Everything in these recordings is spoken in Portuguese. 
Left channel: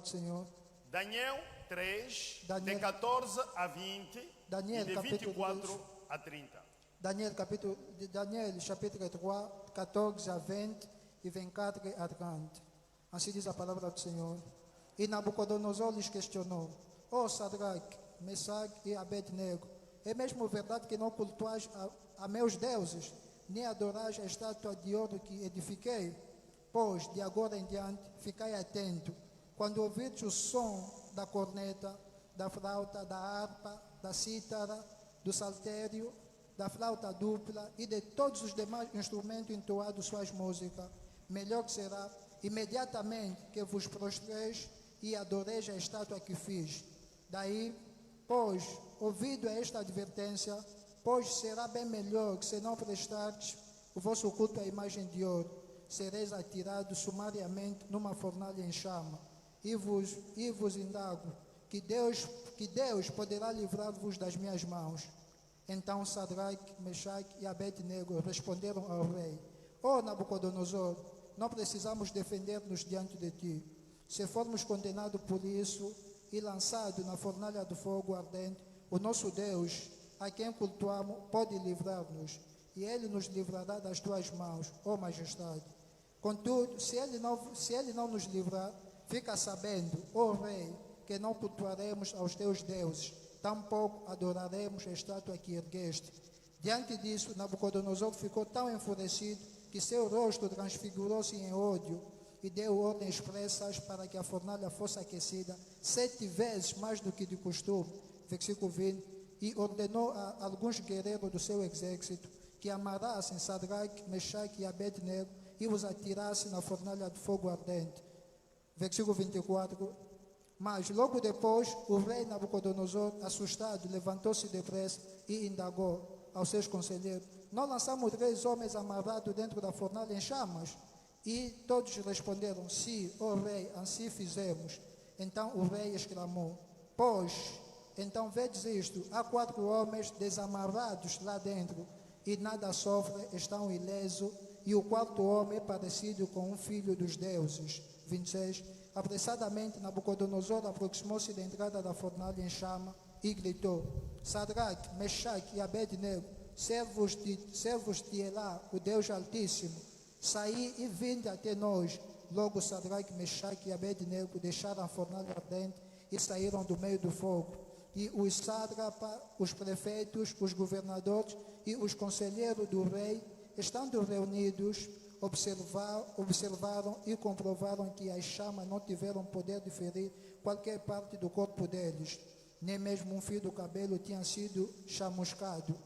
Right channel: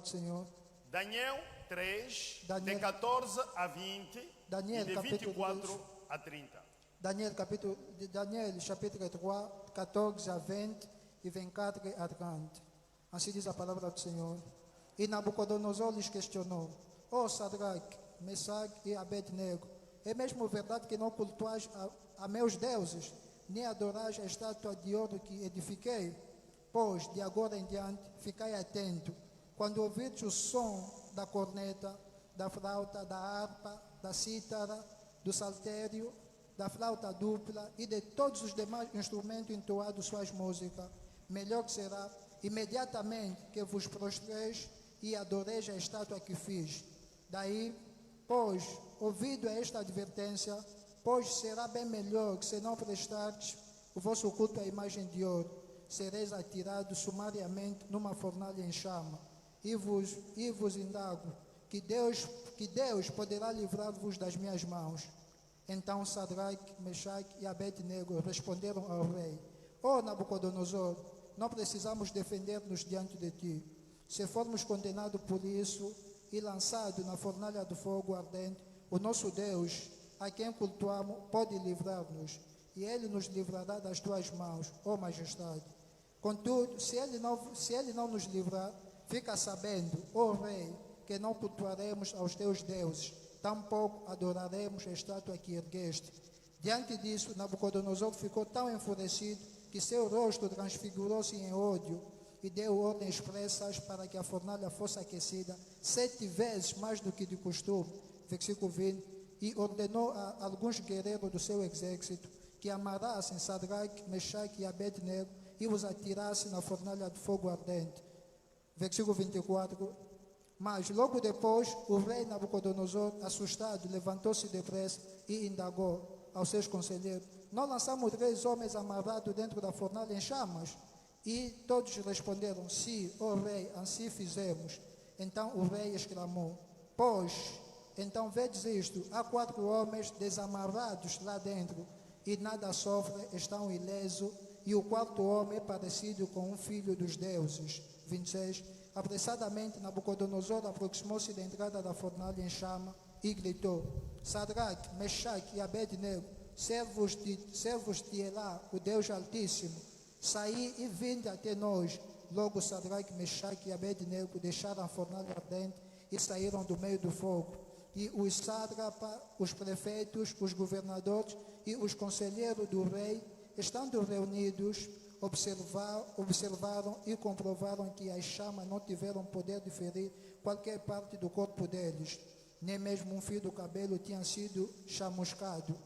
do Senhor. Daniel 3, Daniel- de 14 a 20 Daniel, e de capítulo 24 a 30. Daniel, chapitre 3, 14 a 20 e 24 a 30. Assim diz a palavra do Senhor. E Nabucodonosor lhes questionou: Ó Sadraque, Mesaque e Abednego, é mesmo verdade que não cultuais a meus deuses, nem adorais a estátua de ouro que edifiquei? Pois, de agora em diante, ficai atento. Quando ouvirdes o som da corneta, da flauta, da harpa, da cítara, do saltério, da flauta dupla e de todos os demais instrumentos entoados suas músicas, melhor será imediatamente que vos prostreis e adoreis a estátua que fiz. Daí, pois, ouvido esta advertência, pois será bem melhor que se não prestardes o vosso culto à imagem de ouro, sereis atirados sumariamente numa fornalha em chama. E vos indago que Deus poderá livrar-vos das minhas mãos. Então Sadraque, Mesaque e Abednego responderam ao rei: Ó Nabucodonosor, não precisamos defender-nos diante de ti. Se formos condenados por isso e lançados na fornalha do fogo ardente, o nosso Deus, a quem cultuamos, pode livrar-nos, e ele nos livrará das tuas mãos, ó majestade. Contudo, se ele não nos livrar, fica sabendo, ó rei, que não cultuaremos aos teus deuses, tampouco adoraremos a estátua que ergueste. Diante disso, Nabucodonosor ficou tão enfurecido que seu rosto transfigurou-se em ódio e deu ordens expressas para que a fornalha fosse aquecida 7 vezes mais do que de costume. Versículo 20. E ordenou a alguns guerreiros do seu exército que amarrassem Sadraque, Mesaque e Abednego e os atirassem na fornalha de fogo ardente. Versículo 24. Mas logo depois, o rei Nabucodonosor, assustado, levantou-se depressa e indagou aos seus conselheiros: Não lançamos 3 homens amarrados dentro da fornalha em chamas? E todos responderam: Sim, ó rei, assim fizemos. Então o rei exclamou: Pois, então vedes isto, há 4 homens desamarrados lá dentro, e nada sofrem, estão ilesos, e o 4º homem é parecido com um filho dos deuses. 26. Apressadamente Nabucodonosor aproximou-se da entrada da fornalha em chama e gritou: Sadraque, Mesaque e Abednego, servos de Elá, o Deus Altíssimo, saí e vinde até nós. Logo Sadraque, Mesaque e Abednego deixaram a fornalha ardente e saíram do meio do fogo. E os sátrapas, os prefeitos, os governadores e os conselheiros do rei, estando reunidos, observaram e comprovaram que as chamas não tiveram poder de ferir qualquer parte do corpo deles, nem mesmo um fio do cabelo tinha sido chamuscado.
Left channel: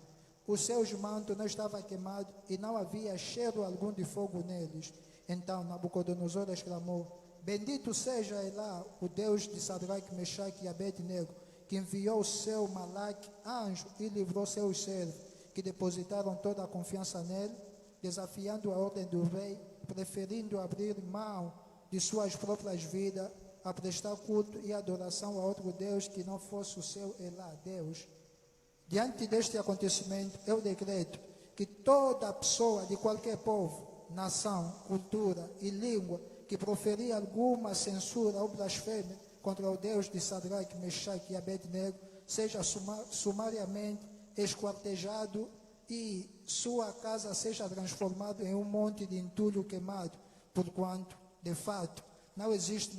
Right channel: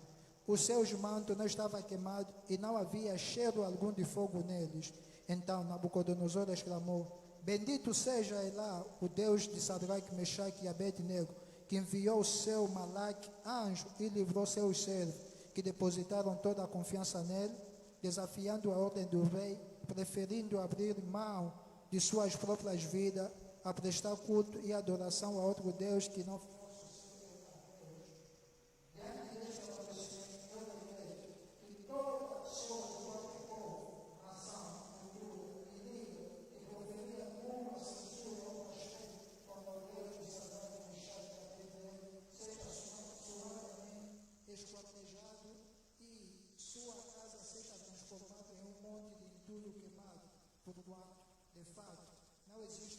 Os seus mantos não estavam queimados e não havia cheiro algum de fogo neles. Então Nabucodonosor exclamou: Bendito seja Elá, o Deus de Sadraque, Mesaque e Abednego, que enviou o seu Malaque, anjo, e livrou seus servos, que depositaram toda a confiança nele, desafiando a ordem do rei, preferindo abrir mão de suas próprias vidas, a prestar culto e adoração a outro Deus que não fosse o seu Elá, Deus. Diante deste acontecimento, eu decreto que toda pessoa de qualquer povo, nação, cultura e língua que proferir alguma censura ou blasfêmia contra o Deus de Sadraque, Mesaque e Abednego seja sumariamente esquartejado e sua casa seja transformada em um monte de entulho queimado, porquanto, de fato, não existe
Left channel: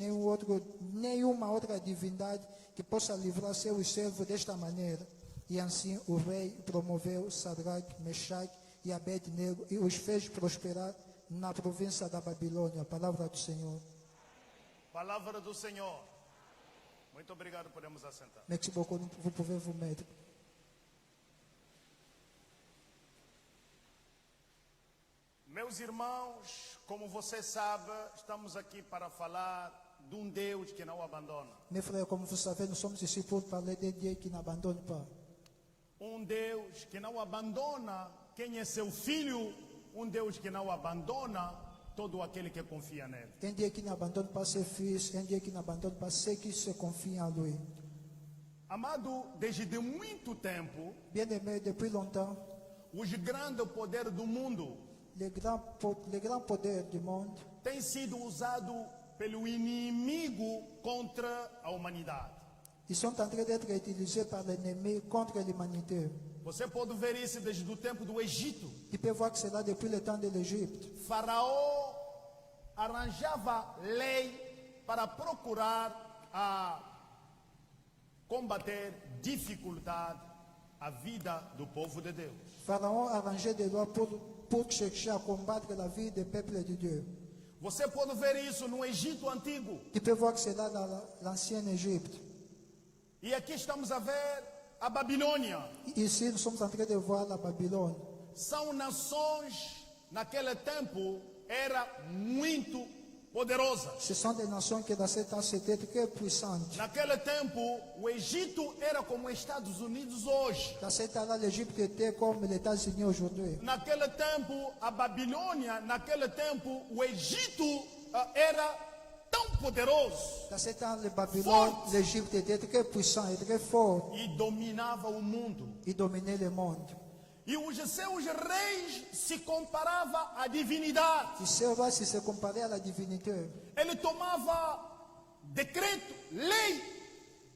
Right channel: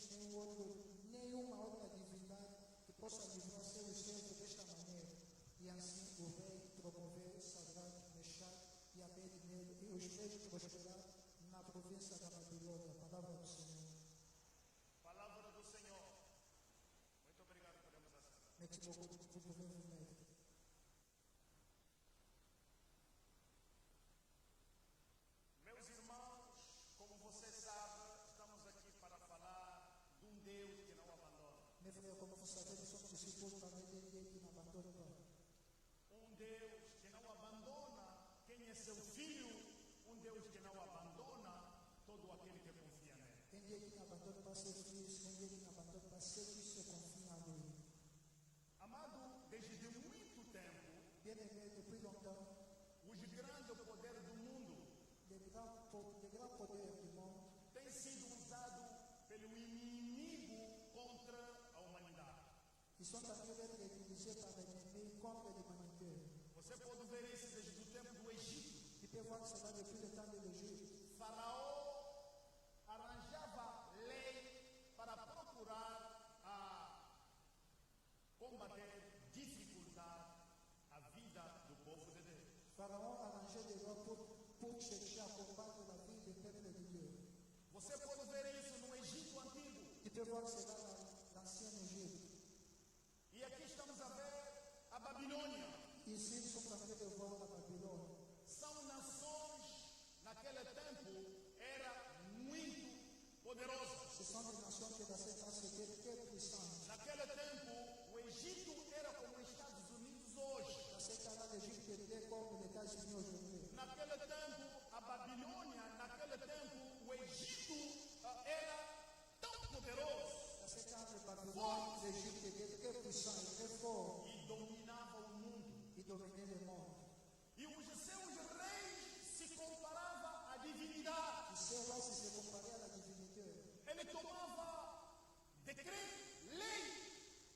nenhuma outra divindade que possa livrar seus servos desta maneira. E assim o rei promoveu Sadraque, Mesaque e Abednego e os fez prosperar na província da Babilônia. Palavra do Senhor. Palavra do Senhor. Muito obrigado, podemos assentar. Merci beaucoup, vous pouvez vous mettre. Meus irmãos, como você sabe, estamos aqui para falar de um Deus que não abandona. Mes frères, comme vous savez, nous sommes ici pour parler d'un Dieu qui n'abandonne pas. Um Deus que não abandona quem é seu filho, um Deus que não abandona todo aquele que confia nele. Un Dieu qui n'abandonne pas ses fils, un Dieu qui n'abandonne pas ceux qui se confient en lui. Amado, desde muito tempo, Bien-aimés, depuis longtemps, os grandes poderes do mundo les grands poderes du monde têm sido usados pelo inimigo contra a humanidade. Ils sont en train d'être utilisés par l'ennemi contre l'humanité. Você pode ver isso desde o tempo do Egito. Tu peux voir que c'est là depuis le temps de l'Égypte. Faraó arranjava lei para procurar combater dificuldade à vida do povo de Deus. Pharaon arrangeait des lois pour chercher à combattre la vie des peuples de Dieu. Você pode ver isso no Egito antigo. Tu peux voir que c'est là dans l'ancienne Égypte. E aqui estamos a ver a Babilônia. Ici, nous sommes en train de voir la Babylone. São nações, naquele tempo, era muito poderosa. Ce sont des nations qui dans ce temps c'était très puissantes. Naquele tempo, o Egito era como os Estados Unidos hoje. Dans ce temps-là, l'Égypte était comme les États-Unis aujourd'hui. Naquele tempo, a Babilônia, naquele tempo, o Egito era tão poderoso Dans ce temps, le Babylone, l'Égypte était très puissant et très fort. e dominava o mundo. Il dominait le monde. E os seus reis se comparavam à divindade. Tu sais, voir si c'est comparé à la divinité. Ele tomava decreto, lei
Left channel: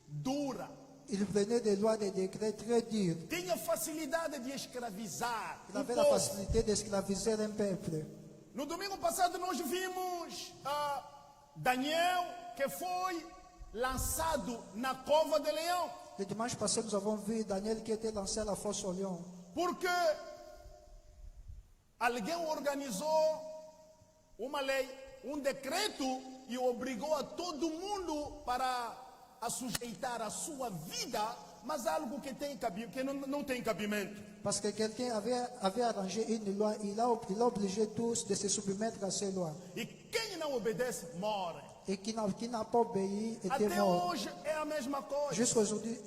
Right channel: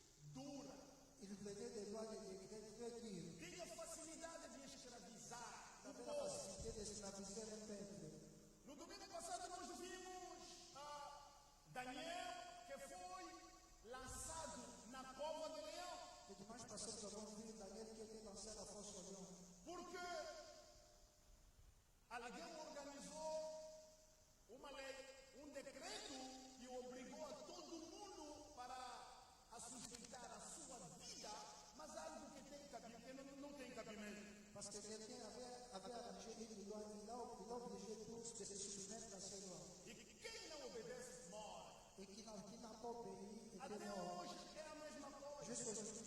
dura. Il venait des lois, des décrets très durs. Tinha facilidade de escravizar Il o avait la povo. facilité d'esclaviser un peuple. No domingo passado nós vimos Daniel que foi lançado na cova de leão. Le dimanche passé, nous avons vu Daniel qui était lancé à la fosse au lion. Porque alguém organizou uma lei, decreto e obrigou a todo mundo para a sujeitar a sua vida, mas algo que não tem cabimento. Parce que quelqu'un avait arrangé une loi, il a obligé tous de se soumettre à ces lois. E quem não obedece, morre. Et qui n'a pas obéi était Até mort. hoje é a mesma coisa.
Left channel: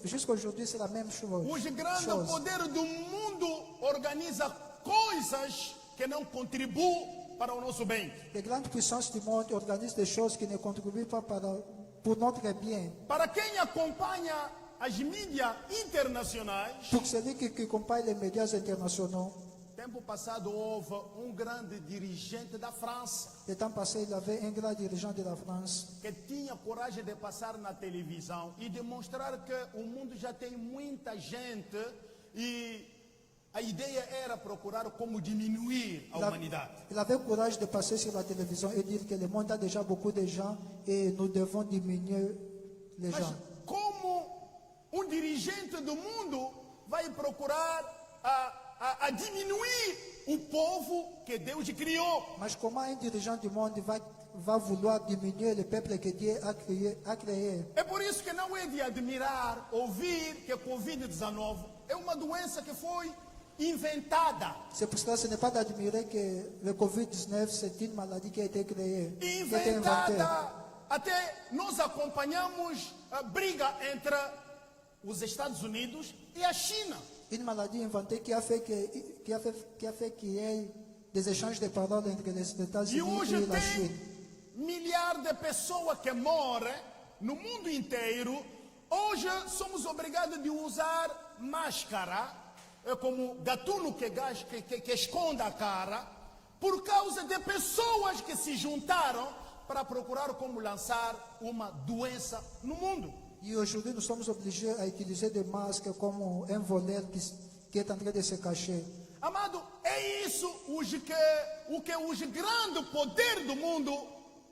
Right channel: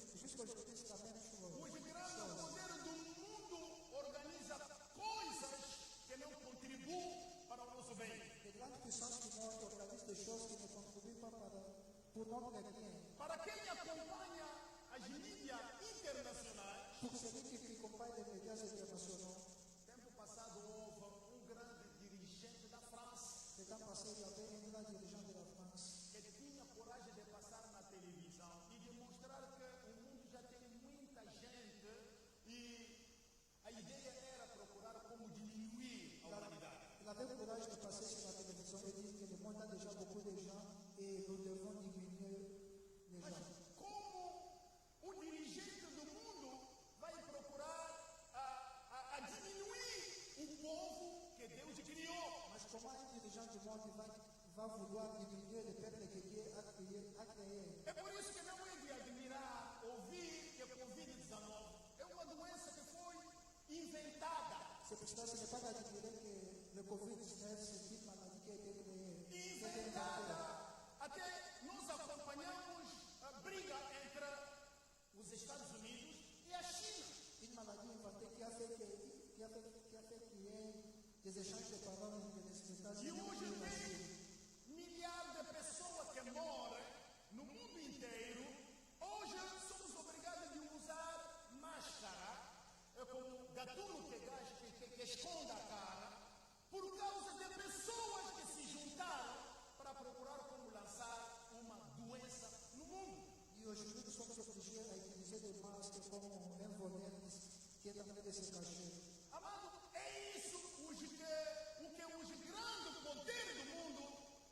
Jusqu'aujourd'hui, c'est la même chose. Os grandes chose. poderes do mundo organizam coisas que não contribuem para o nosso bem. Les grandes puissances du monde organisent des choses qui ne contribuent pas pour notre bien. Para quem acompanha as mídias internacionais, Pour celui qui compare les médias internationaux, tempo passado houve grande dirigente da França le temps passé, il y avait un grand dirigeant de la France que tinha coragem de passar na televisão e demonstrar que o mundo já tem muita gente e a ideia era procurar como diminuir a humanidade. Il avait le courage de passer sur la télévision et dire que le monde a déjà beaucoup de gens et nous devons diminuer les Mas gens. como dirigente do mundo vai procurar a diminuir o povo que Deus criou? Mais comment un dirigeant du monde va vouloir diminuer le peuple que Dieu a créé? É por isso que não é de admirar ouvir que a Covid-19 é uma doença que foi inventada. C'est pour cela que ce n'est pas d'admirer que le Covid-19, c'est une maladie qui a été créée, qui a été inventée. Inventada. Até nós acompanhamos a briga entre os Estados Unidos e a China. Une maladie inventée qui a fait qu'il y ait des échanges de paroles entre les E États-Unis hoje et la tem Chine. milhares de pessoas que morrem no mundo inteiro. Hoje somos obrigados a usar máscara, como gatuno que esconde a cara, por causa de pessoas que se juntaram para procurar como lançar uma doença no mundo. Et aujourd'hui, nous sommes obligés à utiliser des masques comme un voleur qui est en train de se cacher. Amado, é isso o que os grandes poderes do mundo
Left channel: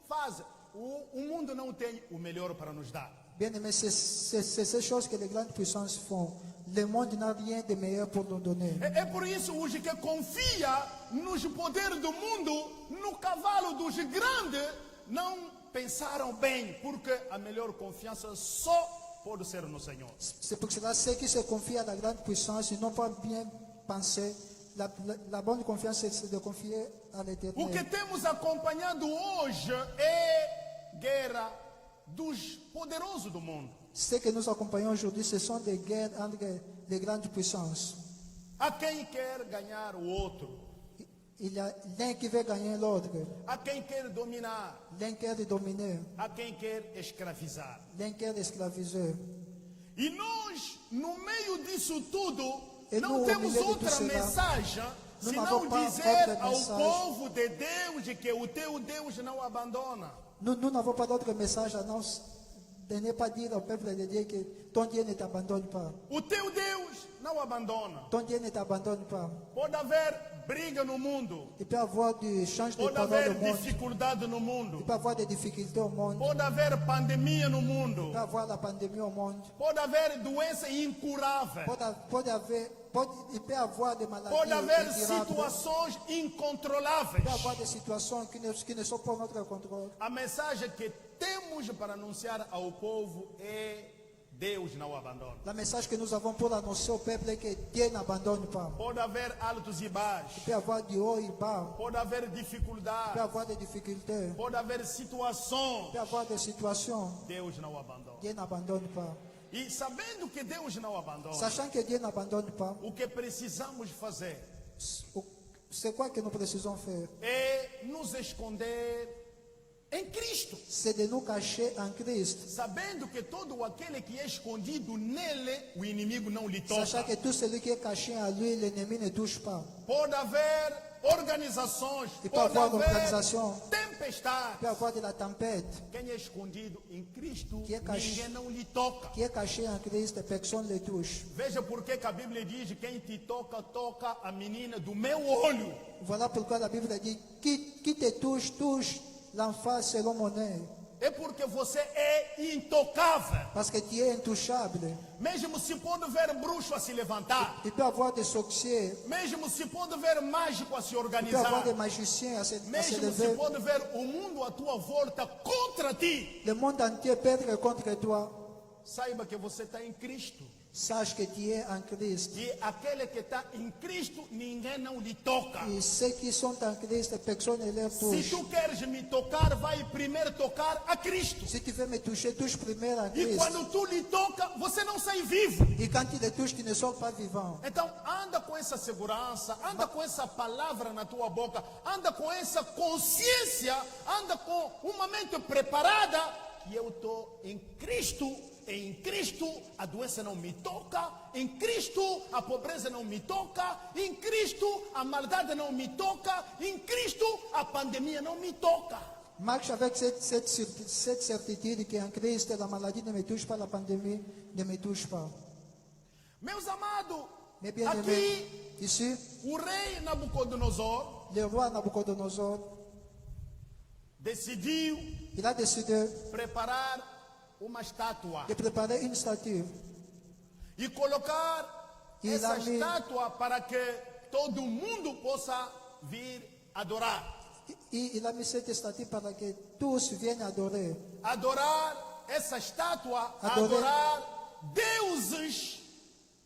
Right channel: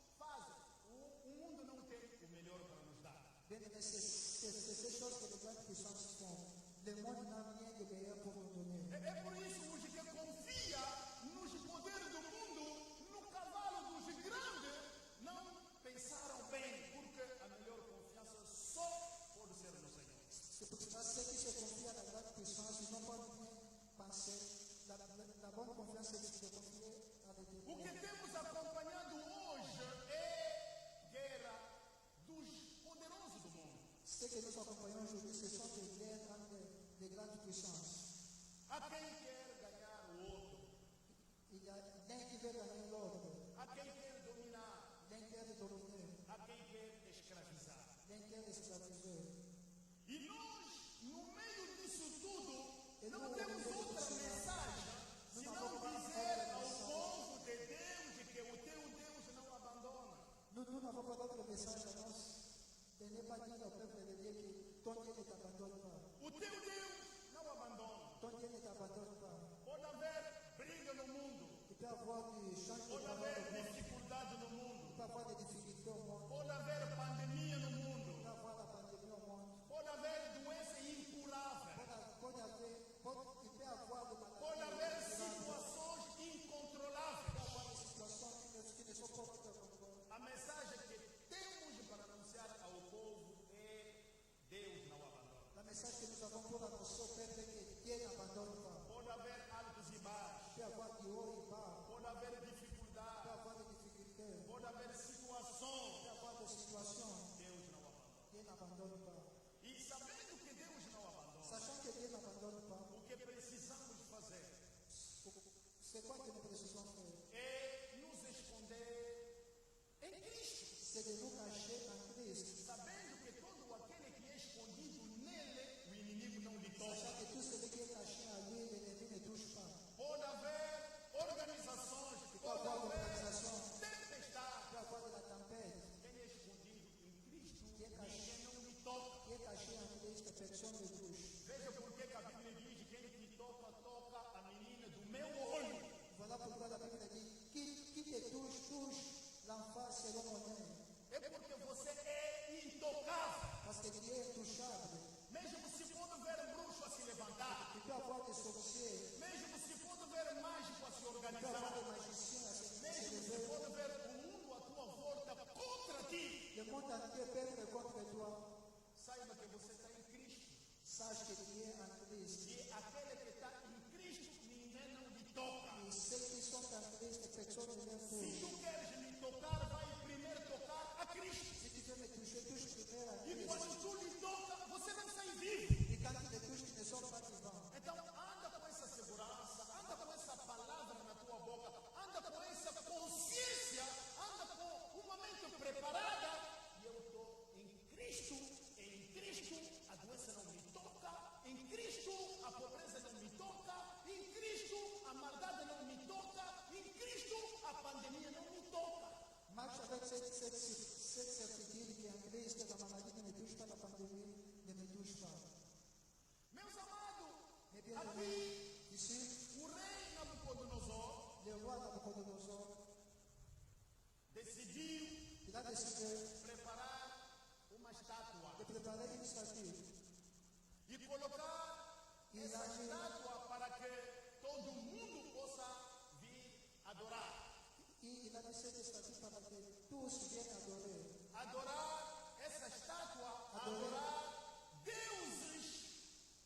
fazem. O mundo não tem o melhor para nos dar. Bien aimé, c'est ces choses que les grandes puissances font. Le monde n'a rien de meilleur pour nous donner. É por isso os que confia nos poderes do mundo, no cavalo dos grandes, não pensaram bem, porque a melhor confiança só pode ser no Senhor. C'est pour cela que ceux qui se confient à la grande puissance, ils n'ont pas bien pensé. La bonne confiance, c'est de confier à O que l'Éternel. temos acompanhado hoje é guerra dos poderosos do mundo. Ce que nous accompagnons aujourd'hui, ce sont des guerres entre les grandes puissances. Há quem quer ganhar o outro, Il y a l'un qui veut gagner l'autre, há quem quer dominar, l'un qui veut dominer, há quem quer escravizar. l'un qui veut esclaviser. E nós, no meio disso tudo, E não no temos meio de outra tudo isso, mensagem não senão há outra dizer ao mensagem. povo de Deus que o teu Deus não abandona. Nous n'avons pas d'autre message à nous. De ne pas dire au peuple de Dieu que ton Dieu ne t'abandonne pas. O teu Deus não abandona. Ton Dieu ne t'abandonne pas. Pode haver briga no mundo. Il peut y avoir du change de Pode parole haver au monde. dificuldade no Il mundo. peut y avoir des difficultés au monde. Pode haver pandemia no Il mundo. peut y avoir la pandémie au monde. Pode haver doença incurável. Il peut y avoir des maladies Pode haver incurables. situações Il incontroláveis. peut y avoir des situations qui ne sont pas notre contrôle. A mensagem que temos para anunciar ao povo é: Deus não abandona. Le message que nous avons pour annoncer au peuple est que Dieu n'abandonne pas. Pode haver altos e baixos. Il peut y avoir du haut et bas. Pode haver Il peut y dificuldade. avoir des difficultés. Pode haver situações. Il peut y avoir des situations. Deus não abandona. Dieu n'abandonne pas. E sabendo que Deus não abandona, Sachant que Dieu n'abandonne pas, o que precisamos fazer c'est quoi que nous précisons faire? é nos esconder em Cristo, C'est de nous cacher en Christ. sabendo que todo aquele que é escondido nele, o inimigo não lhe Sachant toca. que tout celui qui est caché en lui, l'ennemi ne touche pas. Pode haver organizações, Il peut y pode avoir haver l'organisation. Il tempestade. peut y avoir de la tempête. Quem é escondido em Cristo, Que é ninguém não lhe toca. Qui est caché en Christ, personne ne le touche. Veja por que a Bíblia diz: quem te toca, toca a menina do meu olho. Voilà pourquoi la Bible dit, qui te touche, touche l'enfant selon mon œil. É porque você é intocável. Parce que tu es intouchable. Mesmo se pode ver bruxo a se levantar, Il peut y avoir des sorciers, mesmo se pode ver mágico a se il peut y avoir organizar, des magiciens à se mesmo se lever. pode ver o mundo à tua volta contra ti, Le monde entier peut être contre toi. saiba que você está em Cristo. Sache que tu es en Christ. E aquele que está em Cristo, ninguém não lhe toca. Et ceux qui sont en Christ, personne ne les Se touche. tu queres me tocar, vai primeiro tocar a Cristo. Si tu veux me toucher, touche primaire en E Christ. quando tu lhe toca, você não sai vivo. Et quand tu le touches, tu ne sors pas vivant. Então anda com essa segurança, anda com essa palavra na tua boca, anda com essa consciência, anda com uma mente preparada. E eu estou em Cristo. Em Cristo a doença não me toca. Em Cristo a pobreza não me toca. Em Cristo a maldade não me toca. Em Cristo a pandemia não me toca. Marche avec cette certitude qu'en Christ, la maladie ne me touche pas, la pandémie ne me touche pas. Meus amados, Mes bien-aimés, aqui ici, o rei Nabucodonosor le roi Nabucodonosor, decidiu il a décidé preparar uma estátua de préparer une statue. e colocar E essa lá me- estátua para que todo mundo possa vir adorar. Et il a mis cette statue pour que tous viennent adorer. Adorar essa estátua, Adorar. adorar deuses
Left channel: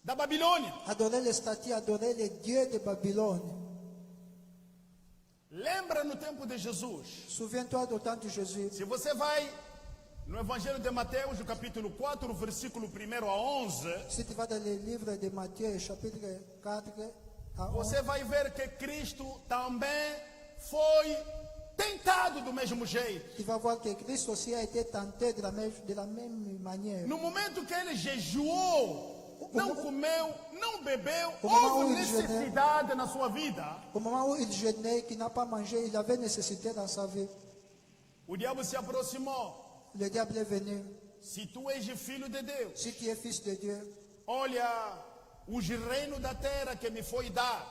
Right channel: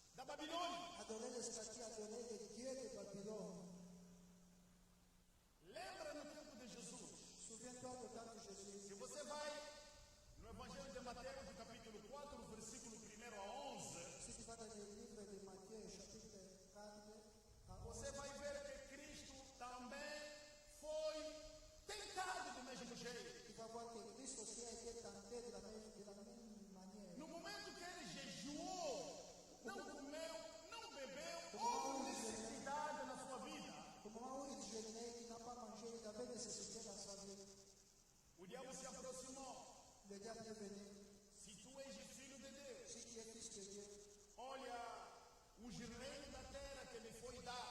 da Babilônia. Adorer les statues, adorer les dieux de Babylone. Lembra no tempo de Jesus? Souviens-toi du temps de Jésus. Se você vai no Evangelho de Mateus, no capítulo 4, versículo 1 a 11, Si tu vas dans le livre de Matthieu, chapitre 4 à 11, você vai ver que Cristo também foi tentado do mesmo jeito. tu vas voir que Christ aussi a été tenté de la même manière. No momento que ele jejuou, não comeu, não bebeu, O momento houve onde ele jejuou. necessidade na sua vida. Au moment où il jeûnait, qu'il n'a pas mangé, il avait nécessité dans sa vie. O diabo se aproximou. Le diable est venu. Se tu és filho de Deus, Si tu es fils de Dieu, olha os reinos da terra que me foi dado.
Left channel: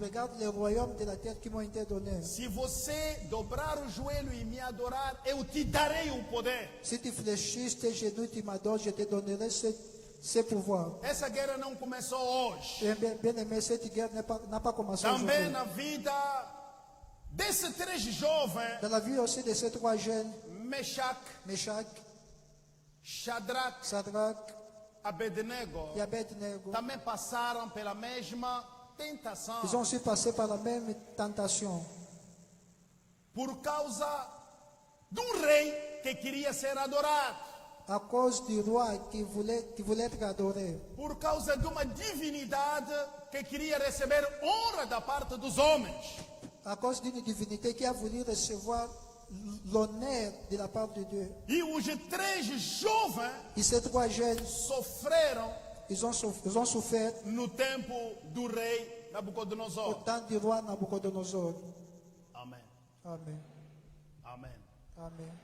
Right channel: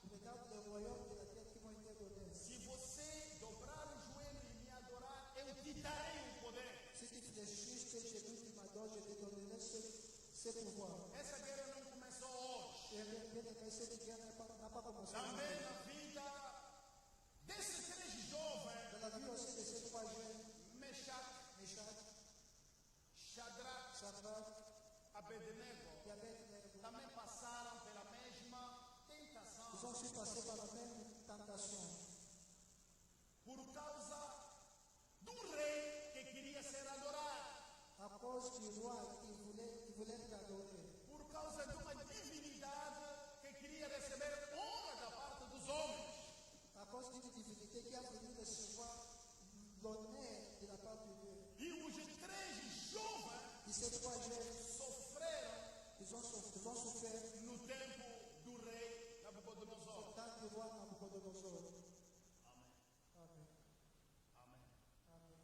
regarde les royaumes de la terre qui m'ont été donnés. Se você dobrar o joelho e me adorar, eu te darei o poder. Si tu fléchis tes genoux, tu m'adores, je te donnerai ce pouvoir. Essa guerra não começou hoje. Et bien aimé, cette guerre n'a pas commencé Também aujourd'hui. na vida desses três jovens, Dans la vie aussi de ces trois jeunes, Meshach, Meshach, Shadrach, Sadrach Abednego, et Abednego, também passaram pela mesma tentação. ils ont aussi passé par la même tentation. Por causa de um rei que queria ser adorado. À cause du roi qui voulait être adoré. Por causa de uma divinidade que queria receber honra da parte dos homens. À cause d'une divinité qui a voulu recevoir l'honneur de la part de Dieu. E os três jovens Et ces trois jeunes, sofreram ils ont souffert no tempo do rei au Nabucodonosor. temps du roi Nabucodonosor. Amém. Amen. Amém. Amen.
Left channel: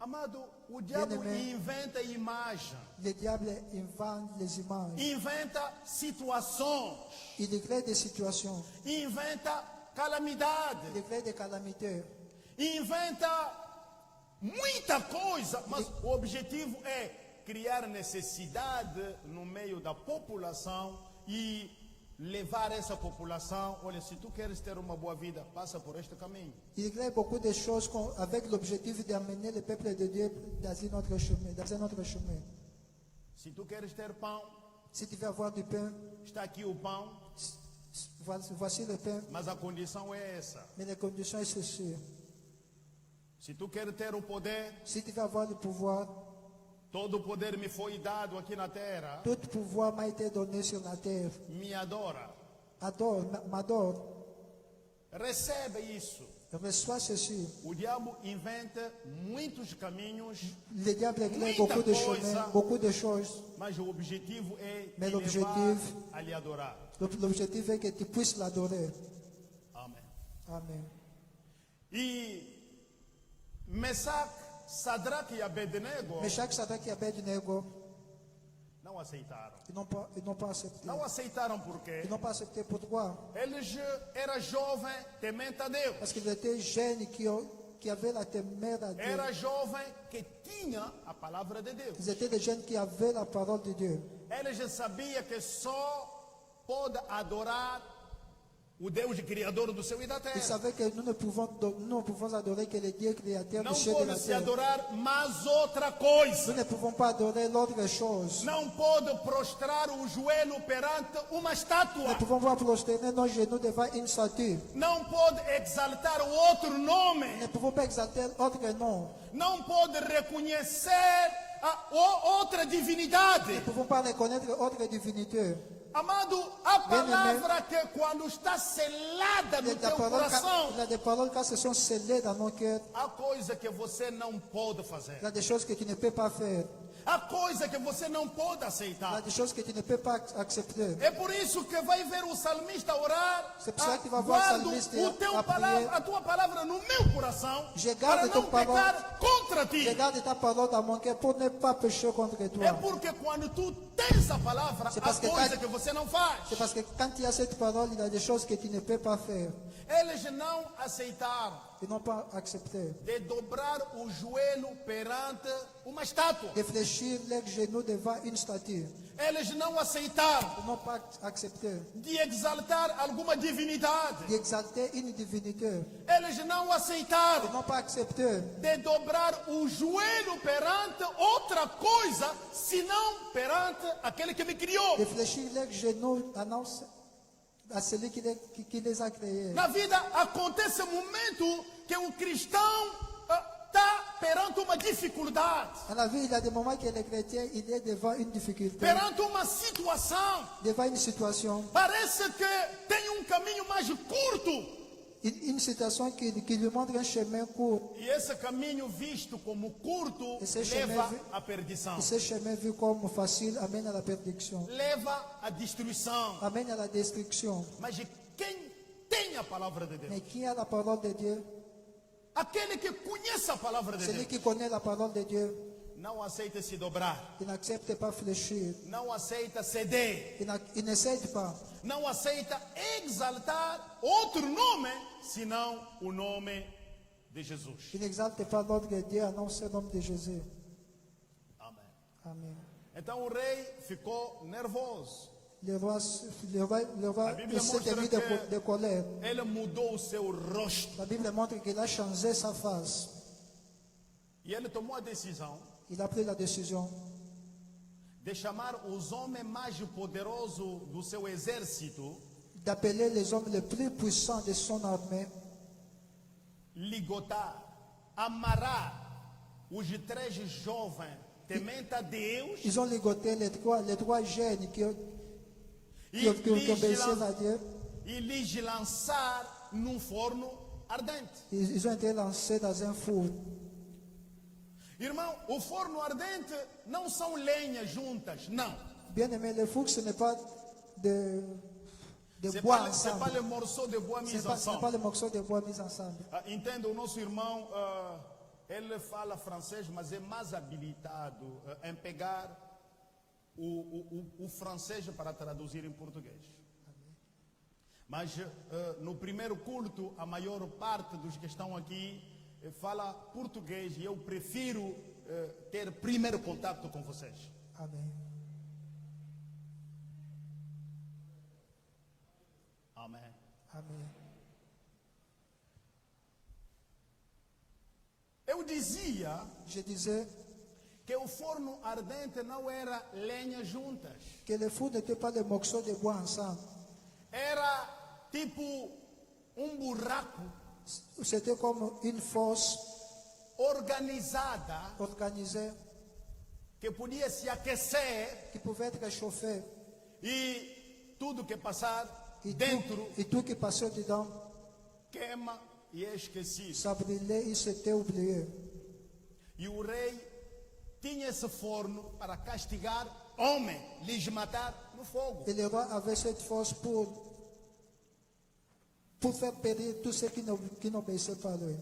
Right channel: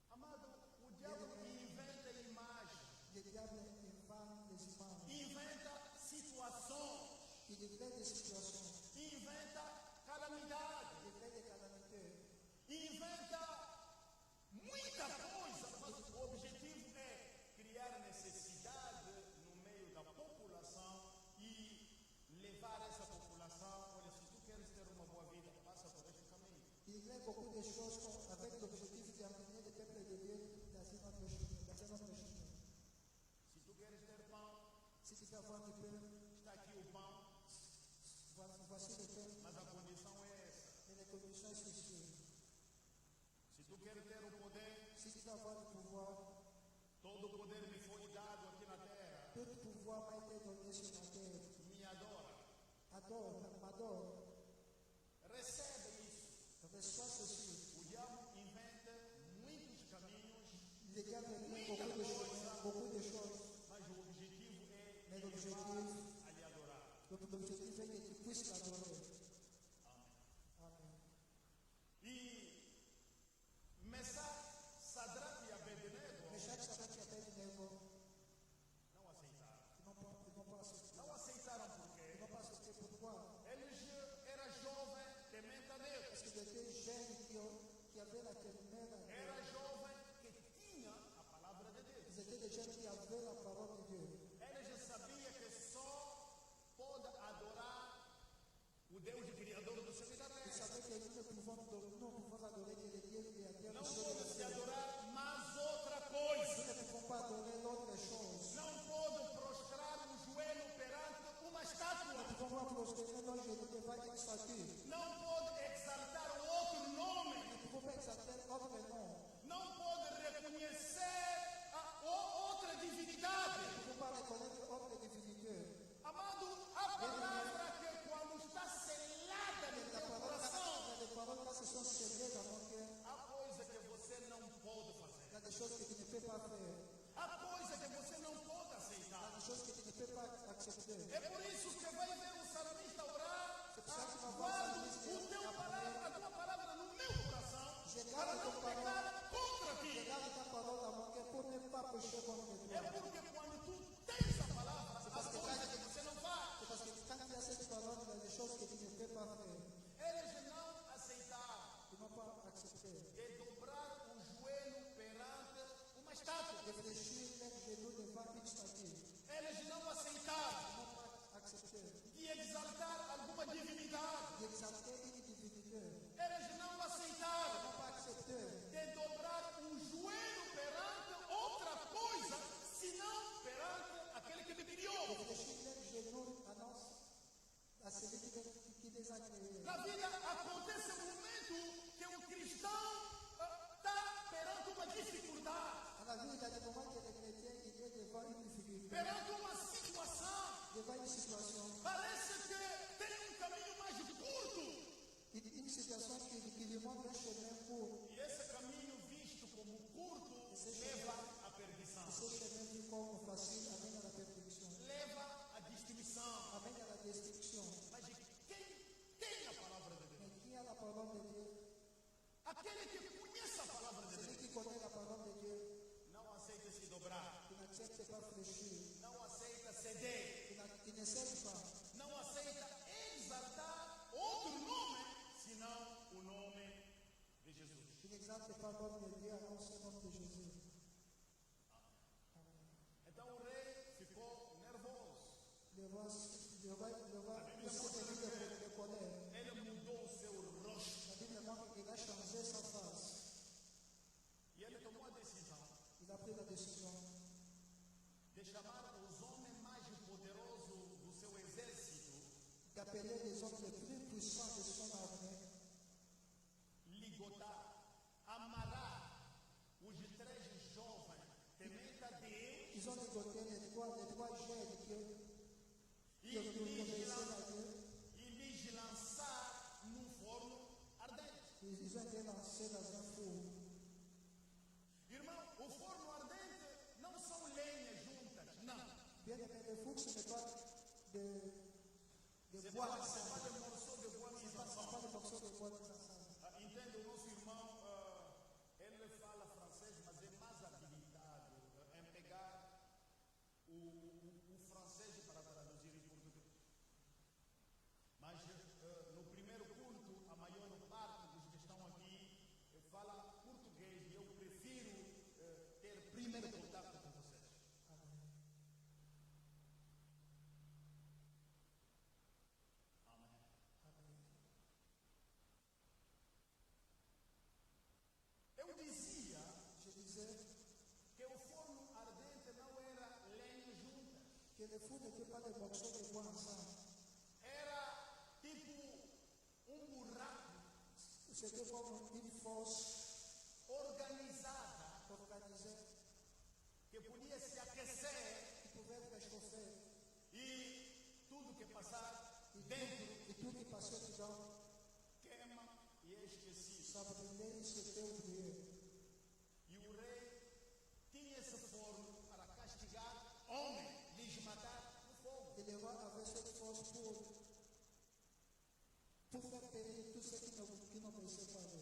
Amado, o diabo Bem-aimé. inventa imagem, Le diable invente les images. inventa situações, Il crée des situations. inventa calamidade, Il crée des calamités. inventa muita coisa, mas o objetivo é criar necessidade no meio da população e levar essa população, olha, se tu queres ter uma boa vida, passa por este caminho. Il crée beaucoup de choses avec l'objectif d'amener le peuple de Dieu dans un autre chemin. Dans un autre chemin. Se tu queres ter pão, Si tu veux avoir du pain, está aqui o pão, voici le pain, mas a condição é essa. mais les conditions sont ceci. Se tu queres ter o poder, Si tu veux avoir le pouvoir, todo o poder me foi dado aqui na terra, tout pouvoir m'a été donné sur la terre. me adora. Adore, m'adore, Recebe isso. reçois ceci. O diabo inventa muitos caminhos, Le diable crée Muita beaucoup de coisa. chemins, beaucoup de choses. mas o objetivo é Mas te o levar objetivo- a lhe adorar. L'objectif est que tu puisses l'adorer. Amém. Amen. E Mesaque, Sadraque e Abednego Meshach, Sadrach et Abednego, não aceitaram. ils n'ont pas accepté. Não aceitaram por quê? Ils n'ont pas accepté. Pourquoi? Eles eram jovens, temente a Deus. Parce qu'ils étaient jeunes qui avaient la témère à Dieu. Era jovem que tinha a palavra de Deus. Ils étaient des jeunes qui avaient la parole de Dieu. Eles sabiam que só pode adorar o Deus criador do céu e da Ils terra. savaient que nous ne pouvons adorer que le Dieu créateur Não du ciel et de pode la se terre. adorar mais outra coisa. Nous ne pouvons pas adorer l'autre chose. Não pode prostrar o joelho perante uma Nous estátua. ne pouvons pas prosterner nos genoux devant une statue. Não pode exaltar o outro Nous nome. ne pouvons pas exalter autre nom. Não pode reconhecer outra divinidade. Nous ne pouvons pas reconnaître autre divinité. Amado, a Bem-aimé. palavra que quando está selada no teu coração, Il y a des paroles quand se sont scellées dans nos cœurs. há coisa que você não pode fazer. Il y a des choses que tu ne peux pas faire. Há coisa que você não pode Il y a aceitar. des choses que tu ne peux pas accepter. É por isso que vai ver o salmista orar. C'est pour ça que tu vas voir o Guardo salmista o teu a prier. a tua palavra no meu coração Je para garde não ton parole. pecar contra ti. Je garde ta parole dans mon cœur pour ne pas pécher contre É toi. porque quando tu tens a palavra, C'est há parce que coisa quand- que você não faz. C'est parce que quand tu as cette parole, il y a des choses que tu ne peux pas faire. Eles não aceitaram Ils n'ont pas accepté. de dobrar o joelho perante uma estátua. De fléchir leurs genoux devant une statue. Eles não aceitaram Ils n'ont pas accepté. de exaltar alguma divinidade. D'exalter une divinité. Eles não Ils aceitaram n'ont pas accepté de dobrar o joelho perante outra coisa, senão perante aquele que me criou. de fléchir leurs genoux à celui qui les a créés. Na vida acontece um momento que o cristão está perante uma dificuldade, Dans la vie, il y a des moments que le chrétien, il est devant une difficulté, perante uma situação. devant une situation, Parece que tem um caminho mais curto. une situation qui lui montre un chemin court. E esse caminho visto como curto Esse leva chemin- à perdição, Et ce chemin vu comme facile amène à la perdition, leva à destruição. amène à la destruction. Mas quem tem a palavra de Deus, Mais qui a la parole de Dieu, aquele que conhece a palavra de celui Deus, qui connaît la parole de Dieu, não aceita se dobrar, il n'accepte pas fléchir, não aceita ceder, il ne cède pas, não aceita exaltar outro nome, senão o nome de Jesus. il n'exalte pas l'ordre de Dieu, annonce le nom de Jésus. Amém. Amen. Então o rei ficou nervoso. Le roi La Bible s'est mis montre que- de colère. Ele mudou o seu rosto La Bible montre qu'il a changé sa face. e ele tomou a decisão Il a pris la décision de chamar os homens mais poderosos do seu exército, d'appeler les hommes les plus puissants de son armée, ligotar, amarrar os três jovens temente a Deus ils ont ligoté les trois jeunes qui e obéissaient à Dieu. lhes lançar num forno ardente. Ils ont été lancés dans un four. Irmão, o forno ardente não são lenhas juntas, não. Bien aimé, le four, ce n'est pas de C'est bois pas, c'est pas ensemble. le morceau de bois Ce mis n'est pas ensemble. le morceau de bois mis ensemble. Entenda, o nosso irmão Ele fala francês, mas é mais habilitado em pegar o francês para traduzir em português. Mas no primeiro culto, a maior parte dos que estão aqui fala português e eu prefiro ter primeiro contato com vocês. Amém. Amém. Amém. Eu dizia Je disais que o forno ardente não era lenha juntas. que le four n'était pas des morceaux de bois ensemble. Era tipo buraco C'était comme une fosse organizada organisée que podia se aquecer qui pouvait être chauffée. e tudo que passar Et dentro tout qui passait dedans, queima e é esquecido. ça brûlait, il s'était oublié. E o rei tinha esse forno para castigar homem, lhes matar no fogo. Et le roi avait cette force pour faire périr tous ceux qui n'obéissaient pas à lui.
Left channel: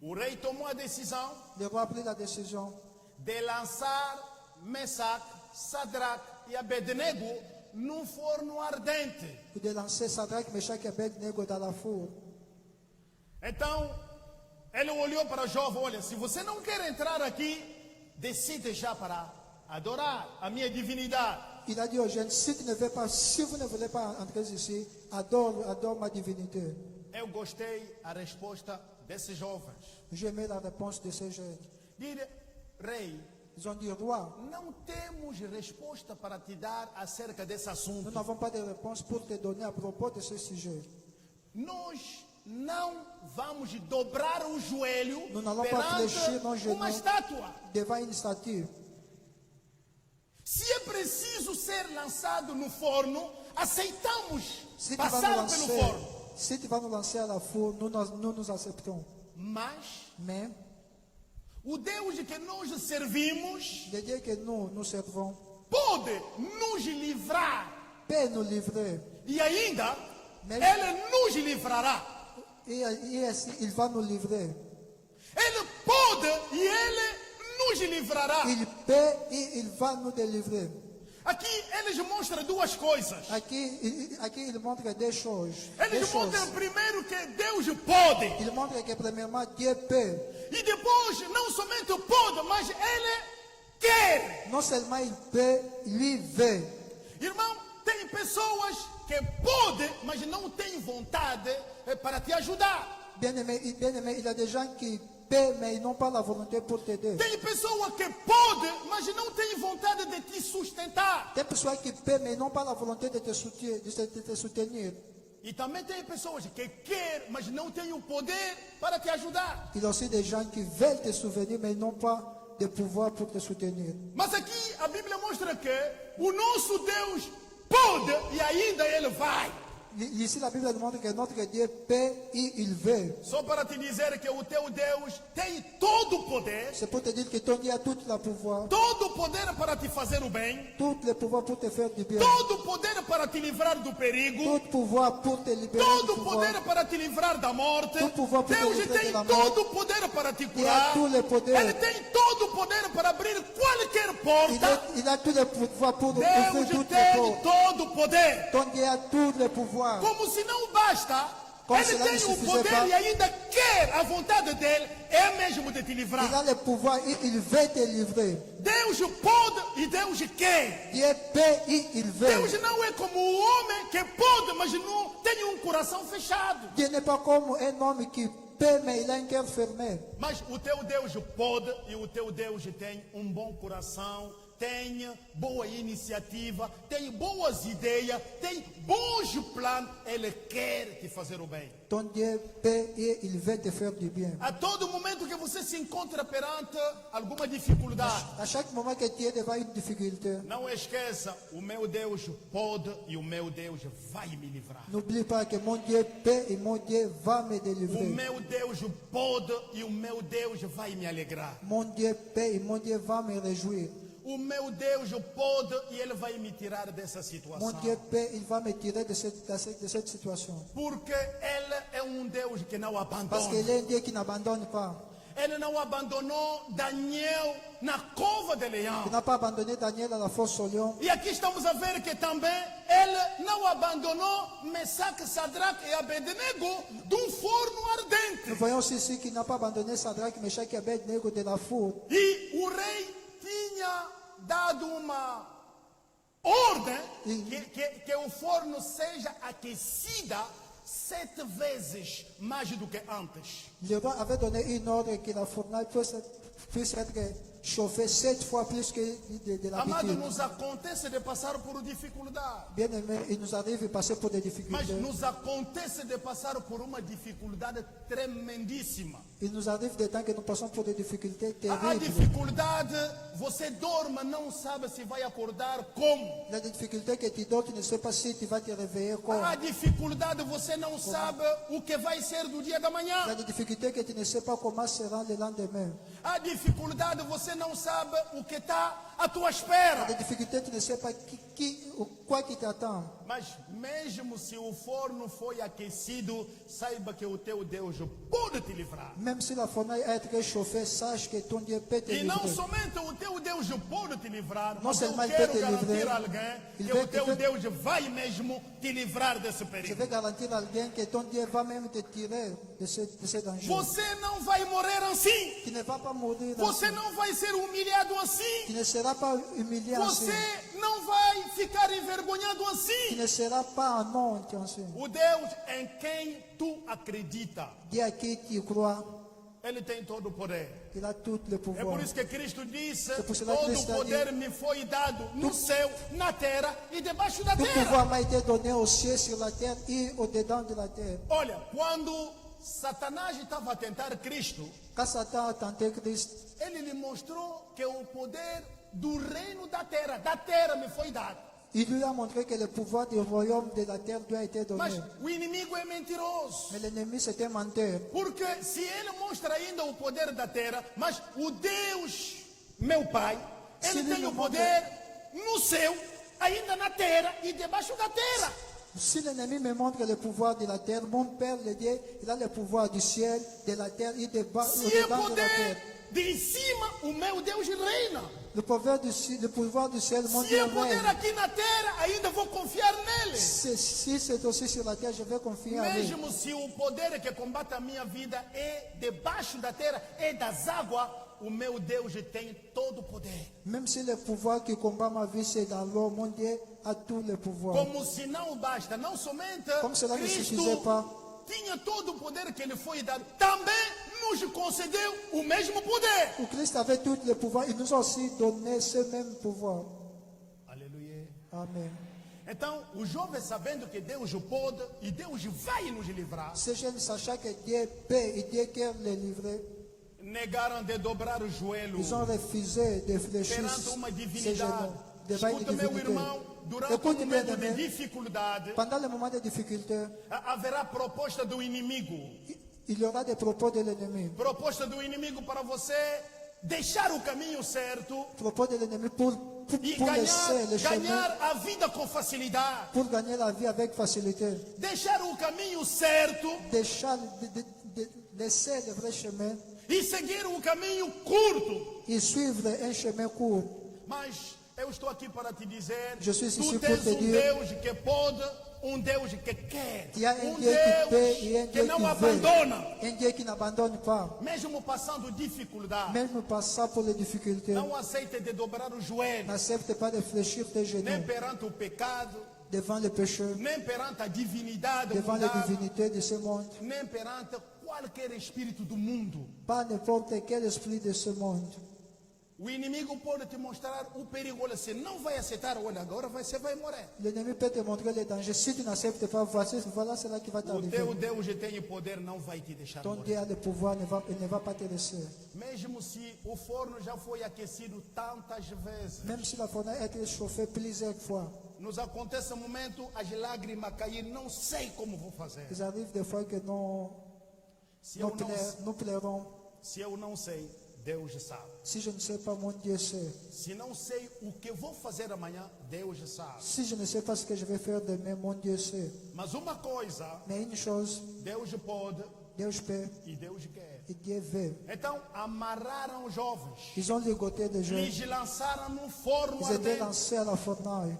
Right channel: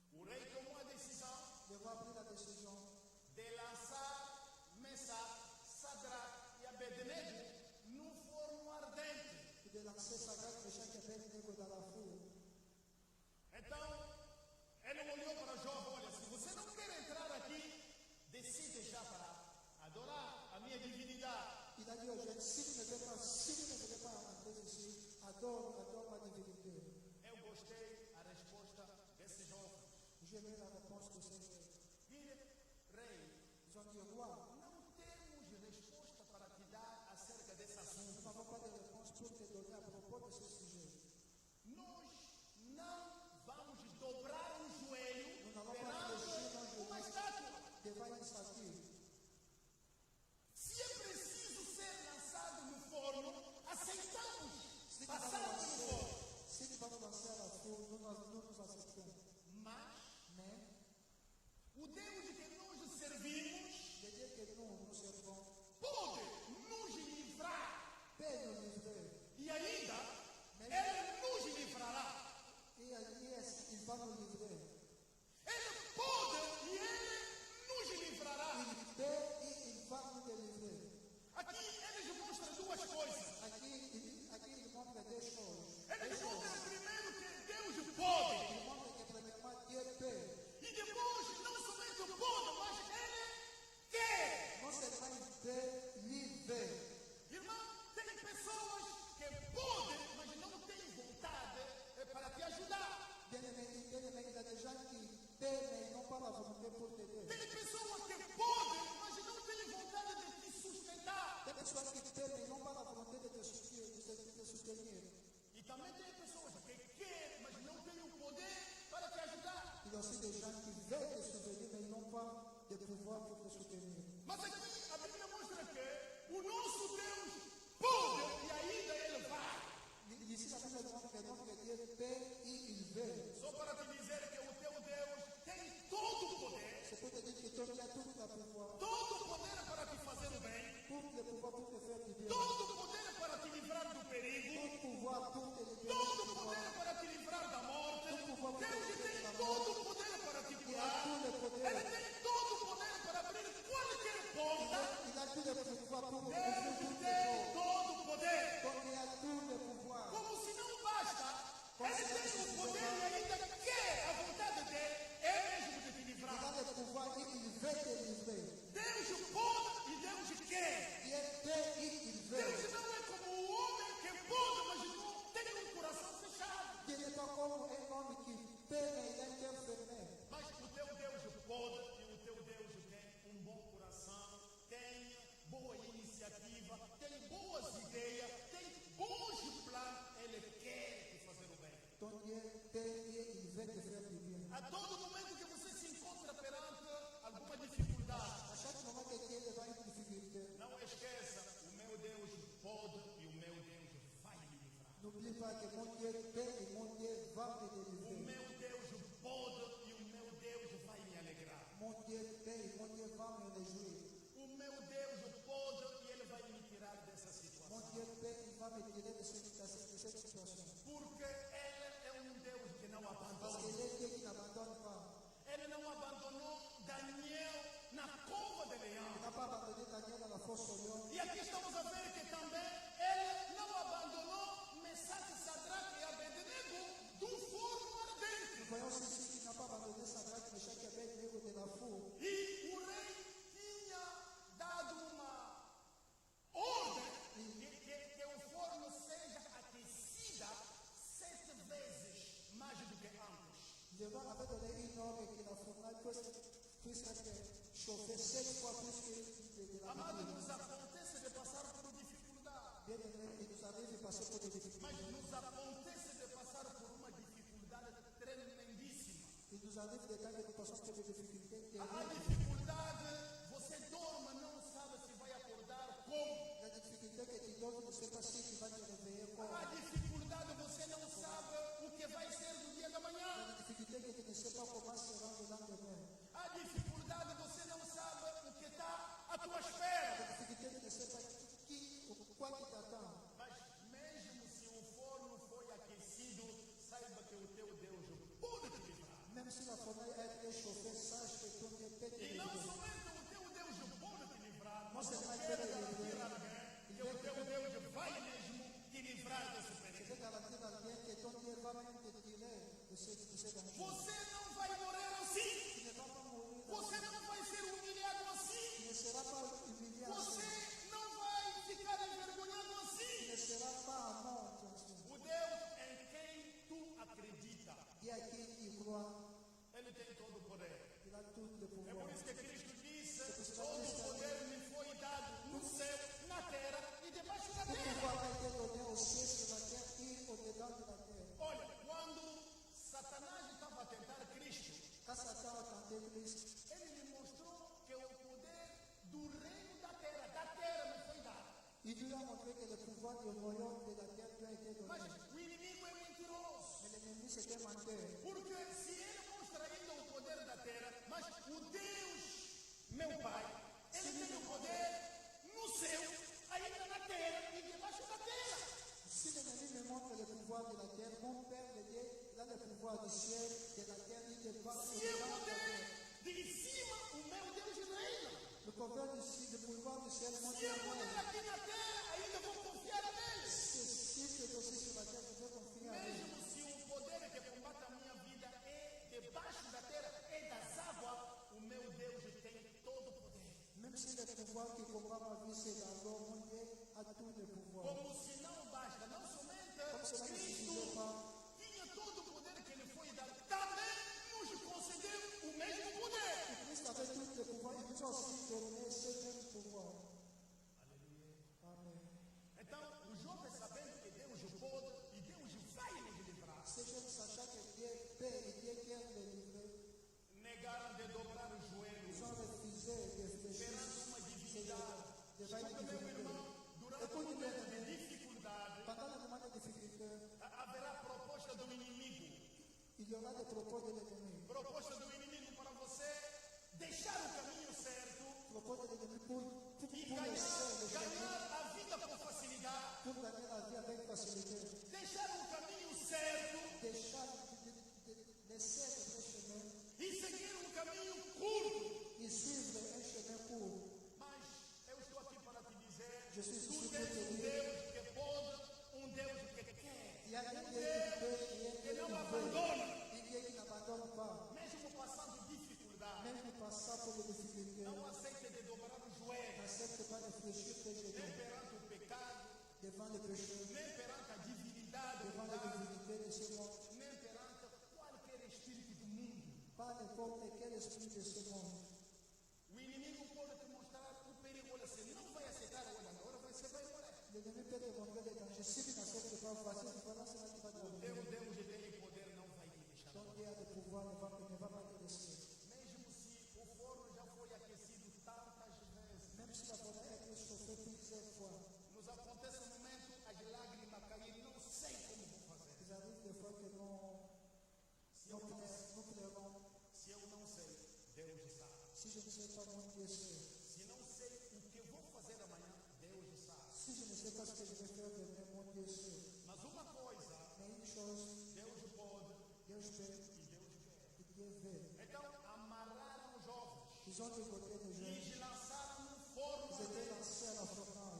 O rei tomou a decisão Le roi a pris la décision de lançar Mesaque, Sadraque e Abednego num forno ardente. de lancer Sadraque, Meshach et Abednego dans la four. Então, ele olhou para o jovem, olha, se você não quer entrar aqui, decide já para adorar a minha divindade. Il a dit aux jeunes, si vous ne voulez pas entrer ici, adore ma divinité. Eu gostei a resposta desses jovens. J'aimais la réponse de ces jeunes. Dire, rei, Ils ont dit, roi, não temos resposta para te dar acerca desse nous assunto. n'avons pas de réponse pour te donner à propos de ce sujet. Nós não vamos dobrar o joelho Nous n'allons pas fléchir nos perante genoux uma estátua. devant une statue. Se é preciso ser lançado no forno, aceitamos Si tu vas nous passar pelo lancer, forno. si tu vas nous lancer à la four, nous acceptons. Mas Mais o Deus que nós servimos le Dieu que nous servons pode nos livrar peut nous livrer. e ainda Mas- Ele nos livrará. Et il va nous livrer. Ele pode e Ele nos livrará. Il peut et il va nous délivrer. Aqui eles mostram duas coisas. Aqui il montre deux choses. Eles mostram primeiro que Deus pode. Il montre que premièrement Dieu peut. E depois, não somente pode, mas Ele quer. Non seulement il peut, lui veut. Irmão, tem pessoas que podem, mas não têm vontade para te ajudar. Bien-aimé, il y a des gens qui paient, mais ils n'ont pas la volonté pour t'aider. Tem pessoas que podem, mas não têm vontade de te sustentar. Des personnes qui paient, mais ils n'ont pas la volonté de te soutenir. E também tem pessoas que querem, mas não têm o poder para te ajudar. Il y a aussi des gens qui veulent te soutenir, mais ils n'ont pas de pouvoir pour te soutenir. Mas aqui a Bíblia mostra que o nosso Deus pode e ainda Ele vai. Ici, la Bible demande que notre Dieu peut et il veut. Só para te dizer que o teu Deus tem todo o poder, C'est pour te dire que ton Dieu a tout le pouvoir, todo o poder para te fazer o bem, tout le pouvoir pour te faire du bien, todo o poder para te livrar do perigo, tout pouvoir pour te libérer todo du o pouvoir. poder para te livrar da morte. Todo poder para te Deus livrar tem da todo o poder para te Il a curar. tout le poder. Ele tem todo o poder para abrir qualquer porta. Il a tout le pouvoir pour ouvrir Deus toutes les tem portes. todo o poder. Ton Dieu a tout le pouvoir. Como se não basta, Como Ele se não tem o suffisait poder pas. e ainda quer a vontade dele é mesmo de te Il livrar. a le pouvoir et il veut te livrer. Deus pode e Deus quer. Dieu peut et il veut. Deus não é como o homem que pode, mas não tem um coração fechado. Dieu n'est pas comme un homme qui peut, mais il a un cœur fermé. Mas o teu Deus pode e o teu Deus tem um bom coração, tem boa iniciativa, tem boas ideias, tem bons planos. Ele quer te fazer o bem. Ton Dieu peut et il veut te faire du bien. A todo momento que você se encontra perante alguma dificuldade, À chaque moment que tu es devant une difficulté, não esqueça, o meu Deus pode e o meu Deus vai me livrar. n'oublie pas que mon Dieu peut et mon Dieu va me O délivrer. meu Deus pode e o meu Deus vai me alegrar. Mon Dieu peut et mon Dieu va me réjouir. o meu Deus pode e Ele vai me tirar dessa Mon situação. Dieu peut, il va me tirer de cette situation. Porque Ele é um Deus que não Parce abandona. qu'il est un Dieu qui n'abandonne pas. Ele não abandonou Daniel na cova de leão. Il n'a pas abandonné Daniel à la fosse au lion. E aqui estamos a ver que também Ele não abandonou Mesaque, Sadraque e Abednego de um forno ardente. Nous voyons aussi ici qu'il n'a pas abandonné Sadrach, Meshach et Abednego de la four. E o rei tinha dado uma ordem que o forno seja aquecida 7 vezes mais do que antes. Le roi avait donné une ordre que la fournaise puisse être chauffée 7 fois plus que de Amado, l'habitude. nos acontece de passar por dificuldade. Bien aimé, il nous arrive de passer pour des Mas difficultés. nos acontece de passar por uma dificuldade tremendíssima. Il nous arrive des temps que nous passons pour des difficultés A terribles. dificuldade, você dorme, não sabe se vai acordar como. La difficulté que tu donnes, tu ne sais pas si tu vas te réveiller comme. A dificuldade, você não sabe o que vai ser do dia da manhã. La difficulté que tu ne sais pas comment sera le lendemain. A dificuldade, você não sabe o que está à tua La espera. difficulté, tu ne sais pas quoi qui t'attend. Mas mesmo se o forno foi aquecido, saiba que o teu Deus pode te livrar. Même si la fournaise est très chauffée, sache que ton Dieu peut te E não livrer. somente o teu Deus pode te livrar, Não mas eu seulement ele quero peut te garantir livrer, a alguém ele que vai- o teu ele vai- Deus vai mesmo te livrar desse Je perigo. vais garantir à alguém que ton Dieu va même te tirer de ce danger. Você não vai morrer assim. Tu ne vas pas mourir Você ainsi. não vai ser humilhado Tu assim. ne seras pas humilié ainsi. Você não vai ficar envergonhado Tu assim. ne seras pas en honte ainsi. O Deus em quem tu acredita, Dieu à qui tu crois, Ele tem todo o poder. il a tout le É por pouvoir. isso que Cristo disse: É por isso que todo Cristo o poder me foi dado no céu, na terra e debaixo da Tout terra. pouvoir m'a été donné au ciel, sur la terre et au-dedans de la terre. Olha, quando Satanás estava a tentar Cristo, Quand Satan a tenté Christ, ele lhe mostrou que o poder do reino da terra me foi dado. il lui a montré que le pouvoir du royaume de la terre lui a été Mas donné. o inimigo é mentiroso. Mais l'ennemi, c'était un menteur. Porque se ele mostra ainda o poder da terra, mas o Deus, meu Pai, ele Se ele tem o não poder no céu, ainda na terra e debaixo da terra. Si l'ennemi me montre le pouvoir de la terre, mon Père, le Dieu, il a le pouvoir du ciel, de la terre et Se é au-dedans de la poder terre. de cima, o meu Deus reina. Le pouvoir du ciel, mon Se Dieu é poder règne. aqui na terra, ainda vou confiar nele. Si c'est aussi sur la terre, je vais confier en lui. Mesmo se o poder que combate a minha vida é debaixo da terra, é das águas, o meu Deus tem todo o poder. Même si le pouvoir qui combat ma vie, c'est dans l'eau, mon Dieu a tout le pouvoir. Como se não basta, não somente Como cela ne Cristo suffisait pas. tinha todo o poder que lhe foi dado, também nos concedeu o mesmo poder. Et Christ avait tout le pouvoir. Il nous a aussi donné ce même pouvoir. Aleluia. Amen. Então, o jovem sabendo que Deus o pode e Deus vai nos livrar, Ces jeunes sachant que Dieu paie et Dieu quer les livrer, negaram de dobrar os joelhos ils ont refusé de fléchir perante uma ces divindade. genoux devant une Escuta, meu divinité. irmão, durante Écoute, um momento de bien-aimé, dificuldade, pendant le moment de difficulté, haverá proposta do inimigo. il y aura des propos de l'ennemi. Proposta do inimigo para você deixar o caminho certo Propos de l'ennemi pour e laisser le chemin, ganhar a vida com facilidade. pour gagner la vie avec facilité. Deixar o caminho certo Laisser le vrai chemin e seguir um caminho curto. et suivre un chemin court. Mas eu estou aqui para te dizer, Je suis tu ici tens pour te um dire, Deus que pode, um Deus que quer, Il y a un um Dieu qui paie et un Deus que Dieu não qui veut. abandona, Un Dieu qui n'abandonne pas. mesmo passando dificuldade. Même passant pour les difficultés. Não aceite de dobrar os joelhos, N'accepte pas de fléchir tes nem genoux perante o pecado, devant le pécheur, nem perante a divindade devant les mundana, divinités de ce monde. nem perante qualquer espírito do mundo. Pas n'importe quel esprit de ce monde. O inimigo pode te mostrar o perigo. Olha, você não vai aceitar, olha, agora você vai morrer. L'ennemi peut te montrer les dangers. Si tu n'acceptes pas, voilà cela qui va O t'arriver. teu Deus tem o poder, não vai te deixar Ton morrer. Dieu a le pouvoir, il ne va pas te laisser. Mesmo se o forno já foi aquecido tantas vezes, Même si la fournaise a été chauffée plusieurs fois, nos acontece um momento, as lágrimas cair, não sei como vou fazer. il arrive des fois que Se eu não, nous pleurons. se eu não sei, Deus sabe. Si je ne sais pas, mon Dieu sait. Se não sei o que vou fazer amanhã, Deus sabe. Si je ne sais pas ce que je vais faire demain, mon Dieu sait. Mas uma coisa, Mais une chose, Deus pode Deus peut e Deus quer. et Dieu veut. Então, amarraram os jovens, Ils ont ligoté des jeunes. lhes lançaram num forno Ils étaient ardente. lancés à la fornaille.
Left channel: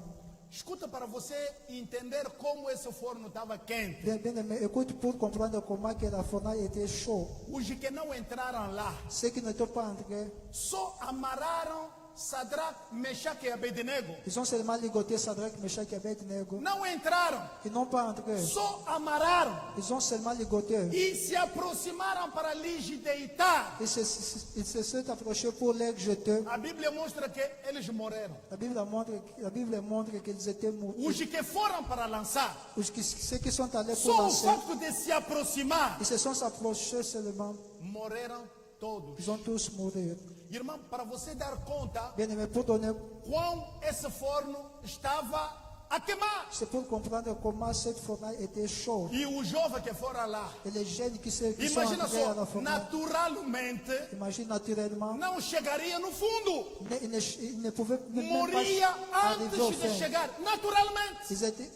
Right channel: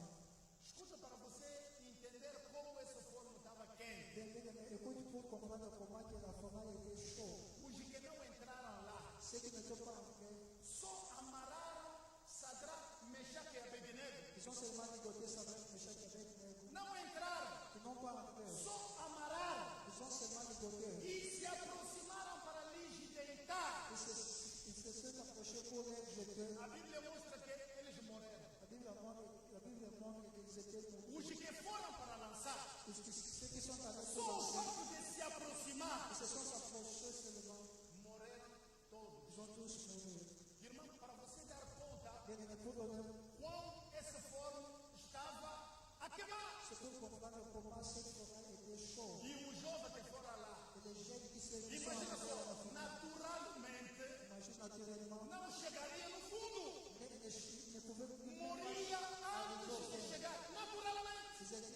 Escuta para você entender como esse forno estava quente. Bien, bien aimé, écoute pour comprendre comment que la fornaille était chaude. Os que não entraram lá, Ceux qui n'étaient pas entrés, só amarraram Sadraque, Mechaque e Abednego. ils ont seulement ligoté Sadrach, Meshach et Abednego. Não entraram, Ils n'ont pas entré. só amarraram Ils ont seulement ligoté. e se aproximaram para lhes deitar. Ils se sont approchés pour les jeter. A Bíblia mostra que eles morreram. La Bible montre qu'ils étaient morts. Os que foram para lançar, Ceux qui sont allés pour só o lancer, fato de se aproximar, ils se sont approchés seulement. morreram todos. Ils ont tous mouru. Irmão, para você dar conta Bien aimé, pour donner, quão esse forno estava a queimar. c'est pour comprendre comment cette fornaille était chaude. E os jovens que foram lá, Et les jeunes qui sont imagina entrés à la só, fornaille, naturalmente imagine naturellement, não chegaria no fundo. ils ne pouvaient même Moria pas arriver au antes de fin. chegar, naturalmente.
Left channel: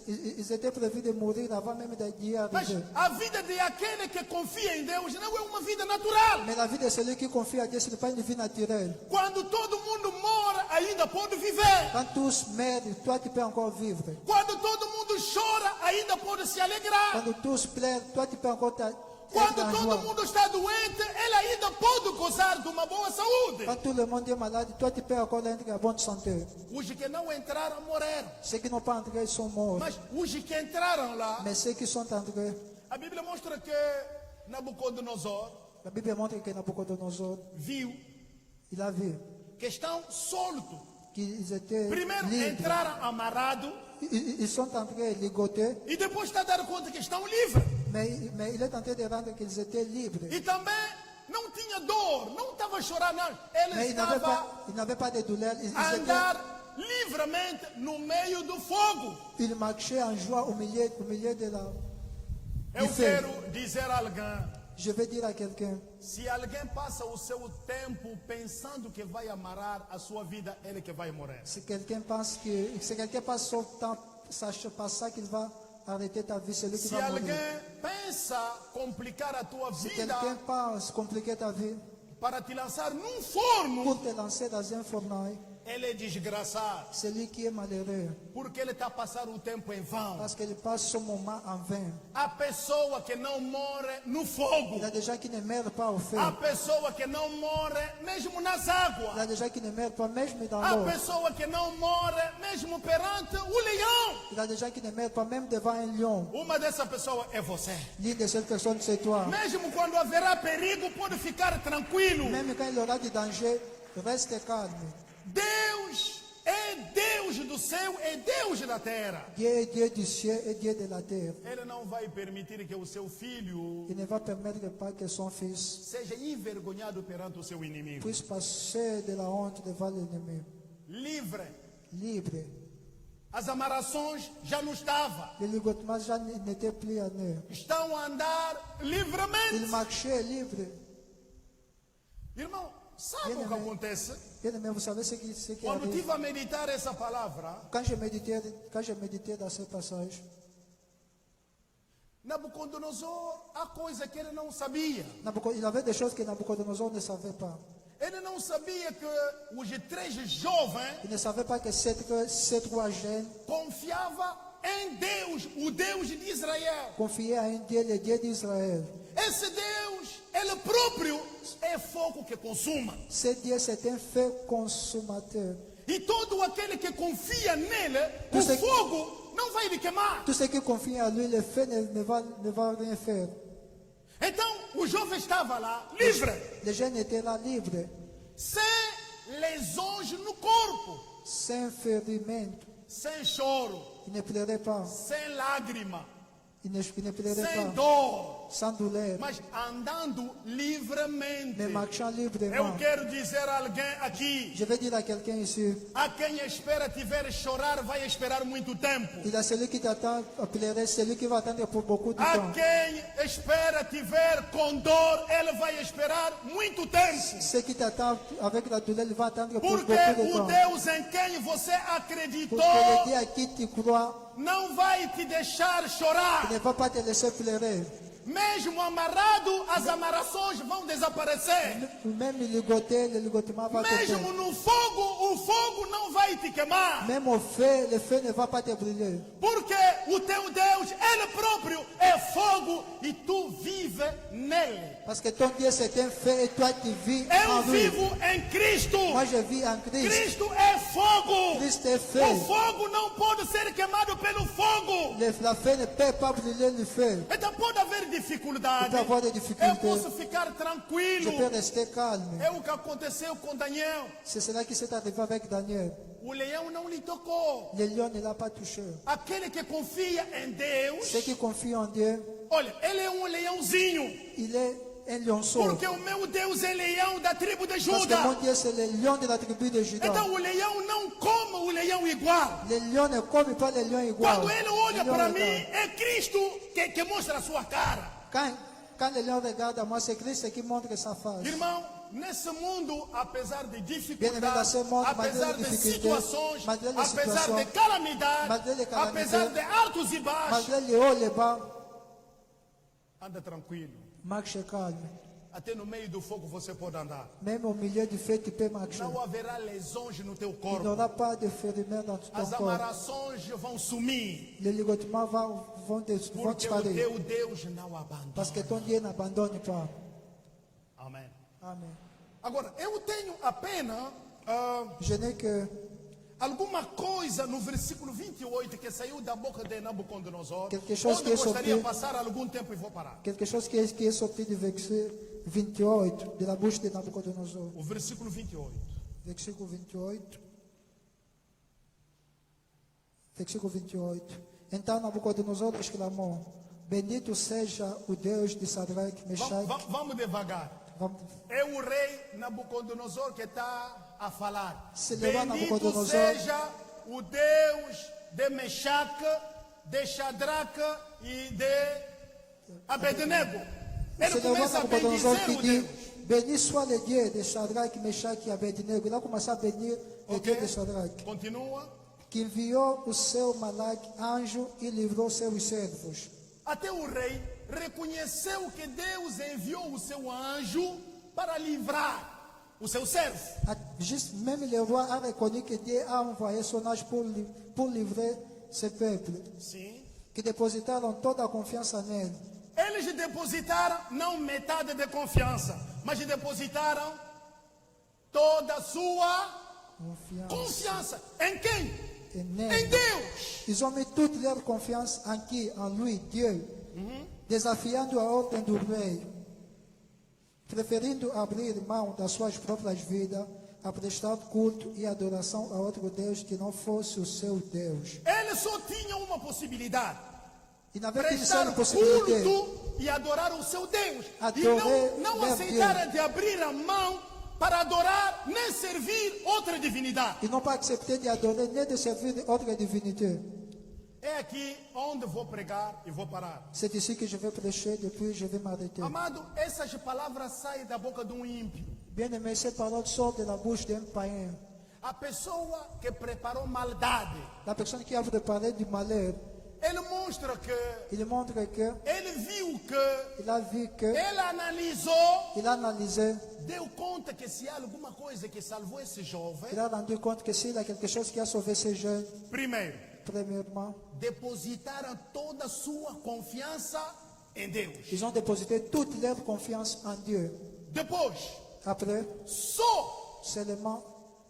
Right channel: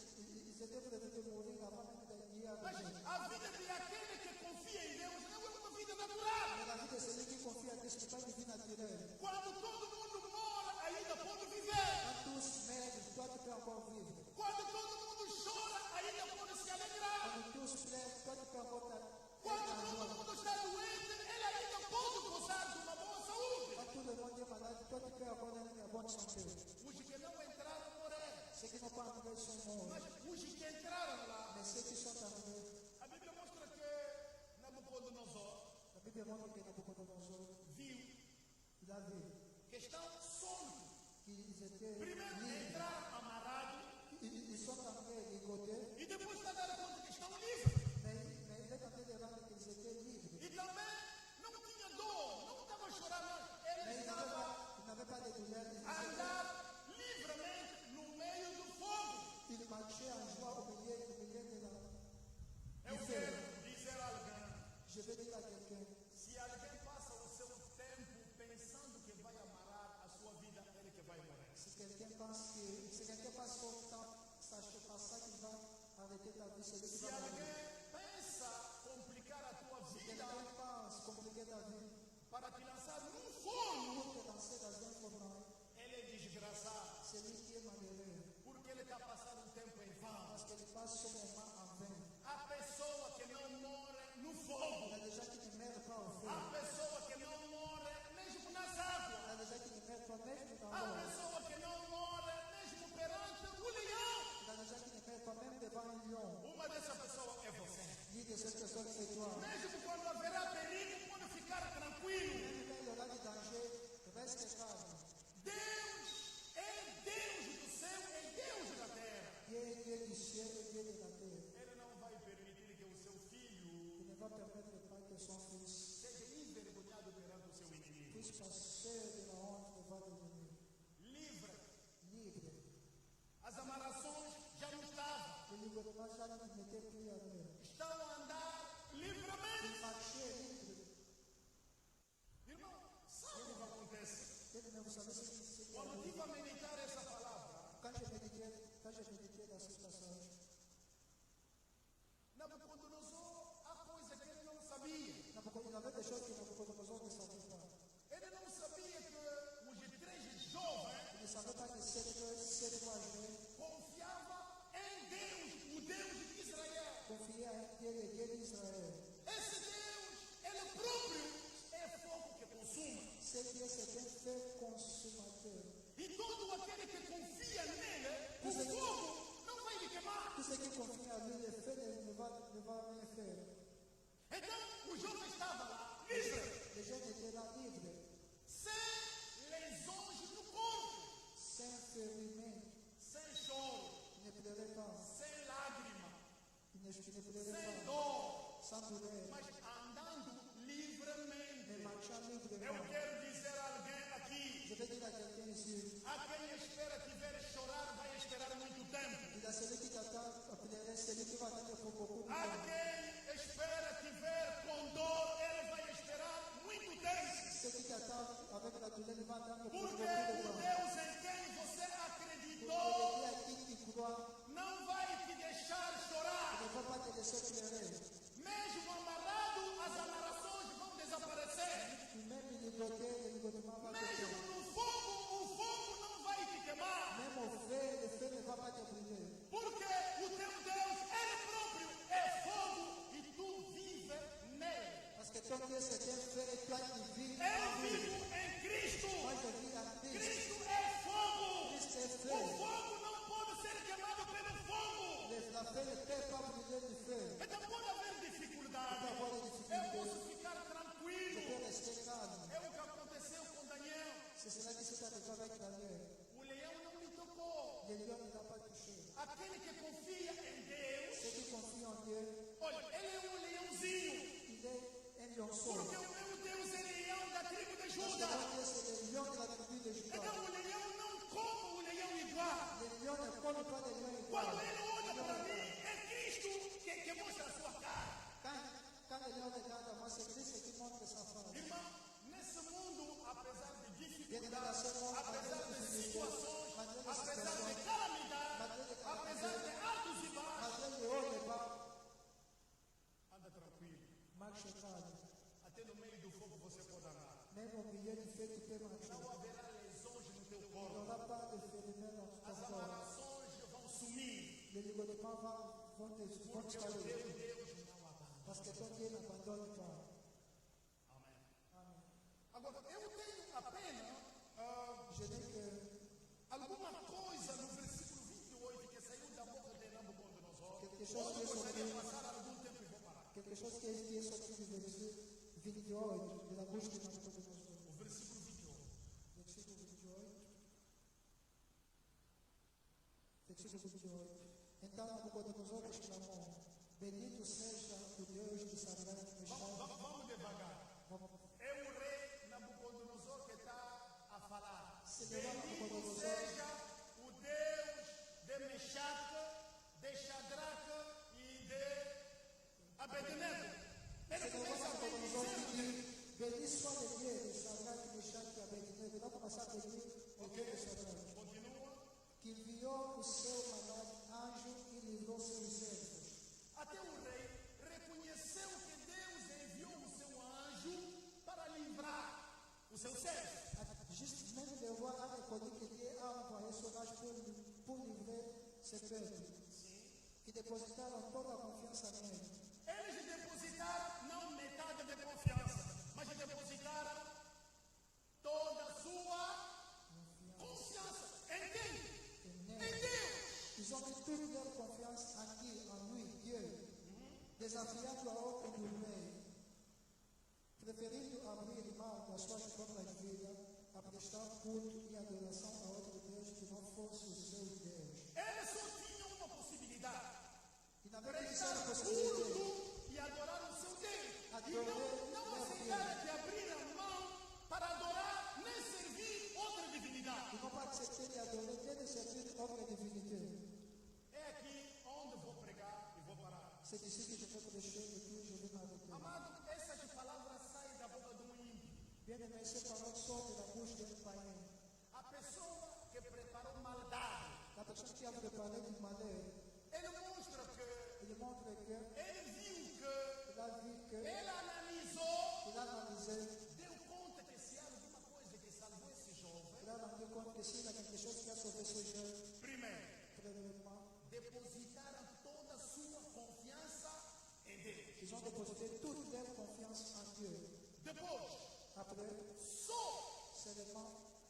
Ils étaient prévus de mourir avant même d'y Mas arriver. a vida de aquele que confia em Deus não é uma vida natural. Mais la vie de celui qui confie à Dieu, ce n'est pas une vie naturelle. Quando todo mundo mora, ainda pode viver. Quand tous meurent, toi tu peux encore vivre. Quando todo mundo chora, ainda pode se alegrar. Quand tous pleurent, toi tu peux encore être Quando en todo joie. mundo está doente, ele ainda pode gozar de uma boa saúde. Quand tout le monde est malade, toi tu peux encore être en bonne santé. Os que não entraram morreram. Ceux qui n'ont pas entré sont morts. Mas os que entraram lá, Mais ceux qui sont entrés, a Bíblia mostra que Nabucodonosor la Bible montre que Nabucodonosor, viu il a vu que estão soltos. qu'ils étaient Primeiro libres. entraram amarrados Ils sont entrés ligotés, e depois está a dar conta que estão livres. mais il est en train de rendre qu'ils étaient libres. E também não tinha dor, não estava a chorar, não. Mais Ele ils n'avaient pas de douleur. a andar livremente no meio do fogo. Ils marchaient en joie au milieu de la... Eu fé. quero dizer a alguém, Je vais dire à quelqu'un, se alguém passa o seu tempo pensando que vai amarrar a sua vida, ele que vai morrer. si quelqu'un passe son temps pensant qu'il va arrêter ta vie, c'est lui qui Se va mourir. alguém pensa complicar a tua Si vida quelqu'un pense compliquer ta vie para te lançar num forno, pour te lancer dans un fornail, ele é desgraçado, c'est lui qui est malheureux, porque ele está a passar o tempo em vão. parce qu'il passe son moment en vain. A pessoa que não morre no fogo, Il y a des gens qui ne meurent pas au feu. a pessoa que não morre mesmo nas Il y águas, a des gens qui ne meurent pas même dans a l'eau. pessoa que não morre mesmo perante o leão. Il y a des gens qui ne meurent pas même devant un lion. Uma dessa pessoa é você. L'une de ces personnes, c'est toi. Mesmo quando haverá perigo, pode ficar tranquilo. Même quand il y aura du danger, reste calme. Deus é Deus do céu, é Deus da terra. Dieu est Dieu du ciel et Dieu de la terre. Ele não vai permitir que o seu filho Il ne va permettre pas que son fils seja envergonhado perante o seu inimigo. puisse passer de la honte devant l'ennemi. Livre. Libre. As amarrações já não estavam. Le ligotement já n'était plus en eux. Estão a andar Il livremente. marchait libre. Irmão, sabe o que acontece? Bien aimé, vous savez ce qui Quando arrive? tive a meditar essa palavra, Quand je méditais dans ce passage, Nabucodonosor, há coisa que ele não sabia. Il avait des choses que Nabucodonosor ne savait pas. Ele não sabia que os três jovens Il ne savait pas que ces trois jeunes confiavam em Deus, o Deus de Israel. confiaient à un Dieu, le Dieu d'Israël. Esse Deus, ele próprio é fogo que consuma. Ce Dieu, c'est un feu consommateur. E todo aquele que confia nele, o Você- fogo não vai lhe queimar. Tout ce qui confie à lui, le feu ne va rien faire. Então, o jovem estava lá, livre, Les jeunes étaient là libres, sem lesões no corpo, sans ferimento. sem choro, Ils ne pleuraient pas. sem lágrima. il ne pleurait sem pas, dor, sans douleur, mas andando livremente. mais marchant Eu librement. quero dizer a alguém aqui, Je vais dire à quelqu'un ici, a quem espera tiver chorar, vai esperar muito tempo. il y a celui qui t'attend à pleurer, celui qui va attendre pour beaucoup de A temps. quem espera tiver com dor, ele vai esperar muito tempo. Ceux qui t'attendent avec la douleur, il va attendre pour Porque beaucoup de o temps. Deus em quem você Pour acreditou que le Dieu à qui tu crois não vai te deixar chorar. ne va pas te laisser pleurer. Mesmo amarrado, as amarrações vão desaparecer. Même ligoter, le ligotement va te Mesmo faire. no fogo, o fogo não vai te queimar. Même au feu, le feu ne va pas te brûler. Porque o teu Deus, Ele próprio é fogo e tu vive nele. Parce que ton Dieu c'est un feu et toi tu vis en Eu lui. vivo em Cristo. Moi je vis en Christ. Cristo é fogo. Christ est feu. O fogo não pode ser queimado pelo fogo. La feu ne peut pas brûler le feu. Então pode haver dificuldade. Pode haver Eu dificuldade. posso ficar Je tranquilo. peux rester calme. É o que aconteceu com Daniel. C'est cela qui s'est arrivé avec Daniel. O leão não lhe tocou. Le lion ne l'a pas touché. Aquele que confia em Deus, Ceux qui confient en Dieu, olha, ele é um leãozinho. il est un lionceau. Porque o meu Deus é leão da tribo de Parce que mon Juda. Dieu c'est le lion de la tribu de Juda. Então o leão não come o leão igual. Le lion ne come pas le lion igual. Quando ele olha Le lion para regarde. mim, é Cristo que mostra a sua cara. Quand le lion regarde à moi, c'est Christ qui montre sa face. Irmão, nesse mundo, apesar de Bem-vindo a dificuldades, ser mundo, apesar malgré de les difficultés, situações, malgré les apesar de situações, calamidades, malgré les calamités, apesar de altos e baixos, Malgré les hauts, les bas, anda tranquilo. marche calme. Até no meio do fogo você pode andar. Même au milieu du feu, tu peux marcher. Não haverá lesões no teu Il n'y corpo. aura pas de fériments dans ton As corps. amarrações vão sumir. Les ligotements vont Porque o disparaître. teu Deus não abandona. Parce que ton Dieu n'abandonne pas. Amém. Amen. Agora, eu tenho apenas Je n'ai que alguma coisa no versículo 28 que saiu da boca de Nabucodonosor. Quelque chose Onde que é gostaria de sorti- passar algum tempo e vou parar. quelque chose qui est sorti du verset 28 de la bouche de Nabucodonosor. O versículo 28. Versículo 28. Versículo 28. Então Nabucodonosor exclamou: Bendito seja o Deus de Sadraque, Mechaque. Vamos devagar. Vamos- É o rei Nabucodonosor que está a falar. Se levar Bendito Nabucodonosor- seja o Deus de Mechaque, de Shadraque e de Abednego. Ele Se levou começa a Nabucodonosor bendizer qui o dit: Deus. Béni soit le Dieu de Shadrach, Meshach et Abednego. Il a commencé à bénir le Ok? Dieu de Shadrach, Continua. que enviou o seu malaque anjo e livrou seus servos. Até o rei reconheceu que Deus enviou o seu anjo para livrar o seu servo. Juste, même le roi a reconnu que Dieu a envoyé son ange pour livrer ce peuple, Sim. qui dépositaram toda a confiança nele. Eles depositaram não metade de confiança, mas depositaram toda a sua confiança. Em quem? Et Em nele. Deus. Ils ont mis toute leur confiance en qui? En lui, Dieu. Desafiando a ordem do rei, preferindo abrir mão das suas próprias vidas, a prestar culto e adoração a outro Deus que não fosse o seu Deus. Eles só tinham uma possibilidade: E na vez que prestar disseram possibilidade, culto e adorar o seu Deus. E Adorar não meu aceitaram de abrir a mão para adorar nem servir outra divindade. ils n'ont pas accepté d'adorer ni de servir autre divinité. É aqui onde vou pregar e vou parar. C'est ici que je vais prêcher, depuis je vais m'arrêter. Amado, essas palavras saem da boca de um ímpio. Bien-aimé, ces paroles sortent de la bouche d'un païen. A pessoa que preparou maldade, La personne qui a préparé du malheur, ele mostra que il montre que, ele viu que, il a vu que, ele analisou, il a analysé, deu conta que se há alguma coisa que salvou esse jovem, il a rendu compte que s'il y a quelque chose qui a sauvé ces jeunes, primeiro, premièrement, depositaram toda a sua confiança em Deus. ils ont déposité toute leur confiance en Dieu. Depois, Après, só seulement,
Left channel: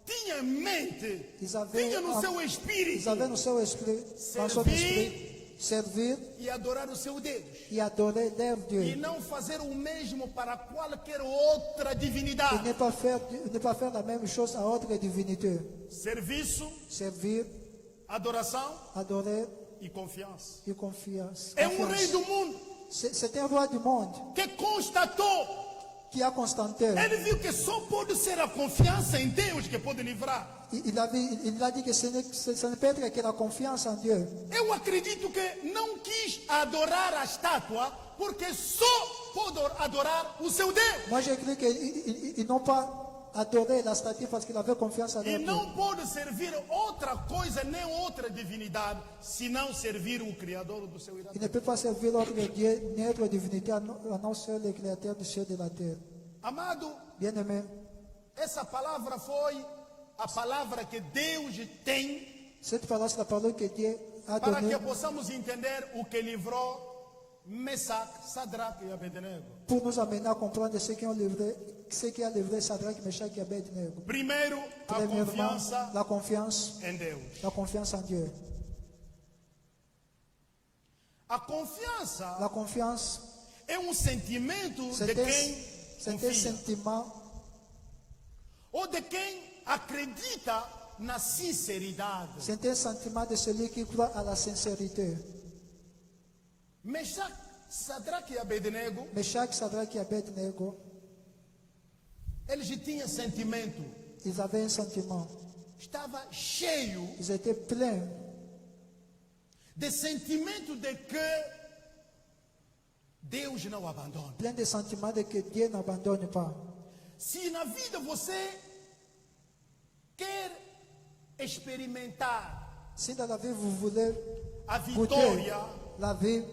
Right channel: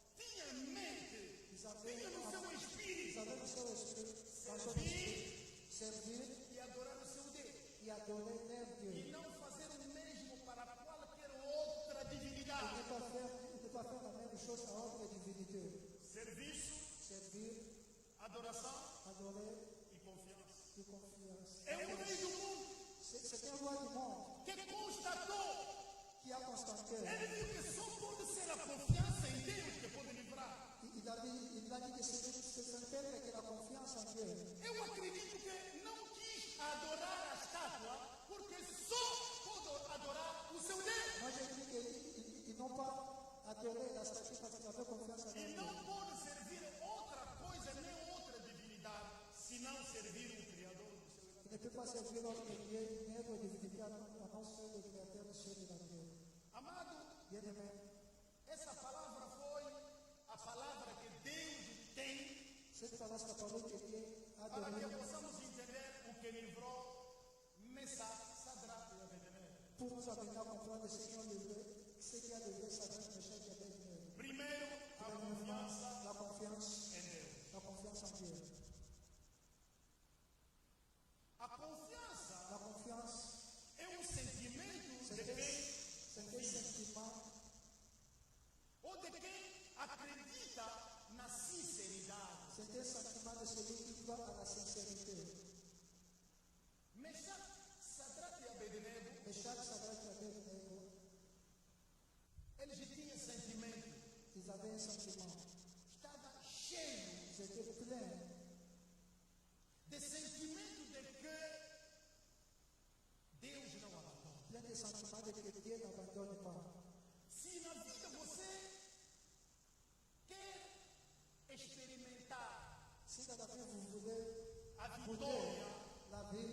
tinha em mente, ils avaient, tinha no seu ils espírito, avaient dans son esprit, servir e adorar o seu Deus. et adorer leur E Dieu. não fazer o mesmo para qualquer outra Et divindade. ne pas faire la même chose à autre divinité. Serviço, Servir, adoração adorer e confiança. e confiança. É um rei do mundo C'est un roi du monde que constatou. qui a constaté. Ele viu que só pode ser a confiança em Deus que pode livrar. Il a dit que ce ne peut être que la confiance en Dieu. Eu acredito que não quis adorar a estátua porque só pode adorar o seu Deus. Moi, j'ai cru qu'ils n'ont pas adoré la statue parce qu'il avait confiance en E Dieu. não pode servir outra coisa nem outra divindade senão servir o Criador do seu Il irado. ne peut pas servir l'autre Dieu, ni autre divinité, à non seul le Créateur du ciel et de la terre. Amado, Bien-aimé, essa palavra foi a palavra que Deus tem cette parole, c'est la parole que Dieu a para donnée que possamos entender o que livrou Mesaque, Sadraque e Abednego. pour nous amener à comprendre ce qui a livré Sadrach, Meshach et Abednego. Primeiro, a Premièrement, confiança la confiance, em Deus. la confiance en Dieu. A confiança La confiance, é um sentimento de c'est un quem confia sentiment ou de quem acredita na sinceridade. C'est un sentiment de celui qui croit à la sincérité. Mesaque, Sadraque e Abednego, Meshach, Sadrach et Abednego, eles tinham sentimento. ils avaient un sentiment. Estava cheio Ils étaient pleins de sentimento de que Deus não abandona. plein de sentiments de que Dieu n'abandonne pas. Se na vida você quer experimentar Si dans la vie vous voulez a goûter vitória la vie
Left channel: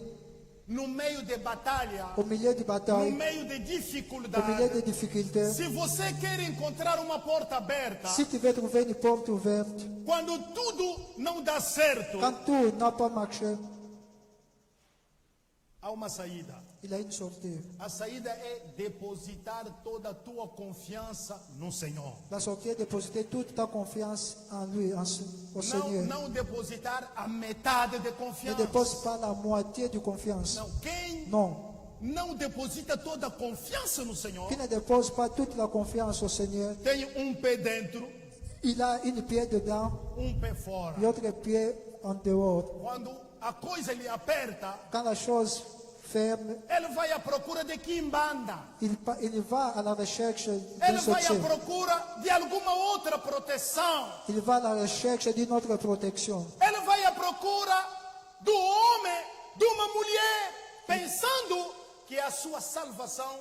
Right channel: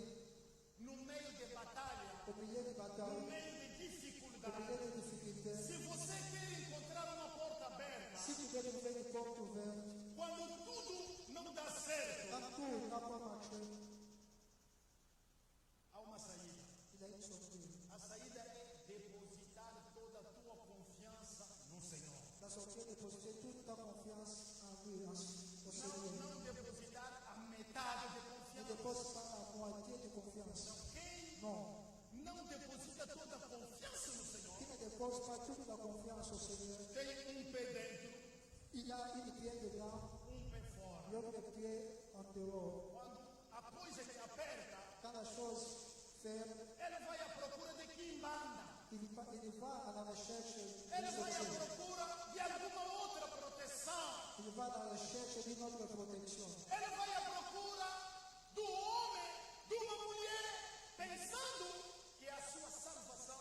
no meio de batalha, au milieu de no batailles, meio de au milieu dificuldade, de difficultés, se você quer encontrar uma porta aberta, si tu veux trouver une porte ouverte, quando tudo não dá certo, quand tout n'a pas marché, há uma saída. il a une sortie. A saída é depositar toda a tua confiança no Senhor. La sortie est dépositer toute ta confiance en lui, au Não, Seigneur. não depositar a metade de Ne confiança. dépose pas la moitié de confiance. Não, quem Non. não deposita toda a confiança no Senhor, Qui ne dépose pas toute la confiance au Seigneur, tem um pé dentro, il a une pied dedans pé fora. et l'autre pied en dehors. Quando a coisa lhe aperta, Quand la chose ferme, ele vai à procura de quimbanda. il va à la recherche d'un Ele vai à soutien. procura de alguma outra proteção. Il va à la recherche d'une autre protection. Ele vai à procura do homem, de uma mulher, pensando que a sua salvação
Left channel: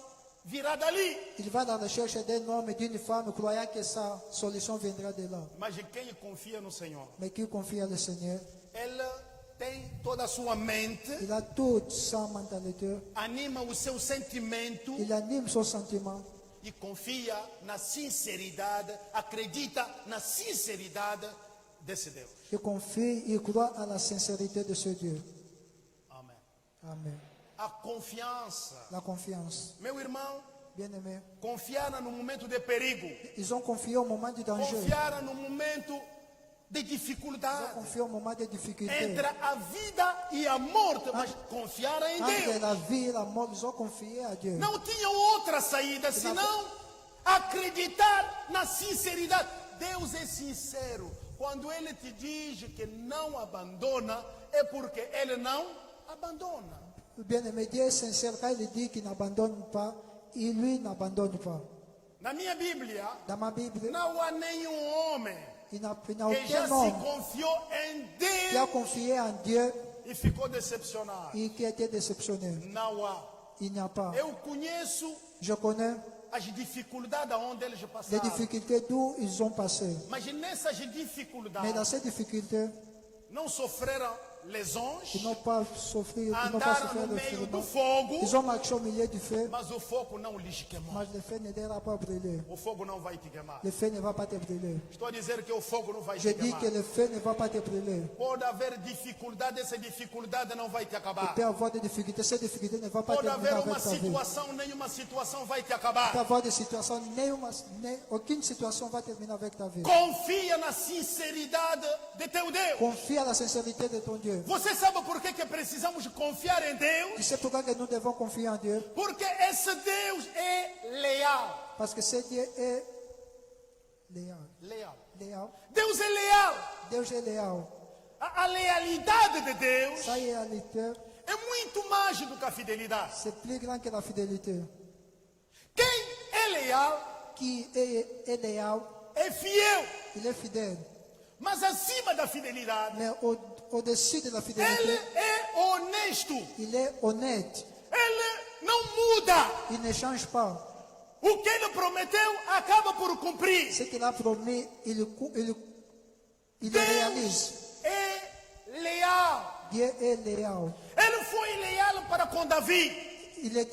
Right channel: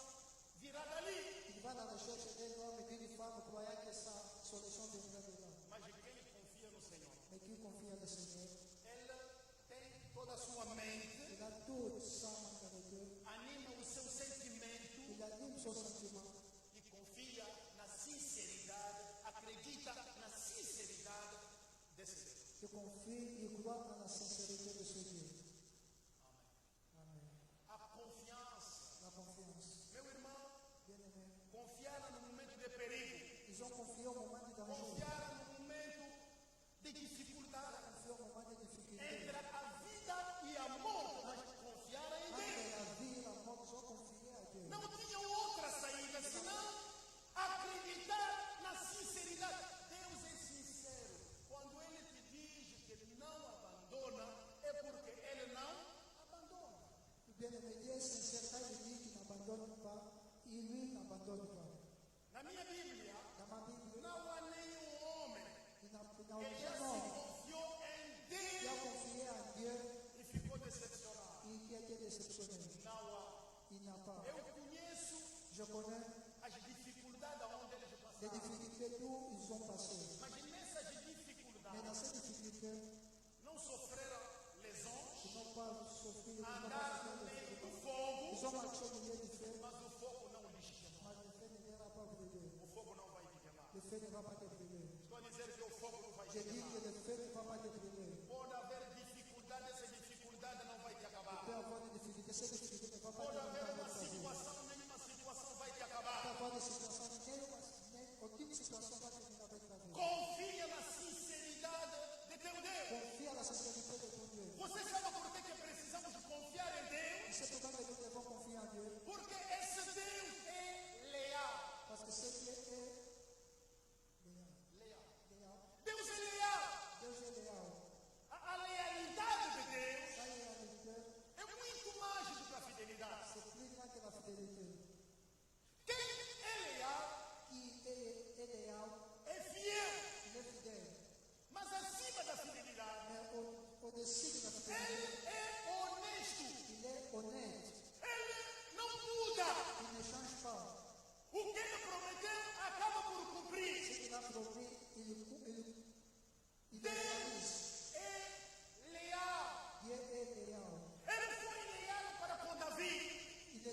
virá dali. Il va à la recherche d'un homme et d'une femme croyant que sa solution viendra de là. Mas quem confia no Senhor, Mais qui confie au Seigneur, ele tem toda a sua mente, il a toute sa mentalité, anima o seu sentimento il anime son sentiment e confia na sinceridade, acredita na sinceridade desse Deus. il confie, il croit à la sincérité de ce Dieu. Amém. Amen. A confiança, La confiance. meu irmão, Bien-aimé, confiar no momento de perigo, ils ont confié au moment du danger, confiar no momento de ils ont dificuldade, confié au moment des difficultés. entre a vida e a morte, mas confiar em Entre Deus. la vie et la mort, ils ont confié à Dieu. Não tinham outra saída senão acreditar na sinceridade. Deus é sincero. Quando Ele te diz que não abandona, é porque Ele não abandona. Bien-aimé, Dieu est sincère quand il dit qu'il n'abandonne pas, il lui n'abandonne pas. Na minha Bíblia, Dans ma Bible, não há nenhum homem il n'a que já aucun se homme confiou em qui a Deus confié en Dieu e ficou decepcionado. et qui a été déceptionné. Não há. Il n'y a pas. Eu conheço Je connais as dificuldades aonde eles les passaram. difficultés d'où ils ont passé. Mas nessas Mais dans dificuldades, ces difficultés, não sofreram lesões, ils n'ont pas souffert, ils n'ont pas andaram souffert no de meio do feu. fogo, Ils ont marché au milieu du feu, mas o fogo não lhes queimou. mais le feu ne t'aura pas brûlé. O fogo não vai te queimar. Le feu ne va pas te brûler. Estou a dizer que o fogo não vai Je te dis queimar. que le feu ne va pas te brûler. Pode haver dificuldade, essa dificuldade não vai te Il acabar. peut y avoir des difficultés. Ces difficultés ne vont pas Pode terminer haver avec uma ta vie. situação, nenhuma situação vai te Il peut y acabar. avoir des situations, aucune situation va terminer avec ta vie. Confia na sinceridade de teu Deus. Confie à la sincérité de ton Dieu. Você sabe por que precisamos confiar em Tu Deus? sais pourquoi que nous devons confier en Dieu? Porque esse Deus é leal. Parce que ce Dieu est léal. Leal. Léal. Deus é leal. Deus est léal. A lealidade de Deus sa réalité, é muito mais do que a fidelidade. c'est plus grand que la fidélité. Quem é leal Qui est léal, é fiel. il est fidèle. Mas acima da fidelidade, Mais au-dessus de la ele fidélité, é honesto. il est honnête. Ele não muda. Il ne change pas. O que ele prometeu acaba por cumprir. Ce qu'il a promis, il le réalise. Deus é leal. Dieu est léal. Ele foi leal para com Davi. Il est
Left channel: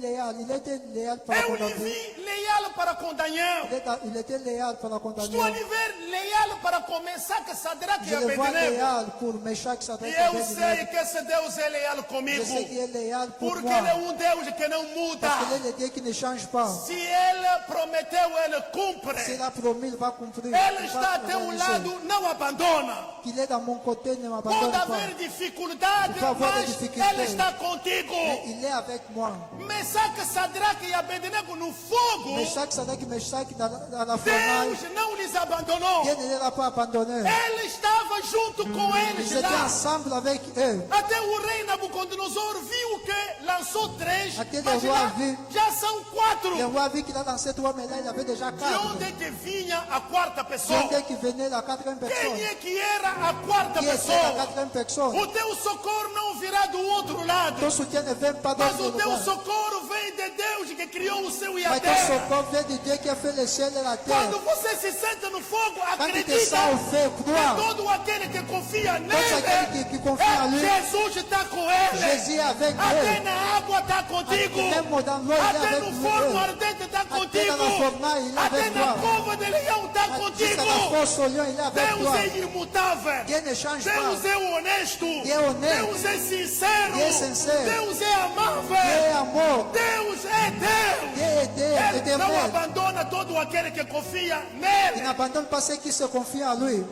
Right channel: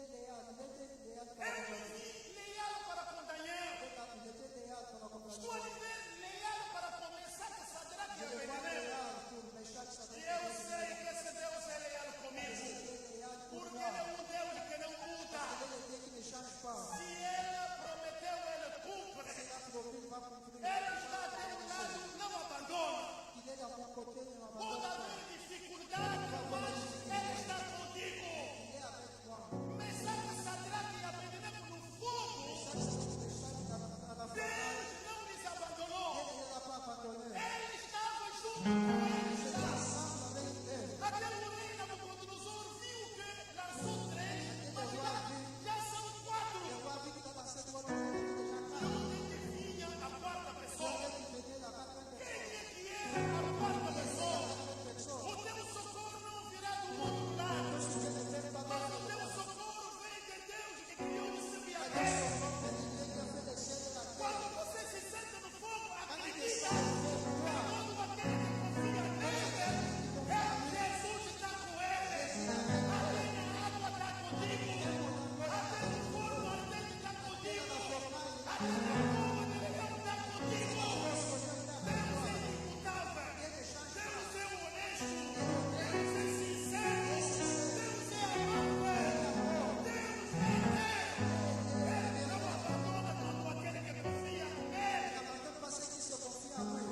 léal. Il était léal par Eu rapport à lhe Dieu. vi leal para com Daniel. Il était léal par rapport à Estou a Daniel. lhe ver leal para com Mesaque, Sadraque e Je le vois Abednego. léal pour Meshach, E Sadrach et eu sei Abednego. que esse Deus é leal Je comigo. sais qu'il est léal pour Porque moi. ele é um Deus que não muda. Parce qu'il est le Dieu qui ne change pas. Se ele prometeu, ele cumpre. S'il a promis, il va cumprir. Ele Il está va a teu réaliser. lado, não abandona. Qu'il est dans mon côté, ne Pode m'abandonne pas. haver dificuldade, Vai haver mas dificuldade. ele está contigo. Il est avec moi. Mesaque, Sadraque e Abednego no fogo, Meshach, Sadrach et Meshach dans la fornale. Deus não lhes abandonou. Dieu ne les a pas abandonnés. Ele estava junto com Ils eles étaient lá. ensemble avec eux. Até o rei Nabucodonosor viu que lançou 3, Aquele mas roi viu. já são 4. Le roi a vu qu'il a lancé 3 médailles, il y avait déjà De 4. onde é que vinha a quarta pessoa? De onde que venait la 4e personne? Quem é que era a quarta Qui était la pessoa? 4e personne? O teu socorro não virá do outro lado, Ton soutien ne vient pas mas d'autre o teu roi. socorro vem de Deus que criou o céu e a Mais ton terra. secours vient de Dieu qui a fait le ciel et la Quando terre. você se senta no fogo, Quand tu te acredita sens au feu, que crois. todo aquele que confia aquele nele, que confia en lui. Jesus está com ele. Jésus est avec Até eux. na água está contigo. Même dans l'eau, il est Até avec no nous. forno ardente está contigo. dans la fornale, il est Até avec na toi. cova de leão está Jusqu'à contigo. la force au lion, il est avec Deus toi. é imutável. Dieu ne change Deus pas. é honesto. é honesto. Deus é sincero. Deus é sincero. Deus é Dieu est amável. amour. Deus é Deus. Dieu est Dieu, il Ele est não aimé. abandona todo aquele que confia Il nele. n'abandonne pas ceux qui se confient en lui.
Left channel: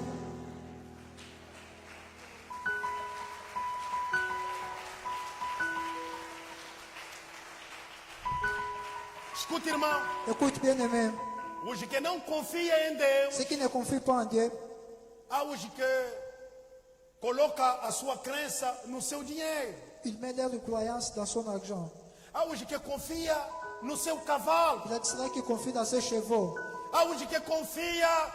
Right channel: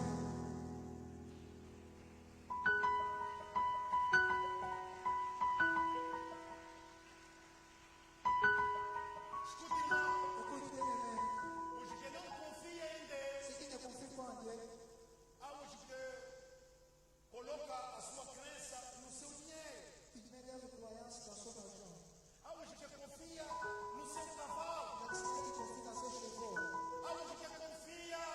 Escuta, irmão. Écoute bien aimé, Os que não confiam em Deus, ceux qui ne confient pas en Dieu, há os que colocam a sua crença no seu dinheiro. il met leur croyance dans son argent. Há os que confiam no seu cavalo. Il y a ceux qui confient dans ses chevaux. Há os que confiam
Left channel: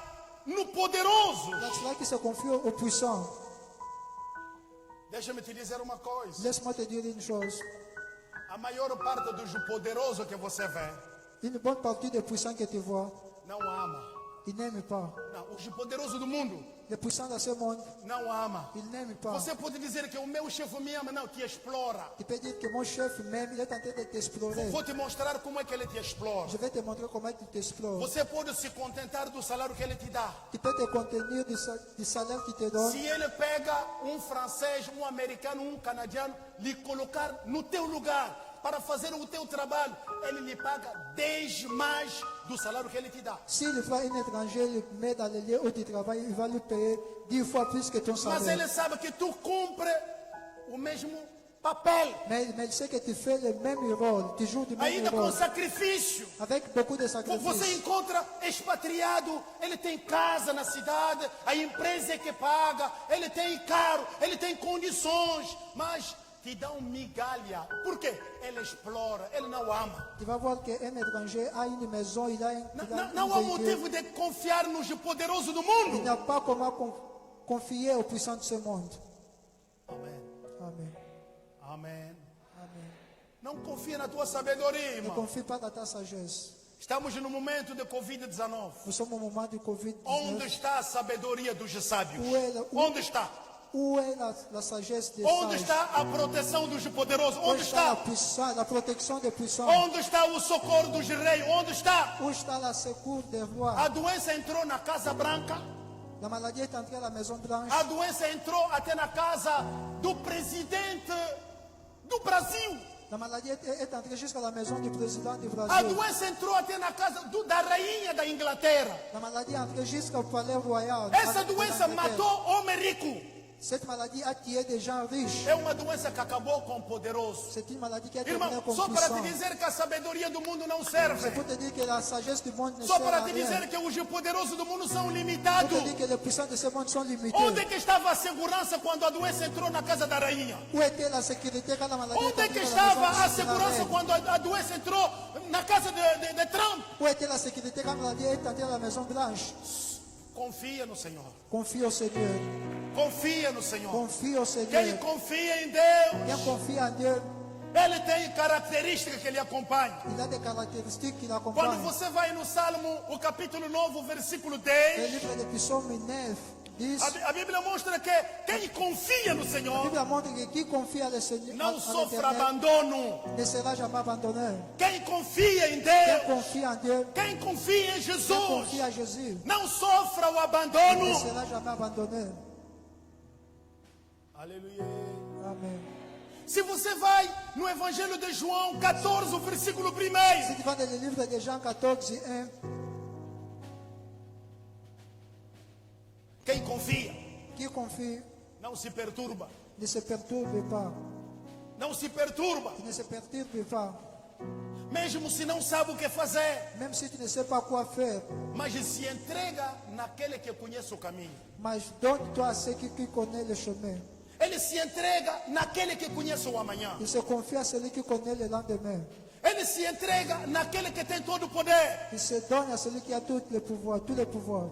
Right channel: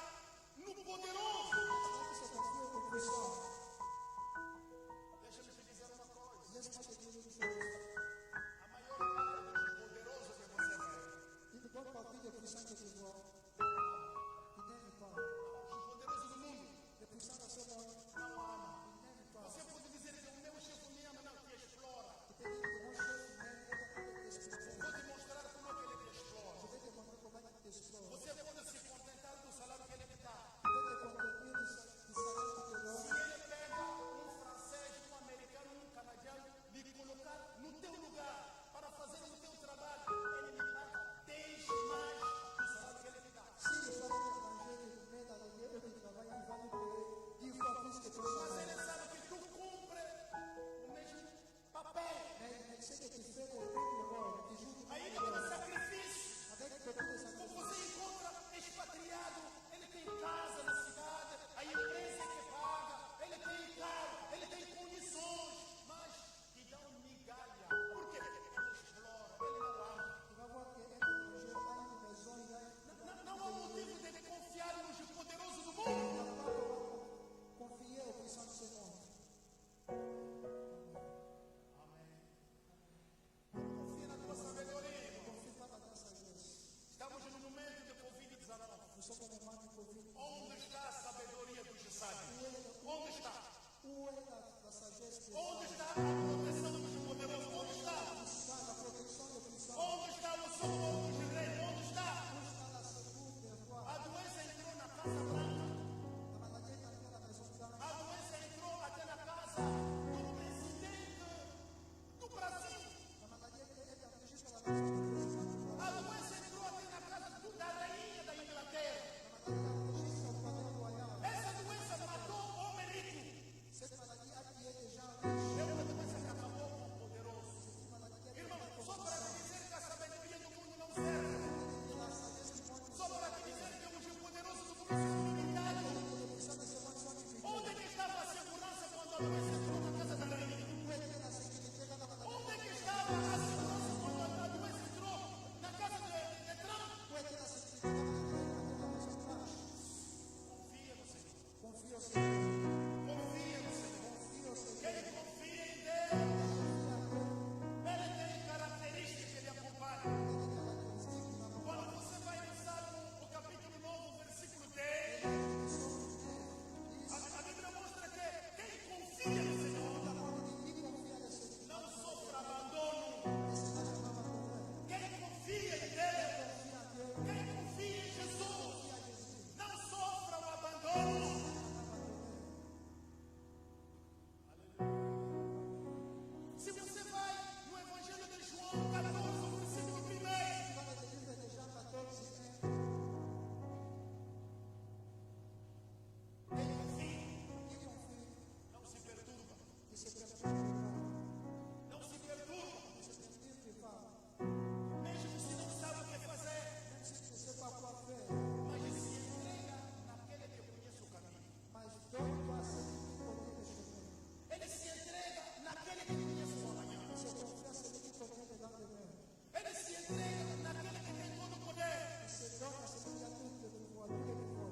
no poderoso. Il y a ceux qui se confient au puissant. Deixa-me te dizer uma coisa. Laisse-moi te dire une chose. A maior parte dos poderosos que você vê Une bonne partie des puissants que tu vois, não ama. ils n'aiment pas. Não, os poderosos do mundo Les puissants dans ce monde, não ama. ils n'aiment pas. Você pode dizer que o meu chefe me ama, não, te explora. Tu peux dire que mon chef même, il est en train de t'explorer. Vou te mostrar como é que ele te explora. Je vais te montrer comment il t'explore. Você pode se contentar do salário que ele te dá. Tu peux te contenir du salaire qu'il te donne. Se ele pega um francês, um americano, um canadiano, lhe colocar no teu lugar para fazer o teu trabalho, ele lhe paga 10 mais do salário que ele te dá. S'il prend un étranger, il le met dans le lieu où tu travailles, il va lui payer 10 fois plus que ton Mas salaire. ele sabe que tu cumpre o mesmo papel, Mais il sait que tu fais le même rôle, tu joues du même ainda com rôle, sacrifício. avec beaucoup de Você sacrifices. encontra expatriado, ele tem casa na cidade, a empresa é que paga, ele tem carro, ele tem condições, mas te dá migalha. Por quê? Ele explora, ele não ama. Tu vas voir qu'un étranger a une maison, il a Não há un véhicule. motivo de confiar nos poderosos do Il mundo. n'y a pas comment confier aux puissants de ce monde. Amém. Amen. Amém. Amen. Não confia na tua sabedoria, Ne irmão. confie pas dans ta sagesse. Estamos no momento de Covid-19. Nous sommes au moment du Onde Covid-19. está a sabedoria dos sábios? Où Onde está? Où est la sagesse des Onde sages? está a proteção dos poderosos? Où Onde está la está? puissance, la protection des puissants? Onde está o socorro dos reis? Onde está? Où está la secours des rois? A doença entrou na Casa Branca. La maladie est entrée à la Maison Blanche. A doença entrou até na casa do presidente do Brasil. La maladie est entrée jusqu'à la maison du président du A Brésil. doença entrou até na casa da rainha da Inglaterra. La maladie est entrée jusqu'au palais royal. Essa de doença l'Angleterre. matou homem rico. Cette maladie a tué des gens riches. É uma doença que acabou com o poderoso. C'est une maladie qui a Irmão, terminé comme só para te puissant. dizer que a sabedoria do mundo não C'est serve. pour te dire que la sagesse du monde ne Só sert para à te rien. dizer que os poderosos do mundo são Pour limitados. te dire que les puissants de ce monde sont limités. Onde é que estava a segurança quando a doença entrou na casa da rainha? Où était la sécurité quand la maladie Onde é que est entrée dans la estava a maison de la segurança reine? quando a doença entrou na casa de Trump? Où était la sécurité quand la maladie est entrée dans la Maison Blanche? Confia no Senhor. Confie au Seigneur. Confia no Senhor. Confie au Seigneur. Quem confia em Deus, Quem confie en Dieu, ele tem características que lhe acompanham. il a des caractéristiques qui Quando l'accompagnent. você vai no Salmo, o capítulo 9, o versículo Le 10, livre de Psaume 9, 10, a Bíblia mostra que quem confia no la Senhor Bible montre que qui confie à le Seigneur, não à sofre l'Éternel, abandono. ne sera jamais abandonné. Quem confia em Quem Deus, confie en Dieu, quem confia em quem Jesus, confie à Jésus, não sofra o ne abandono. sera jamais abandonné. Aleluia. Amen. Se você vai no Evangelho de João 14, o versículo 1, Si tu vas dans le livre de Jean 14, 1, quem confia qui confie não se perturba. ne se perturbe pas. Não se perturba. Ne se perturbe pas. Mesmo se não sabe o que fazer, Même si tu ne sais pas quoi faire, mas se entrega naquele que conhece o caminho. mais donne-toi à ceux qui connaissent le chemin. Ele se entrega naquele que conhece o amanhã. Il se confie à celui qui connaît le lendemain. Ele se entrega naquele que tem todo o poder. Il se donne à celui qui a tout le pouvoir, tous les pouvoirs.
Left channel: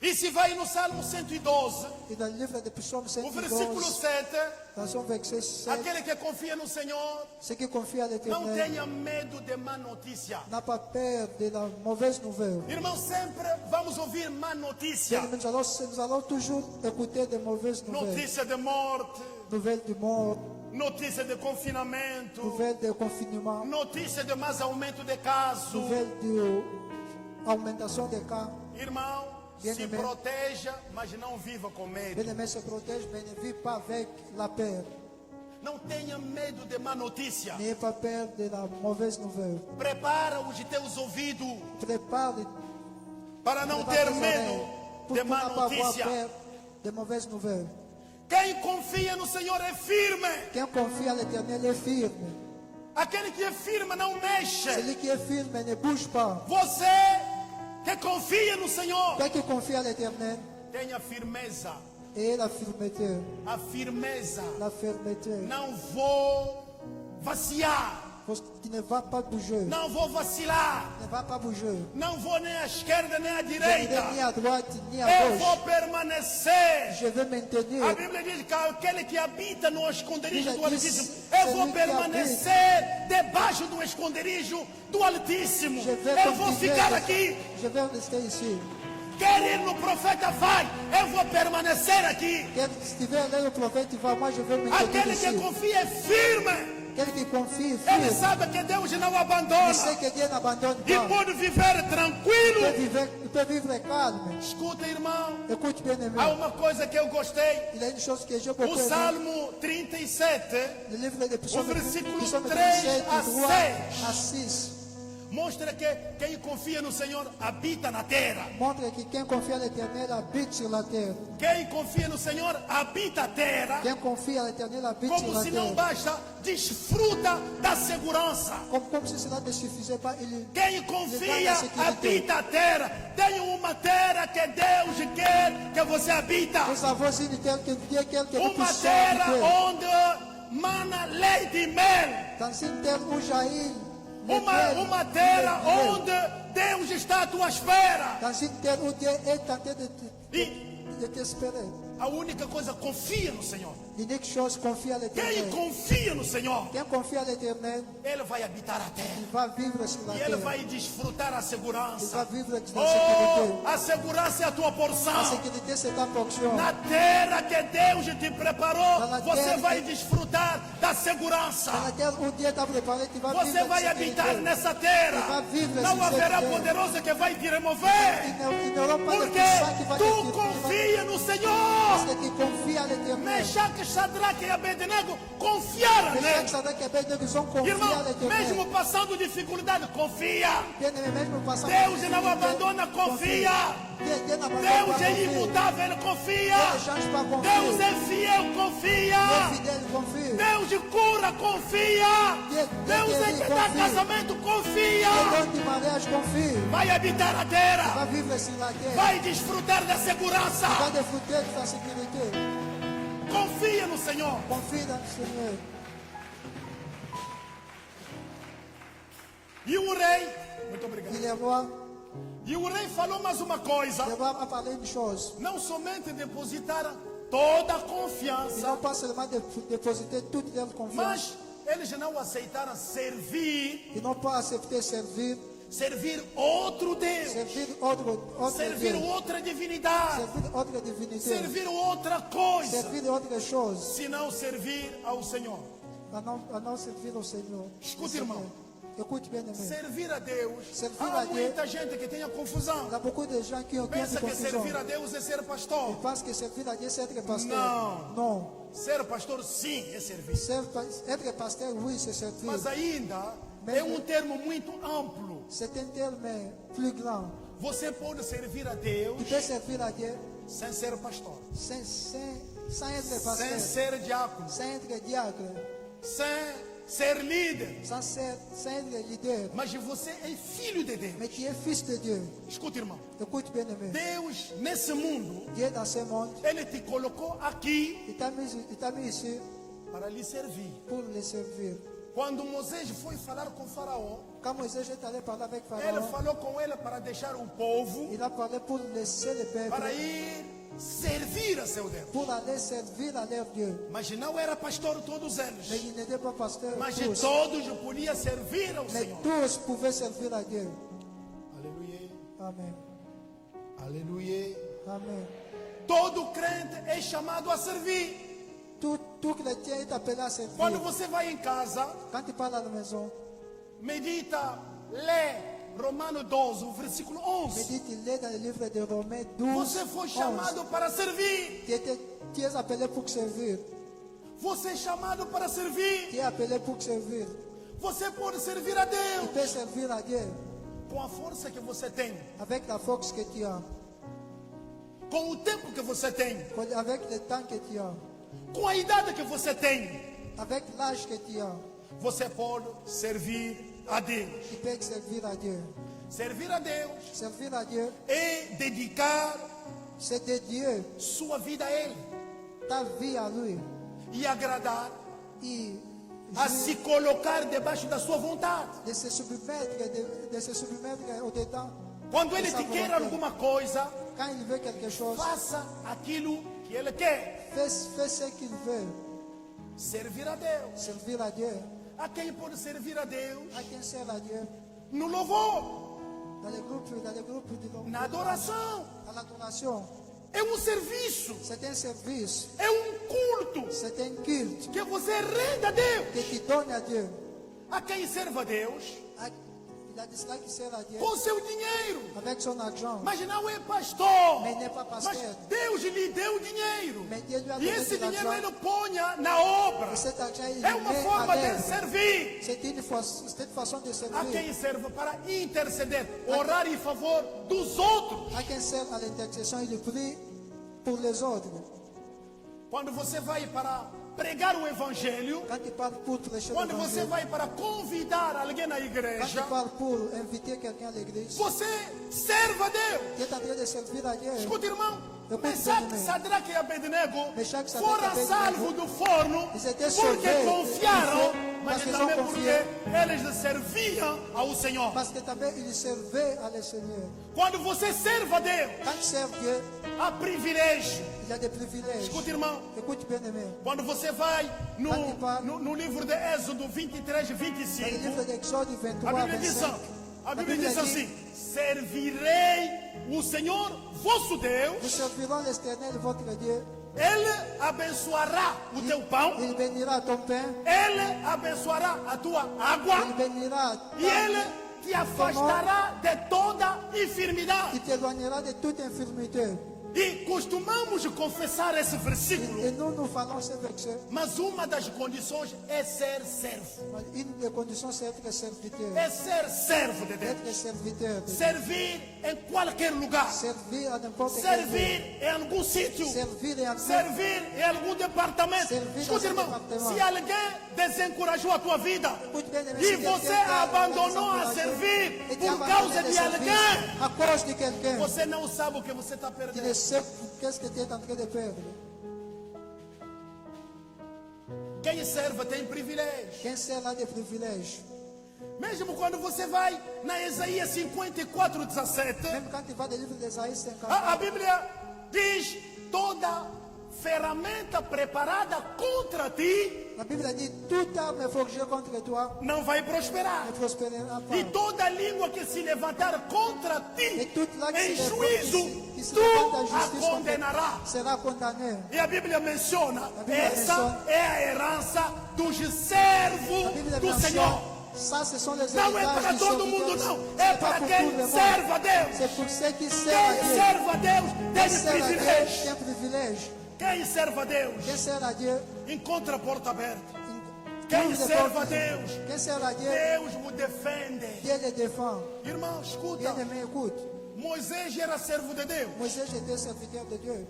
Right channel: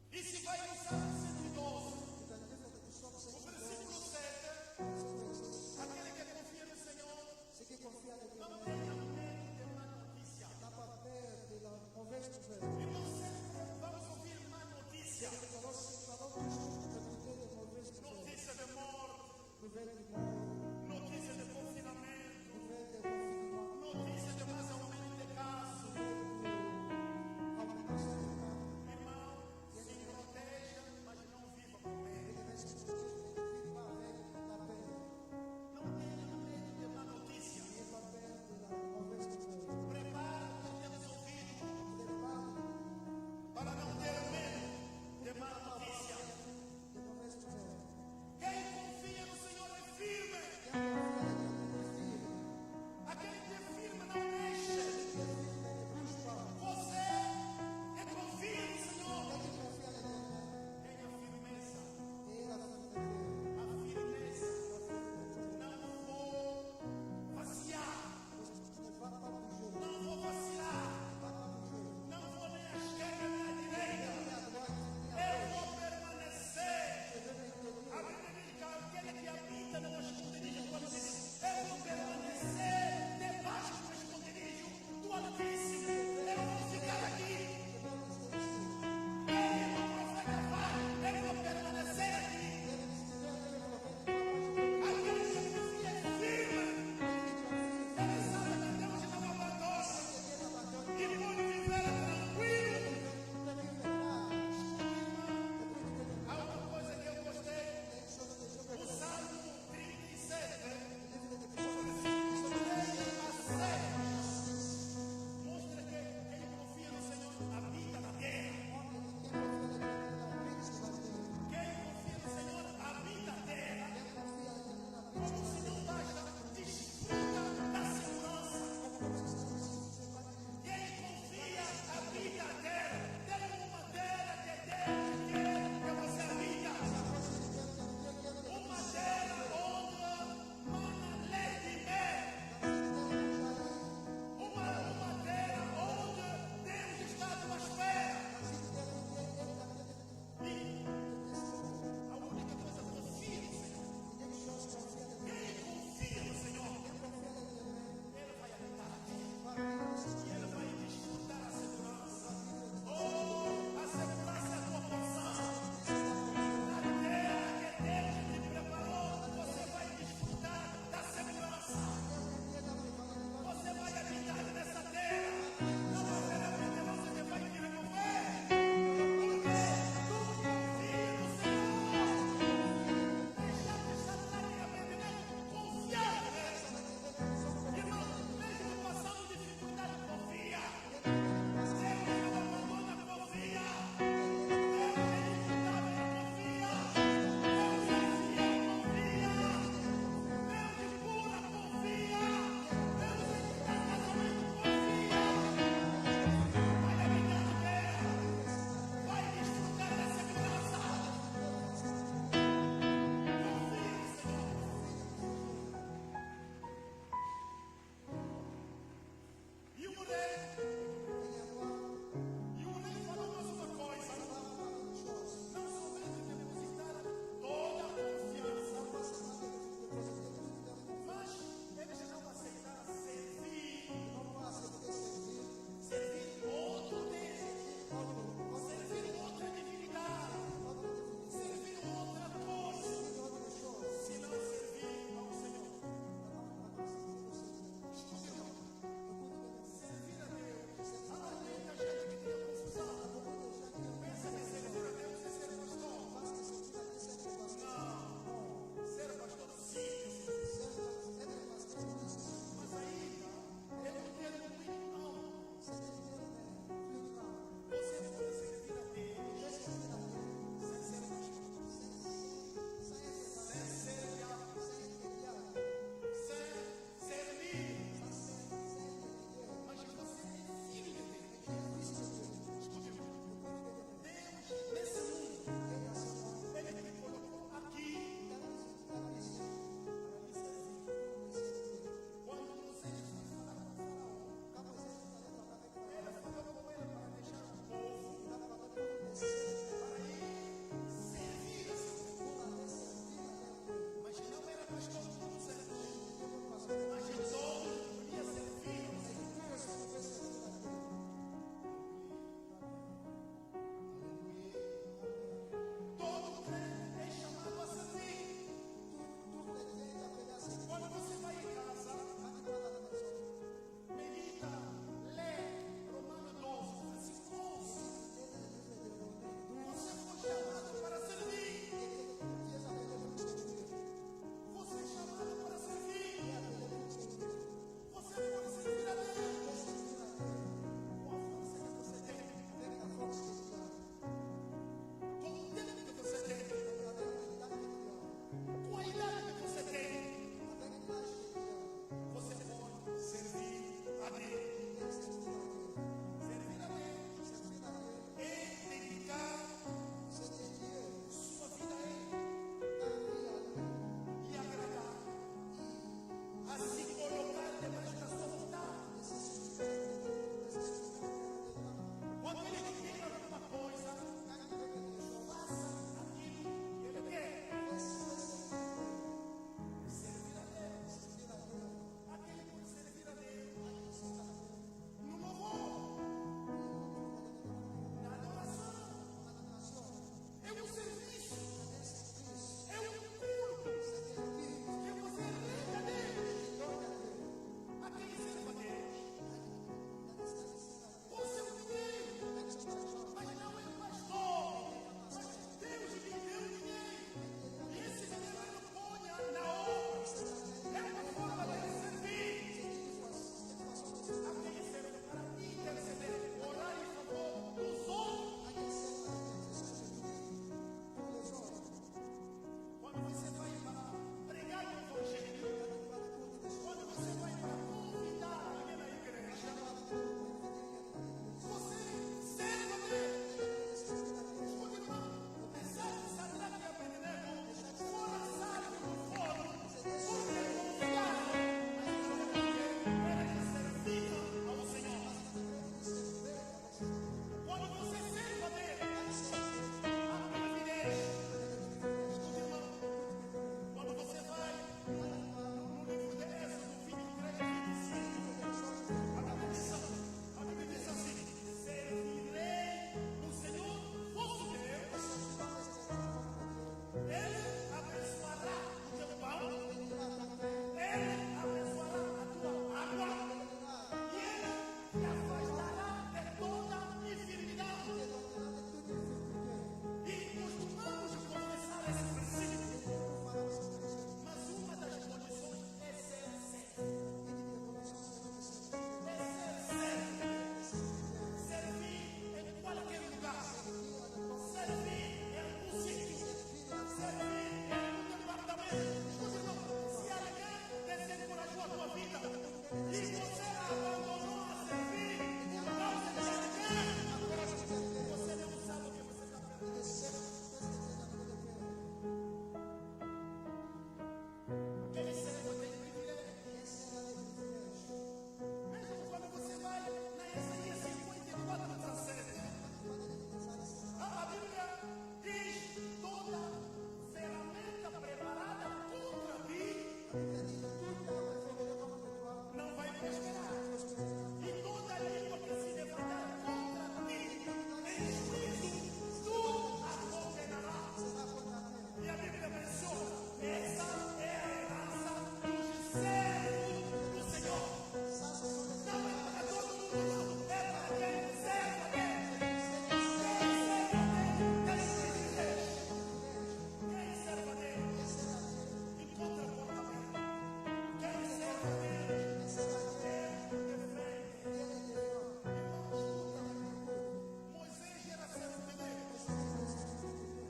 E se vai no Salmo 112, Et dans le livre de Psaume o versículo 112, 7, dans son verset 7, aquele que confia no Senhor ceux qui confient à não l'Éternel tenha medo de má notícia. n'a pas peur de la mauvaise nouvelle. Irmão, sempre vamos ouvir má notícia. Bien, nous allons toujours écouter de mauvaises nouvelles. Notícia de morte, Nouvelles du mort, notícia de confinamento, nouvelles de confinement, notícia de mais aumento de casos. nouvelles de augmentation des cas. Irmão, Bien se aimé. proteja, mas não viva com medo. Bien-aimé se protège, mais ne vit pas avec la peur. Não tenha medo de má notícia. N'ayez pas peur de la mauvaise nouvelle. Prepara os teus ouvidos Prépare para não prépare ter tes oreilles medo pour de ne má pas avoir notícia. peur de mauvaises nouvelles. Quem confia no Senhor é firme. Qui confie à l'Éternel est firme. Aquele que é firme não mexe. Celui qui est firme ne bouge pas. Você que confia no Senhor, Quelqu'un qui confie à l'Éternel tenha firmeza. et la fermeté. A firmeza. La fermeté. Não vou vaciar. Tu ne vas pas bouger. Não vou vacilar. Tu ne vas pas bouger. Não vou nem à esquerda nem à Je ne direita. vais ni à droite ni à Eu gauche. vou permanecer. Je vais maintenir. A Bíblia diz que aquele que habita no esconderijo do Bíblia diz, Altíssimo, eu vou celui que permanecer debaixo do esconderijo do Altíssimo. Je vais Eu vou continuer. ficar aqui. Je vais rester ici. Quer ir no profeta, vai. Eu vou permanecer aqui. Si tu veux aller au prophète, tu vas. Moi, je vais me tenir Aquele que ici. confia é firme. Quelqu'un qui confie Ele firme. sabe que Deus não Il abandona. sait que Dieu n'abandonne E pas. pode viver tranquilo. Tu peux vivre calme. Escuta, irmão. Écoute bien aimé. Há uma coisa que eu gostei. Il y a une chose que j'ai beaucoup O aimé. Salmo 37 Le livre de Psaume, O versículo Psaume 3 37, a 3 6. à 6. mostra que quem confia no Senhor habita na terra. Montre que quem confie à l'Éternel habite sur la terre. Quem confia no Senhor habita a terra. Quem confie à l'Éternel habite sur Como la se não terre. basta, desfruta da segurança. Comme si cela ne suffisait pas, il Quem confia habita a terra. Tem uma terra que Deus quer que você habita. nous avons une terre que Dieu quer que nous Uma puissions terra habiter. onde mana leite e mel. Dans une terre où jaillit le miel, Uma terra le miel. onde Deus está à tua espera. Dans une terre où Dieu est en train E de t'espérer. a única coisa, confia no Senhor. L'unique chose, confie à Quem l'Éternel. confia no Senhor, Quem confie à l'Éternel, ele vai habitar a terra. il va vivre sur la E ele terre. vai desfrutar a Il segurança. va vivre dans la sécurité. Oh, a segurança é a tua La porção. sécurité, c'est ta portion. Na terra que Deus te preparou, Na você terra vai que- desfrutar da segurança. Dans la terre où Dieu t'a préparé, tu vas Você vivre vai dans la habitar sécurité. nessa terra. Vai viver Não nessa haverá terra. poderoso que vai te remover. Ils n'auront pas de Porque puissance qui va tu te confia no Parce Senhor. que tu confies à l'Éternel. Mechaque, Shadraque e Abednego confiaram Les nele. frères Sadak et Abednego sont confiés Irmão, à l'Éternel. mesmo passando dificuldade, confia. Bien-aimés, même en passant Deus não abandona, confia. Deus é imutável, Ele confia. Deus é fiel, confia. Deus cura, confia. Deus é que dá casamento, confia. Vai habitar a terra. Vai desfrutar da segurança. Confia no Senhor. E o rei, muito obrigado. E o rei falou mais uma coisa. Não somente depositar toda a confiança, mas eles não aceitaram servir outro Deus, servir outra divindade, servir outra coisa, se não servir ao Senhor. Escute, irmão. Servir a Deus. Há muita gente que tem a confusão. Pensa que servir a Deus é ser pastor. Não. Ser pastor sim é servir. Mas ainda é um termo muito amplo. Você pode servir a Deus sem ser pastor, sem ser diácono, sem ser líder. Mas você é filho de Deus. Escuta, irmão. Deus nesse mundo, Ele te colocou aqui para lhe servir. Quando Moisés foi falar com o faraó, ele falou com ele para deixar o povo para ir servir a seu Deus. Mas não era pastor todos eles. Mas todos podiam servir ao Senhor. Aleluia. Aleluia. Amém. Todo crente é chamado a servir. Quando você vai em casa, medita, lê Romano 12, versículo 11. Você foi chamado para servir. Você é chamado para servir. Você pode servir a Deus com a força que você tem, com o tempo que você tem, com a idade que você tem. Você pode servir a Deus. Servir a Deus é dedicar sua vida a Ele e agradar, a se colocar debaixo da sua vontade. Quando Ele te quer alguma coisa, faça aquilo que Ele quer. Servir a Deus. A quem pode servir a Deus? No louvor, na adoração. É um serviço. É um culto que você renda a Deus. A quem serve a Deus com seu dinheiro. Mas não é pastor. Mas Deus lhe deu dinheiro. E esse dinheiro Ele põe na obra. É uma forma de servir. A quem serve para interceder, orar em favor dos outros. Quando você vai para pregar o Evangelho, quando você vai para convidar alguém na igreja, você serve a Deus. Escuta, irmão, Mesaque, Sadraque e Abednego foram salvos do forno porque confiaram, mas também porque eles serviam ao Senhor. Quando você serve a Deus, há privilégio. Escuta, irmão, quando você vai no livro de Êxodo 23, 25, a Bíblia diz assim: servirei o Senhor vosso Deus, Ele abençoará o teu pão, Ele abençoará a tua água, e Ele te afastará de toda enfermidade. E costumamos confessar esse versículo. Et nous falons ce verset. Mas uma das condições é ser servo. Une des conditions, c'est être serviteur. É ser servo de Deus. Être serviteur. Servir em qualquer lugar. Servir à n'importe quel lieu. Servir em algum sítio. Servir en Servir em algum departamento. Servir Escuta, em irmão, departamento. se alguém desencorajou a tua vida e você abandonou a servir por causa de alguém, à cause de quelqu'un. você não sabe o que você está Tu ne perdendo. sais qu'est-ce que tu es en train de perdre. Quem serve tem privilégio. Quem sert a des privilèges. Mesmo quando você vai na Isaías 54:17, Même quand tu vas dans le livre d'Ésaïe 50, a Bíblia diz: toda ferramenta preparada contra ti la Bible dit toute arme forgée contre toi não vai prosperar. ne prospérera pas. E toda língua que se levantar contra ti Et toute langue em qui se juízo, levante tu à a justice condenará. sera condamné. E a Bíblia menciona: Bíblia essa menciona. é a herança dos La servos Bible do mentionne, Senhor. ça ce sont les Não é héritages para du todo serviteur. mundo, não. C'est É pas para pour quem tout le monde. serve a Deus. C'est pour ceux qui Quem servent à Dieu. serve a Deus Quem tem sert à Dieu, privilégio. tem privilège. Quem serve a Deus Quem sert à Dieu, encontra a porta aberta. ouvre Quem des serve a portes. Deus, Quem sert à Dieu, Deus o defende. Dieu les défend. Irmão, escuta. Bien-aimé, écoute. Moisés era servo de Deus. Moïse était serviteur de Dieu.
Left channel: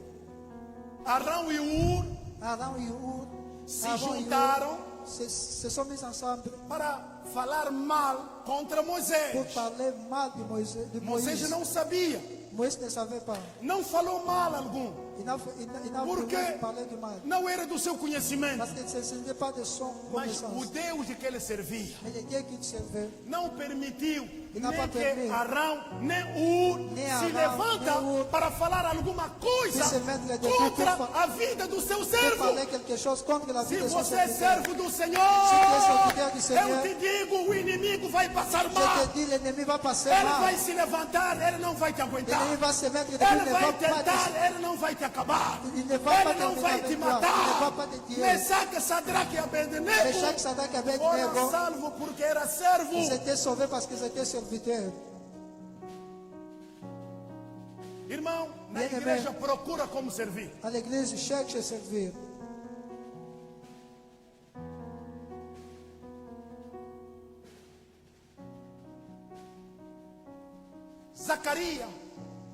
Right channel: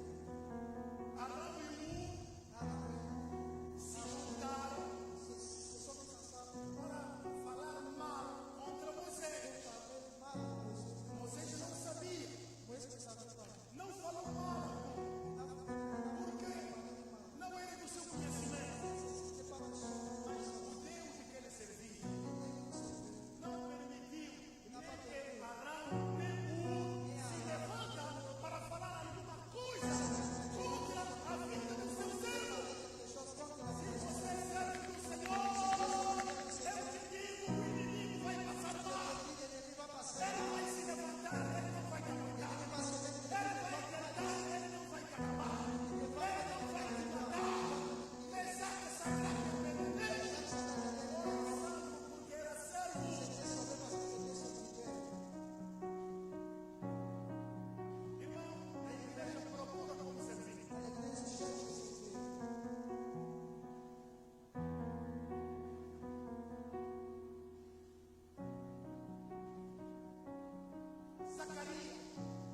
Arão e Ur Aaron et Hur, se Aaron et Hur juntaram se sont mis ensemble para falar mal contra pour Moisés. parler mal de Moïse. Moisés não sabia, Moïse ne savait pas. não falou mal algum, Il n'a Por voulu quê? parler du mal. não era do seu conhecimento. Parce que ce n'était pas de son Mas o connaissance. Deus de que ele servia Et le Dieu qu'il servait não permitiu Ele não nem que permitiu. Arão nem Ur Nem se Arão, levanta nem Ur para falar alguma coisa se mete de contra tudo. a vida do seu pour servo. parler quelque chose contre la vie Se de son você é serviteur. servo do Se Senhor, tu és serviteur du Seigneur, eu te digo, o inimigo vai passar Je mal. te dis, l'ennemi va passer Ele mal. vai se levantar, ele não vai te aguentar. L'ennemi va se mettre, Ele l'ennemi ne vai va pas tentar, te... ele não vai te acabar. Il ne va pas Ele não vai te terminer avec toi. Il ne va matar. pas te tuer. Mesaque, Sadraque e Abednego Meshach, Sadraque, foram Abednego, salvos porque era servo. ils étaient sauvés parce qu'ils étaient serviteurs. Irmão, na Bem, igreja bem. procura como servir. À l'église, cherche à servir. Zacarias,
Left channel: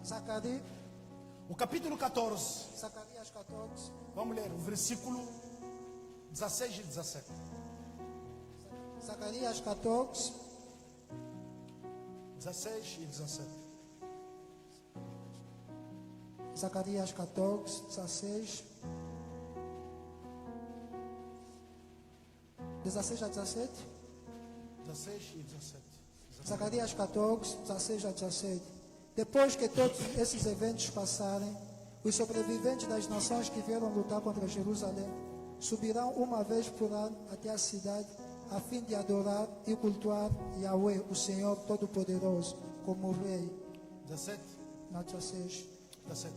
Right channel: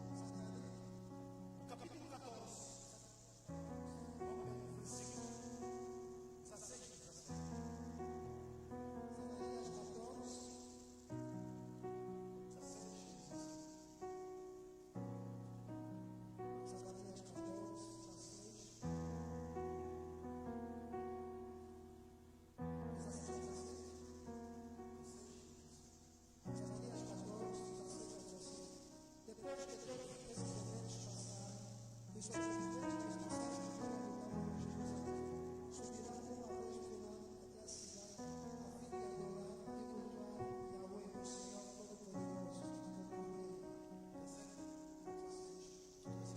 Zacharie, o capítulo 14. Zacharias 14, Vamos ler o versículo 16 e 17. Zacharias 14, 16 e 17. Zacharias 14, 16, 16 a 17. 16 e 17. Zacarias 14, 16 a 17. Depois que todos esses eventos passarem, os sobreviventes das nações que vieram lutar contra Jerusalém subirão uma vez por ano até a cidade, a fim de adorar e cultuar Yahweh, o Senhor Todo-Poderoso, como Rei. 17. Na 16. 17.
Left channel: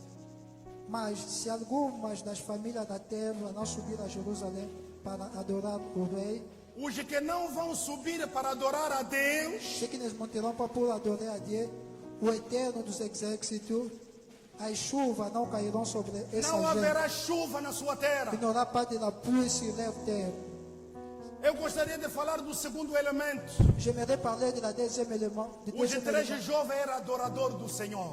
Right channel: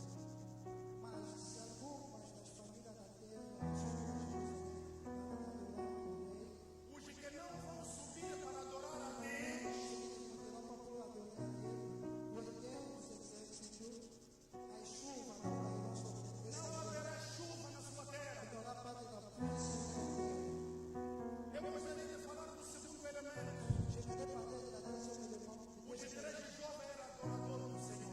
Mas se algumas das famílias da terra não subir a Jerusalém para adorar o Rei, Os que não vão subir para adorar a Deus, ceux qui ne monteront pas pour adorer a Dieu, o Eterno dos Exércitos, as chuvas não cairão sobre essa não gente. haverá chuva na sua terra. Il n'aura pas de la pluie sur leur terre. Eu gostaria de falar do segundo elemento. J'aimerais parler de la deuxième élément. Os três jovens eram adoradores do Senhor.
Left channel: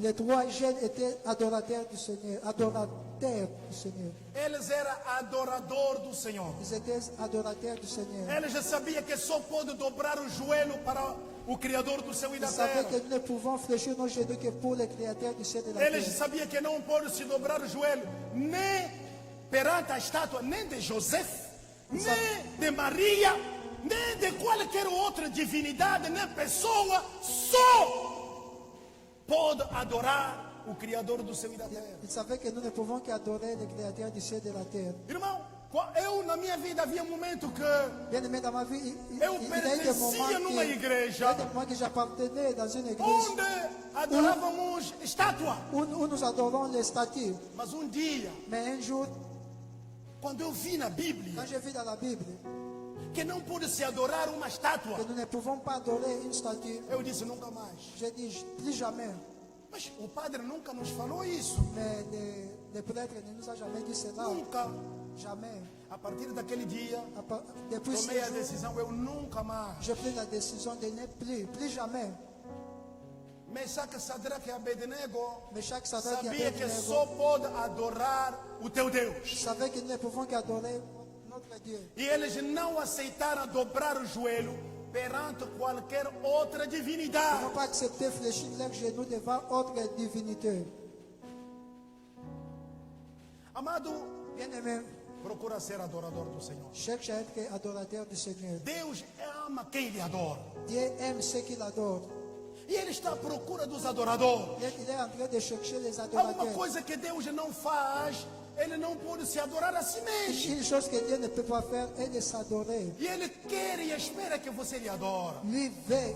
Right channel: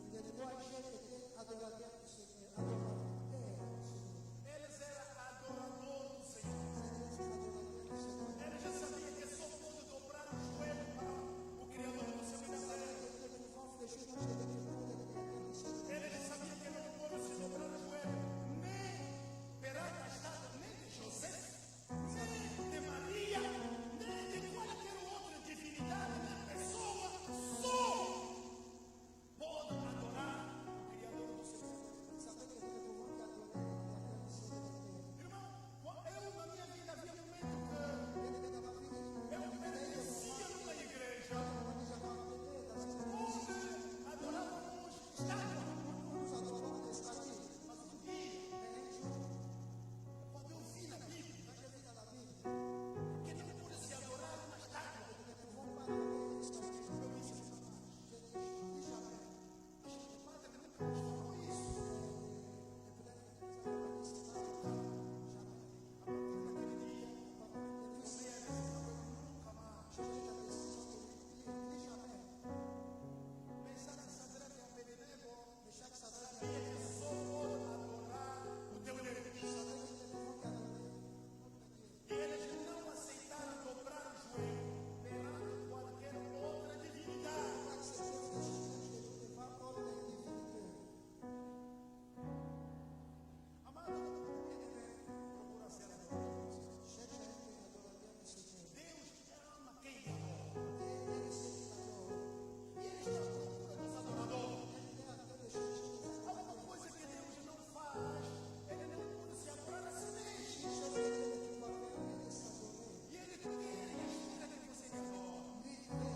Les trois jeunes étaient adorateurs du Seigneur. Adorateurs du Seigneur. Eles eram adoradores do Senhor. Ils étaient adorateurs du Seigneur. Eles já sabiam que só pode dobrar o joelho para o Criador do céu e da Ils savaient terra. que nous ne pouvons fléchir nos genoux que pour le Créateur du ciel et de la Eles terre. sabiam que não pode se dobrar o joelho nem perante a estátua, nem de José, nem de Maria, nem de qualquer outra divindade, nem pessoa, só pode adorar o Criador do céu e da terra. Ils savaient que nous ne pouvons qu'adorer le Créateur du ciel et de la terre. Irmão, eu na minha vida havia um momento que Bien aimé, dans ma vie, il y a eu eu des pertencia moments numa il y a igreja des moments que j'appartenais dans une église onde adorávamos estátua. où nous adorons les statues. Mas um dia, Mais un jour, quando eu vi na Bíblia quand j'ai vu dans la Bible que não pode se adorar uma estátua, que nous ne pouvons pas adorer une statue, eu disse nunca mais. j'ai dit plus jamais. Mas o padre nunca nos falou isso. Mais les prêtres ne nous ont jamais dit cela. Nunca. Jamais. A partir daquele dia, Depuis tomei a decisão, eu nunca mais. j'ai pris la décision de ne plus jamais. Mesaque, Sadraque e Abednego Meshach, Sadraque et sabia que Abednego só pode adorar o teu Deus. savaient qu'ils ne pouvaient qu'adorer notre Dieu. E eles não aceitaram dobrar o joelho perante qualquer outra Ils divindade. n'ont pas accepté fléchir leurs genoux devant autre divinité. Amado, Bien-aimé, procura ser adorador do Senhor. cherche à être adorateur du Seigneur. Deus ama quem lhe adora. Dieu aime ceux qui l'adorent. E Ele está à procura dos adoradores. Il est en train de chercher les Alguma adorateurs. coisa que Deus não faz, Ele não pode se adorar a si mesmo. Une chose que Dieu ne peut pas faire est de s'adorer. E Ele quer e espera que você lhe adore. Lui veut,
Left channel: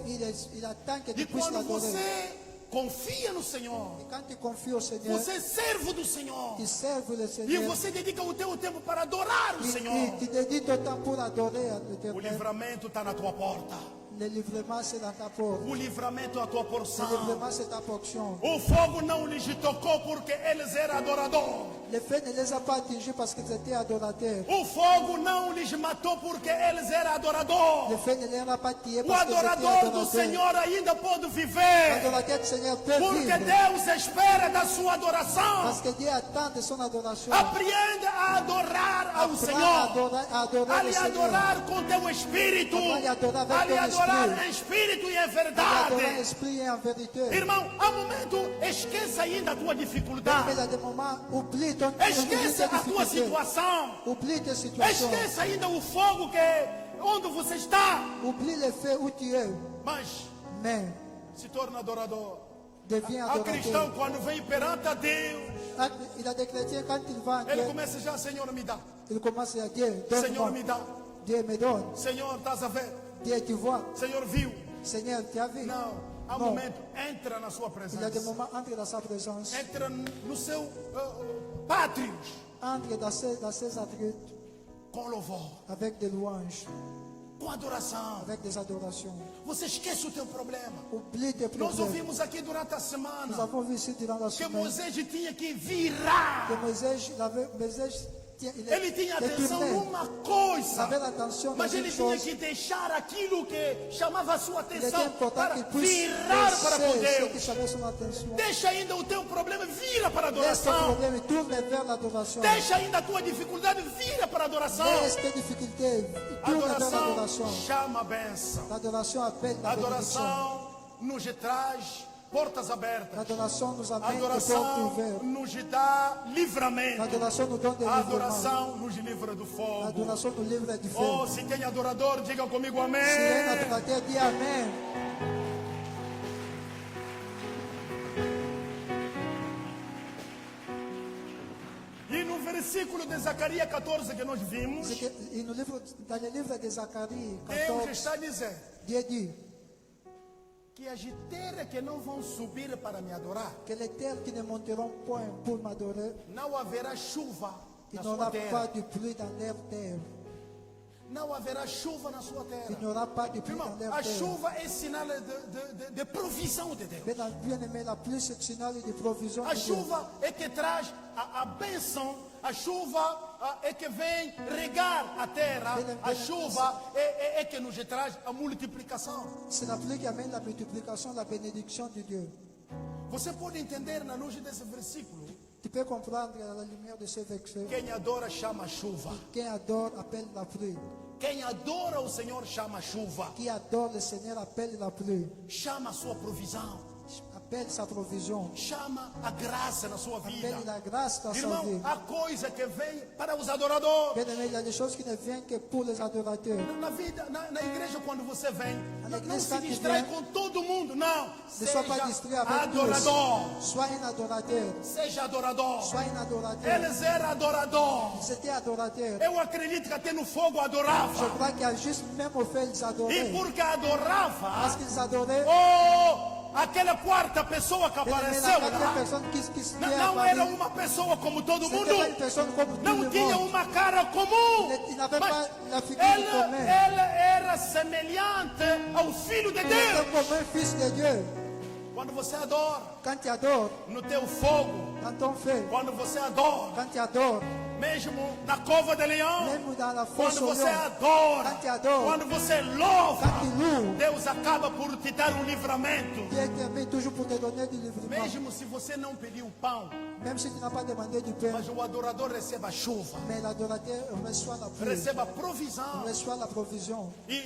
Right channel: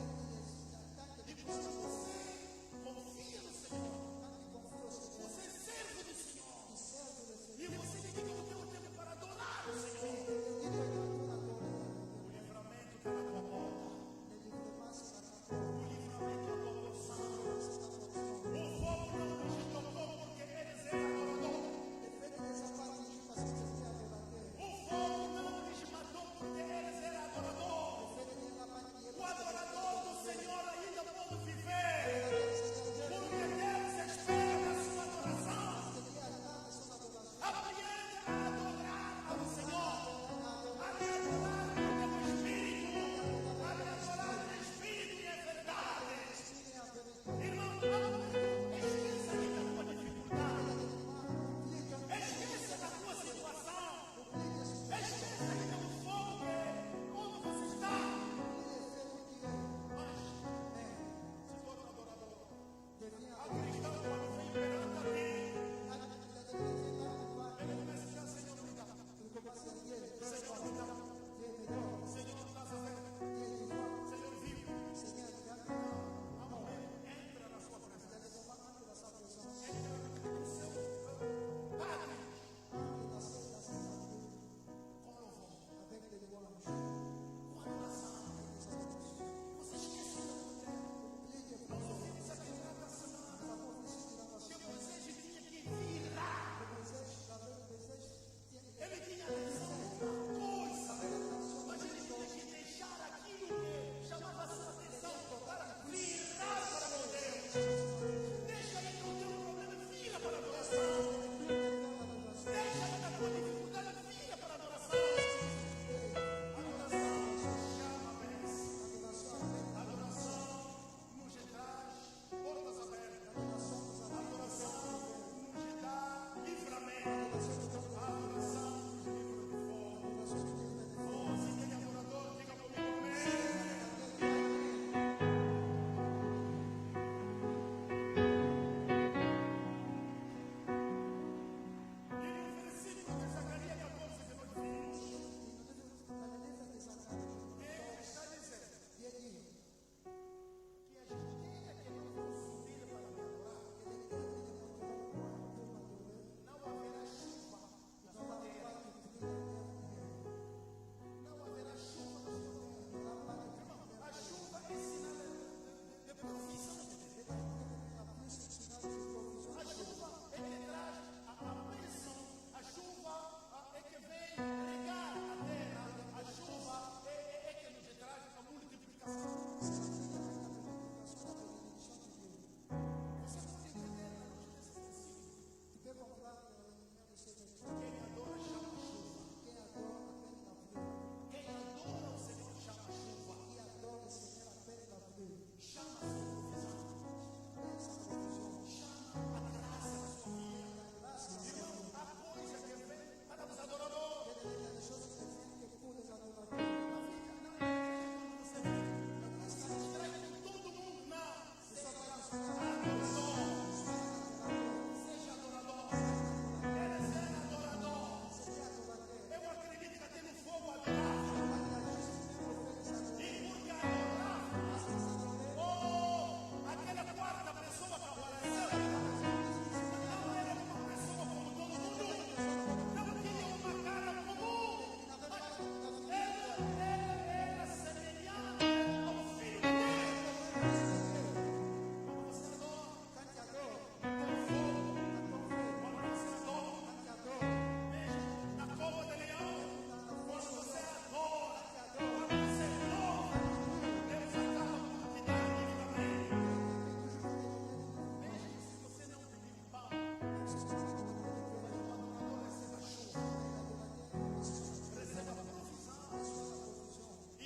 il attend que E tu puisses quando l'adorer. você confia no Senhor, Quand tu confies au Seigneur, você é servo do Senhor. tu serves le E Seigneur. você dedica o teu tempo para adorar o Senhor. Tu dédies ton temps pour adorer à O l'Éternel. livramento está na tua porta. Le livrement, c'est dans ta porte. O livramento é a tua Le porção. livrement, c'est ta portion. O fogo não lhes tocou porque eles eram adoradores. Le feu ne les a pas atingés parce qu'ils étaient adorateurs. O fogo não lhes matou porque eles eram Le adoradores. feu ne les a pas tués O parce qu'ils étaient adorador do adorateurs. Senhor ainda pode viver. L'adorateur du Seigneur peut Porque vivre. Deus espera da sua adoração. Parce que Dieu attend de son adoration. Apreende a adorar ao Apprends Senhor. à adorer A le lhe Seigneur. adorar com teu espírito. A lhe adorar avec A lhe ton adorar espírito. em espírito e em À adorer en verdade. esprit et en vérité. Irmão, há momento, esqueça ainda a tua Mais dificuldade. il y a des moments, oublie ton Esqueça a tua difficulté. situação. Oublie tes situations. Esqueça ainda o fogo onde você está. Oublie le feu où tu es. Mas Mais se torna adorador. deviens A cristão, adorateur. quando vem perante a Deus, Il a des chrétiens, quand il va à ele Dieu, começa já, Senhor, me dá. il commence à dire, Senhor, me donne-moi. dá. Dieu me donne. Senhor, estás a ver? Dieu, tu vois. Senhor, viu? Seigneur, tu as vu. Não. Há Não. momento, entra na sua Il y a des presença. moments, entre dans sa présence. Entra no seu pátrio Entre dans ses attributs com louvor, avec des louanges, com adoração. avec des adorations. Você esquece o teu problema. Oublie tes Nós problèmes. ouvimos aqui durante a Nous semana avons vu ici durant la que semaine Moisés tinha que virar. que Moisés, Ele tinha il atenção tournait. numa Il coisa, avait l'attention dans mas une ele tinha chose. que deixar aquilo que chamava a sua Il était atenção important para qu'il puisse virar para com laisser ce qui Deus. chamait son attention. Deixa ainda o teu problema, vira para a Laisse ton adoração. problème, tourne vers l'adoration. Deixa ainda a tua dificuldade, vira para a adoração. Laisse tes difficultés, tourne vers Adoração l'adoration. chama a bênção. L'adoration appelle la bénédiction. Adoração nos traz portas abertas. L'adoration nous amène des portes Adoração ouvertes. nos dá livramento. L'adoration nous donne des A livrements. adoração nos livra do fogo. L'adoration nous livre du feu. Oh, se tem adorador, diga comigo Si un amém. adorateur dit Amen, E no versículo de Zacarias 14 que nós vimos, c'est que dans le livre de Zacharie Deus 14, está dizendo Dieu dit que as terras que não vão subir para me adorar, que les terres qui ne monteront point pour m'adorer, não haverá chuva il na n'y sua aura pas terra. de pluie dans leur terre. Não haverá chuva na sua Il terra. n'y aura pas de pluie Irmão, dans leur a terre. chuva é sinal de provisão de Deus. Bien aimé, la pluie c'est un signal de provision A de Dieu. chuva é que traz a bênção, a chuva é que vem regar a terra, a chuva é que nos traz a multiplicação. C'est la pluie qui amène la multiplication, la bénédiction de Dieu. Você pode entender na luz desse versículo? Tu peux comprendre à la lumière de ce verset. Quem adora chama chuva. Qui adore appelle la pluie. Quem adora o Senhor chama chuva. Qui adore le Seigneur appelle la pluie. Chama a sua provisão. Appelle sa provision. Chama a graça na sua vida. Appelle la grâce dans sa Irmão, vie. há coisa que vem para os adoradores. Bien aimé, il y a des choses qui ne viennent que pour les adorateurs. Na vida, na igreja, quando você vem, Na não igreja, se quando distrai vem, com todo mundo, não. Ne sois pas distrait Seja avec adorador. tous. Sois un adorateur. Seja adorador. Sois un adorateur. Eles eram adoradores. C'était adorateur. Eu acredito que até no fogo Je adorava. crois qu'il y a juste même au fait, ils E adoraient. porque adorava, Parce qu'ils adoraient, oh, aquela quarta pessoa que bien aimé, apareceu la quatrième lá, personne qui se não levait era uma pessoa como todo C'était mundo. pas une personne comme tout Não le tinha monde. uma cara comum. Il n'avait Mas pas la figure ele commune. era semelhante ao Filho de Il était Deus. comme un fils de Dieu. Quando você adora Quand tu adores, no teu fogo, dans ton feu, quando você adora quand tu adores, mesmo na cova de leão, même dans la fosse quando au você lion, adora, quand tu adores, quando você louva, quand tu loues, Deus acaba por te dar um livramento. Dieu t'aime toujours pour te donner du livrement. Mesmo se você não pediu pão, Même si tu n'as pas demandé du pain, mas o adorador receba a chuva, mais l'adorateur reçoit la pluie, receba a provisão. reçoit la provision. E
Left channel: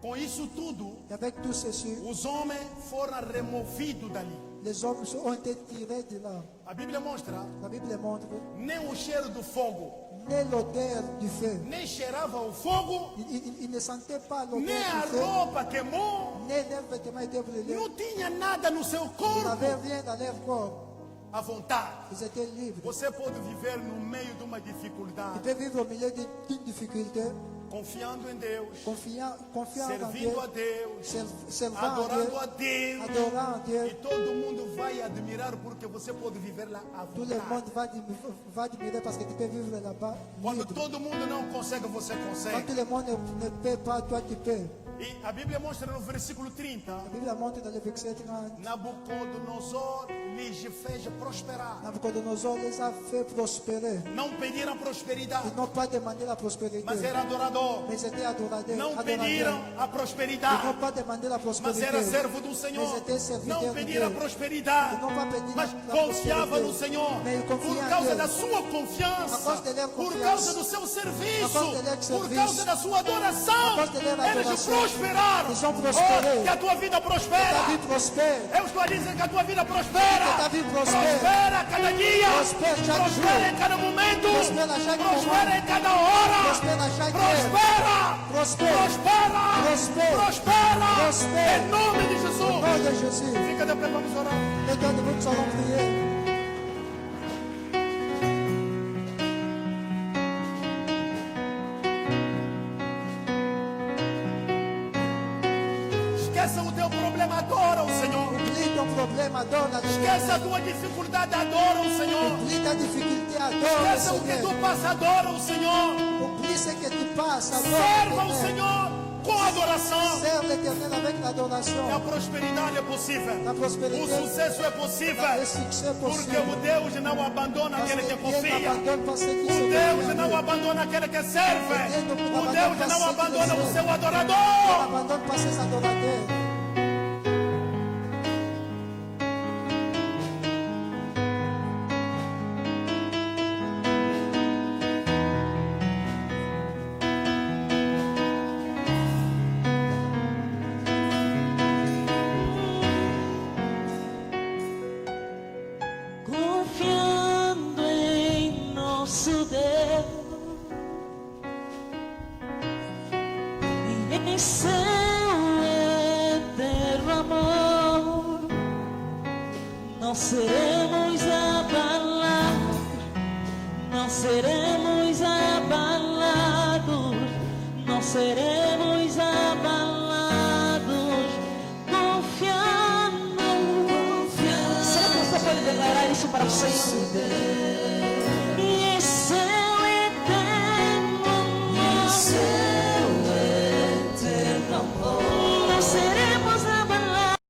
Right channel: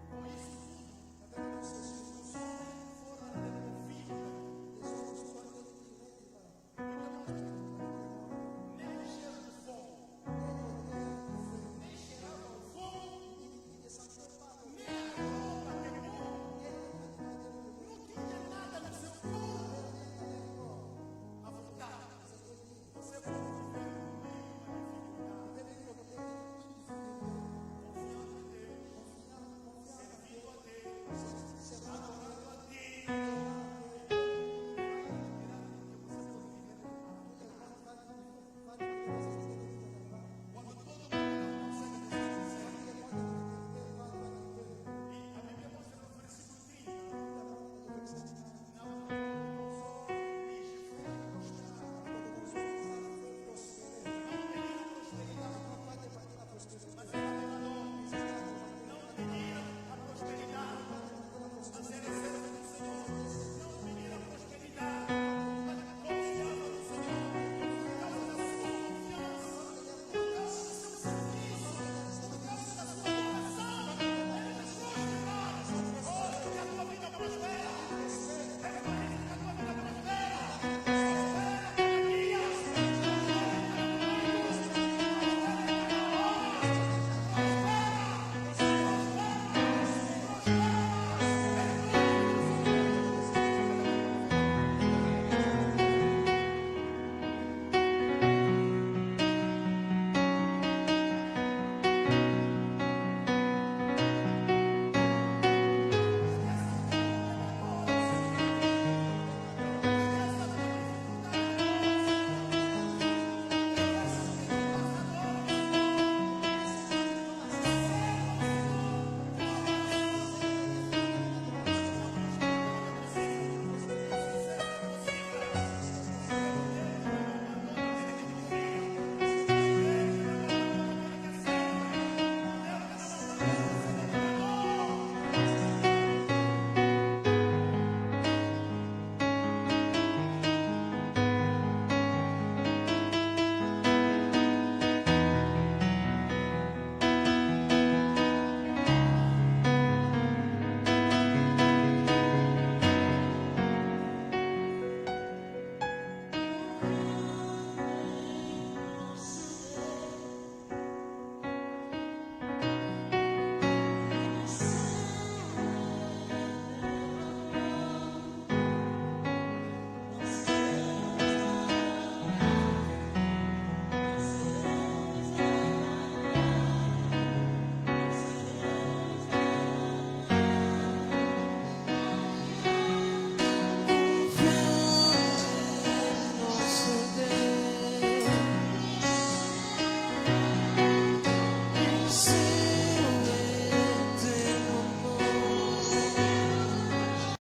com isso tudo, Et avec tout ceci, os homens foram removidos dali. les hommes ont été tirés de là. A Bíblia mostra, La Bible montre, nem o cheiro do fogo, ni l'odeur du feu, nem cheirava o fogo, il ne sentait pas l'odeur nem du a feu, roupa queimou, ni leurs vêtements étaient brûlés. não tinha nada no seu Ils corpo. n'avaient rien dans leur corps. À vontade. Ils étaient libres. Você pode viver no meio de uma Ils dificuldade, peuvent vivre au milieu d'une difficulté, confiando em Deus, confiant en Dieu, servindo a Deus, servant à Dieu, adorando a Deus. adorant E Dieu. todo mundo vai admirar porque você pode viver lá à Tout le vontade. monde va admirer parce que tu peux vivre là-bas. Quando libre. todo mundo não consegue, você Quand consegue. tout le monde ne peut pas, toi tu peux. E a Bíblia mostra no versículo 30, La Bible montre dans le verset 30, Nabucodonosor lhes fez prosperar. Nabucodonosor les a fait prospérer. Não pediram prosperidade, Ils n'ont pas demandé la prospérité, mas era adorador. mais ils étaient adorateurs. Não adorateurs. pediram a Ils prosperidade, n'ont pas demandé la mas prospérité. era servo do Senhor. Mas étaient serviteurs Não de pediram a Deus. prosperidade, Ils n'ont pas pedido mas la confiava prospérité. no Senhor. Mais ils confiaient Por en causa Dieu. da sua À confiança, cause de leur por confiance. causa do seu serviço, À cause de leur por serviço. causa da sua adoração, À cause de leur eles adoração. prosperaram. Ils ont prospéré. Oh, que a tua vida Ta prospera. vie prospère. Eu estou a dizer que a tua vida prospera. Que ta vie prospère. Prospera a cada dia. Prospère chaque Prospera jour. em cada momento. Prospère à chaque Prospera moment. em cada hora. Prospère à chaque heure. Prospera. Prospère. Prospera. Prospère. Prospera. Prospère. Em nome de Au Jesus. nom de Jésus. Fica de pé, vamos orar. Et donc nous allons prier. Esqueça o teu problema, adora o Senhor. Oublie ton problème, adore la Esqueça a tua dificuldade, adora o Senhor. Oublie ta difficulté, adore le Esqueça o que tu Seigneur. passa, adora o Senhor. Oublie ce que tu passes, adore Serva o l'Éternel. Senhor com adoração. Serve l'Éternel avec E a l'adoration. prosperidade é possível. La O prospérité, sucesso é possível. le succès Porque possible. o Deus não abandona Parce aquele que que Dieu confia. n'abandonne pas ceux qui O se Deus confient. não abandona aquele que serve. O Deus não abandona o seu Il adorador. n'abandonne pas ses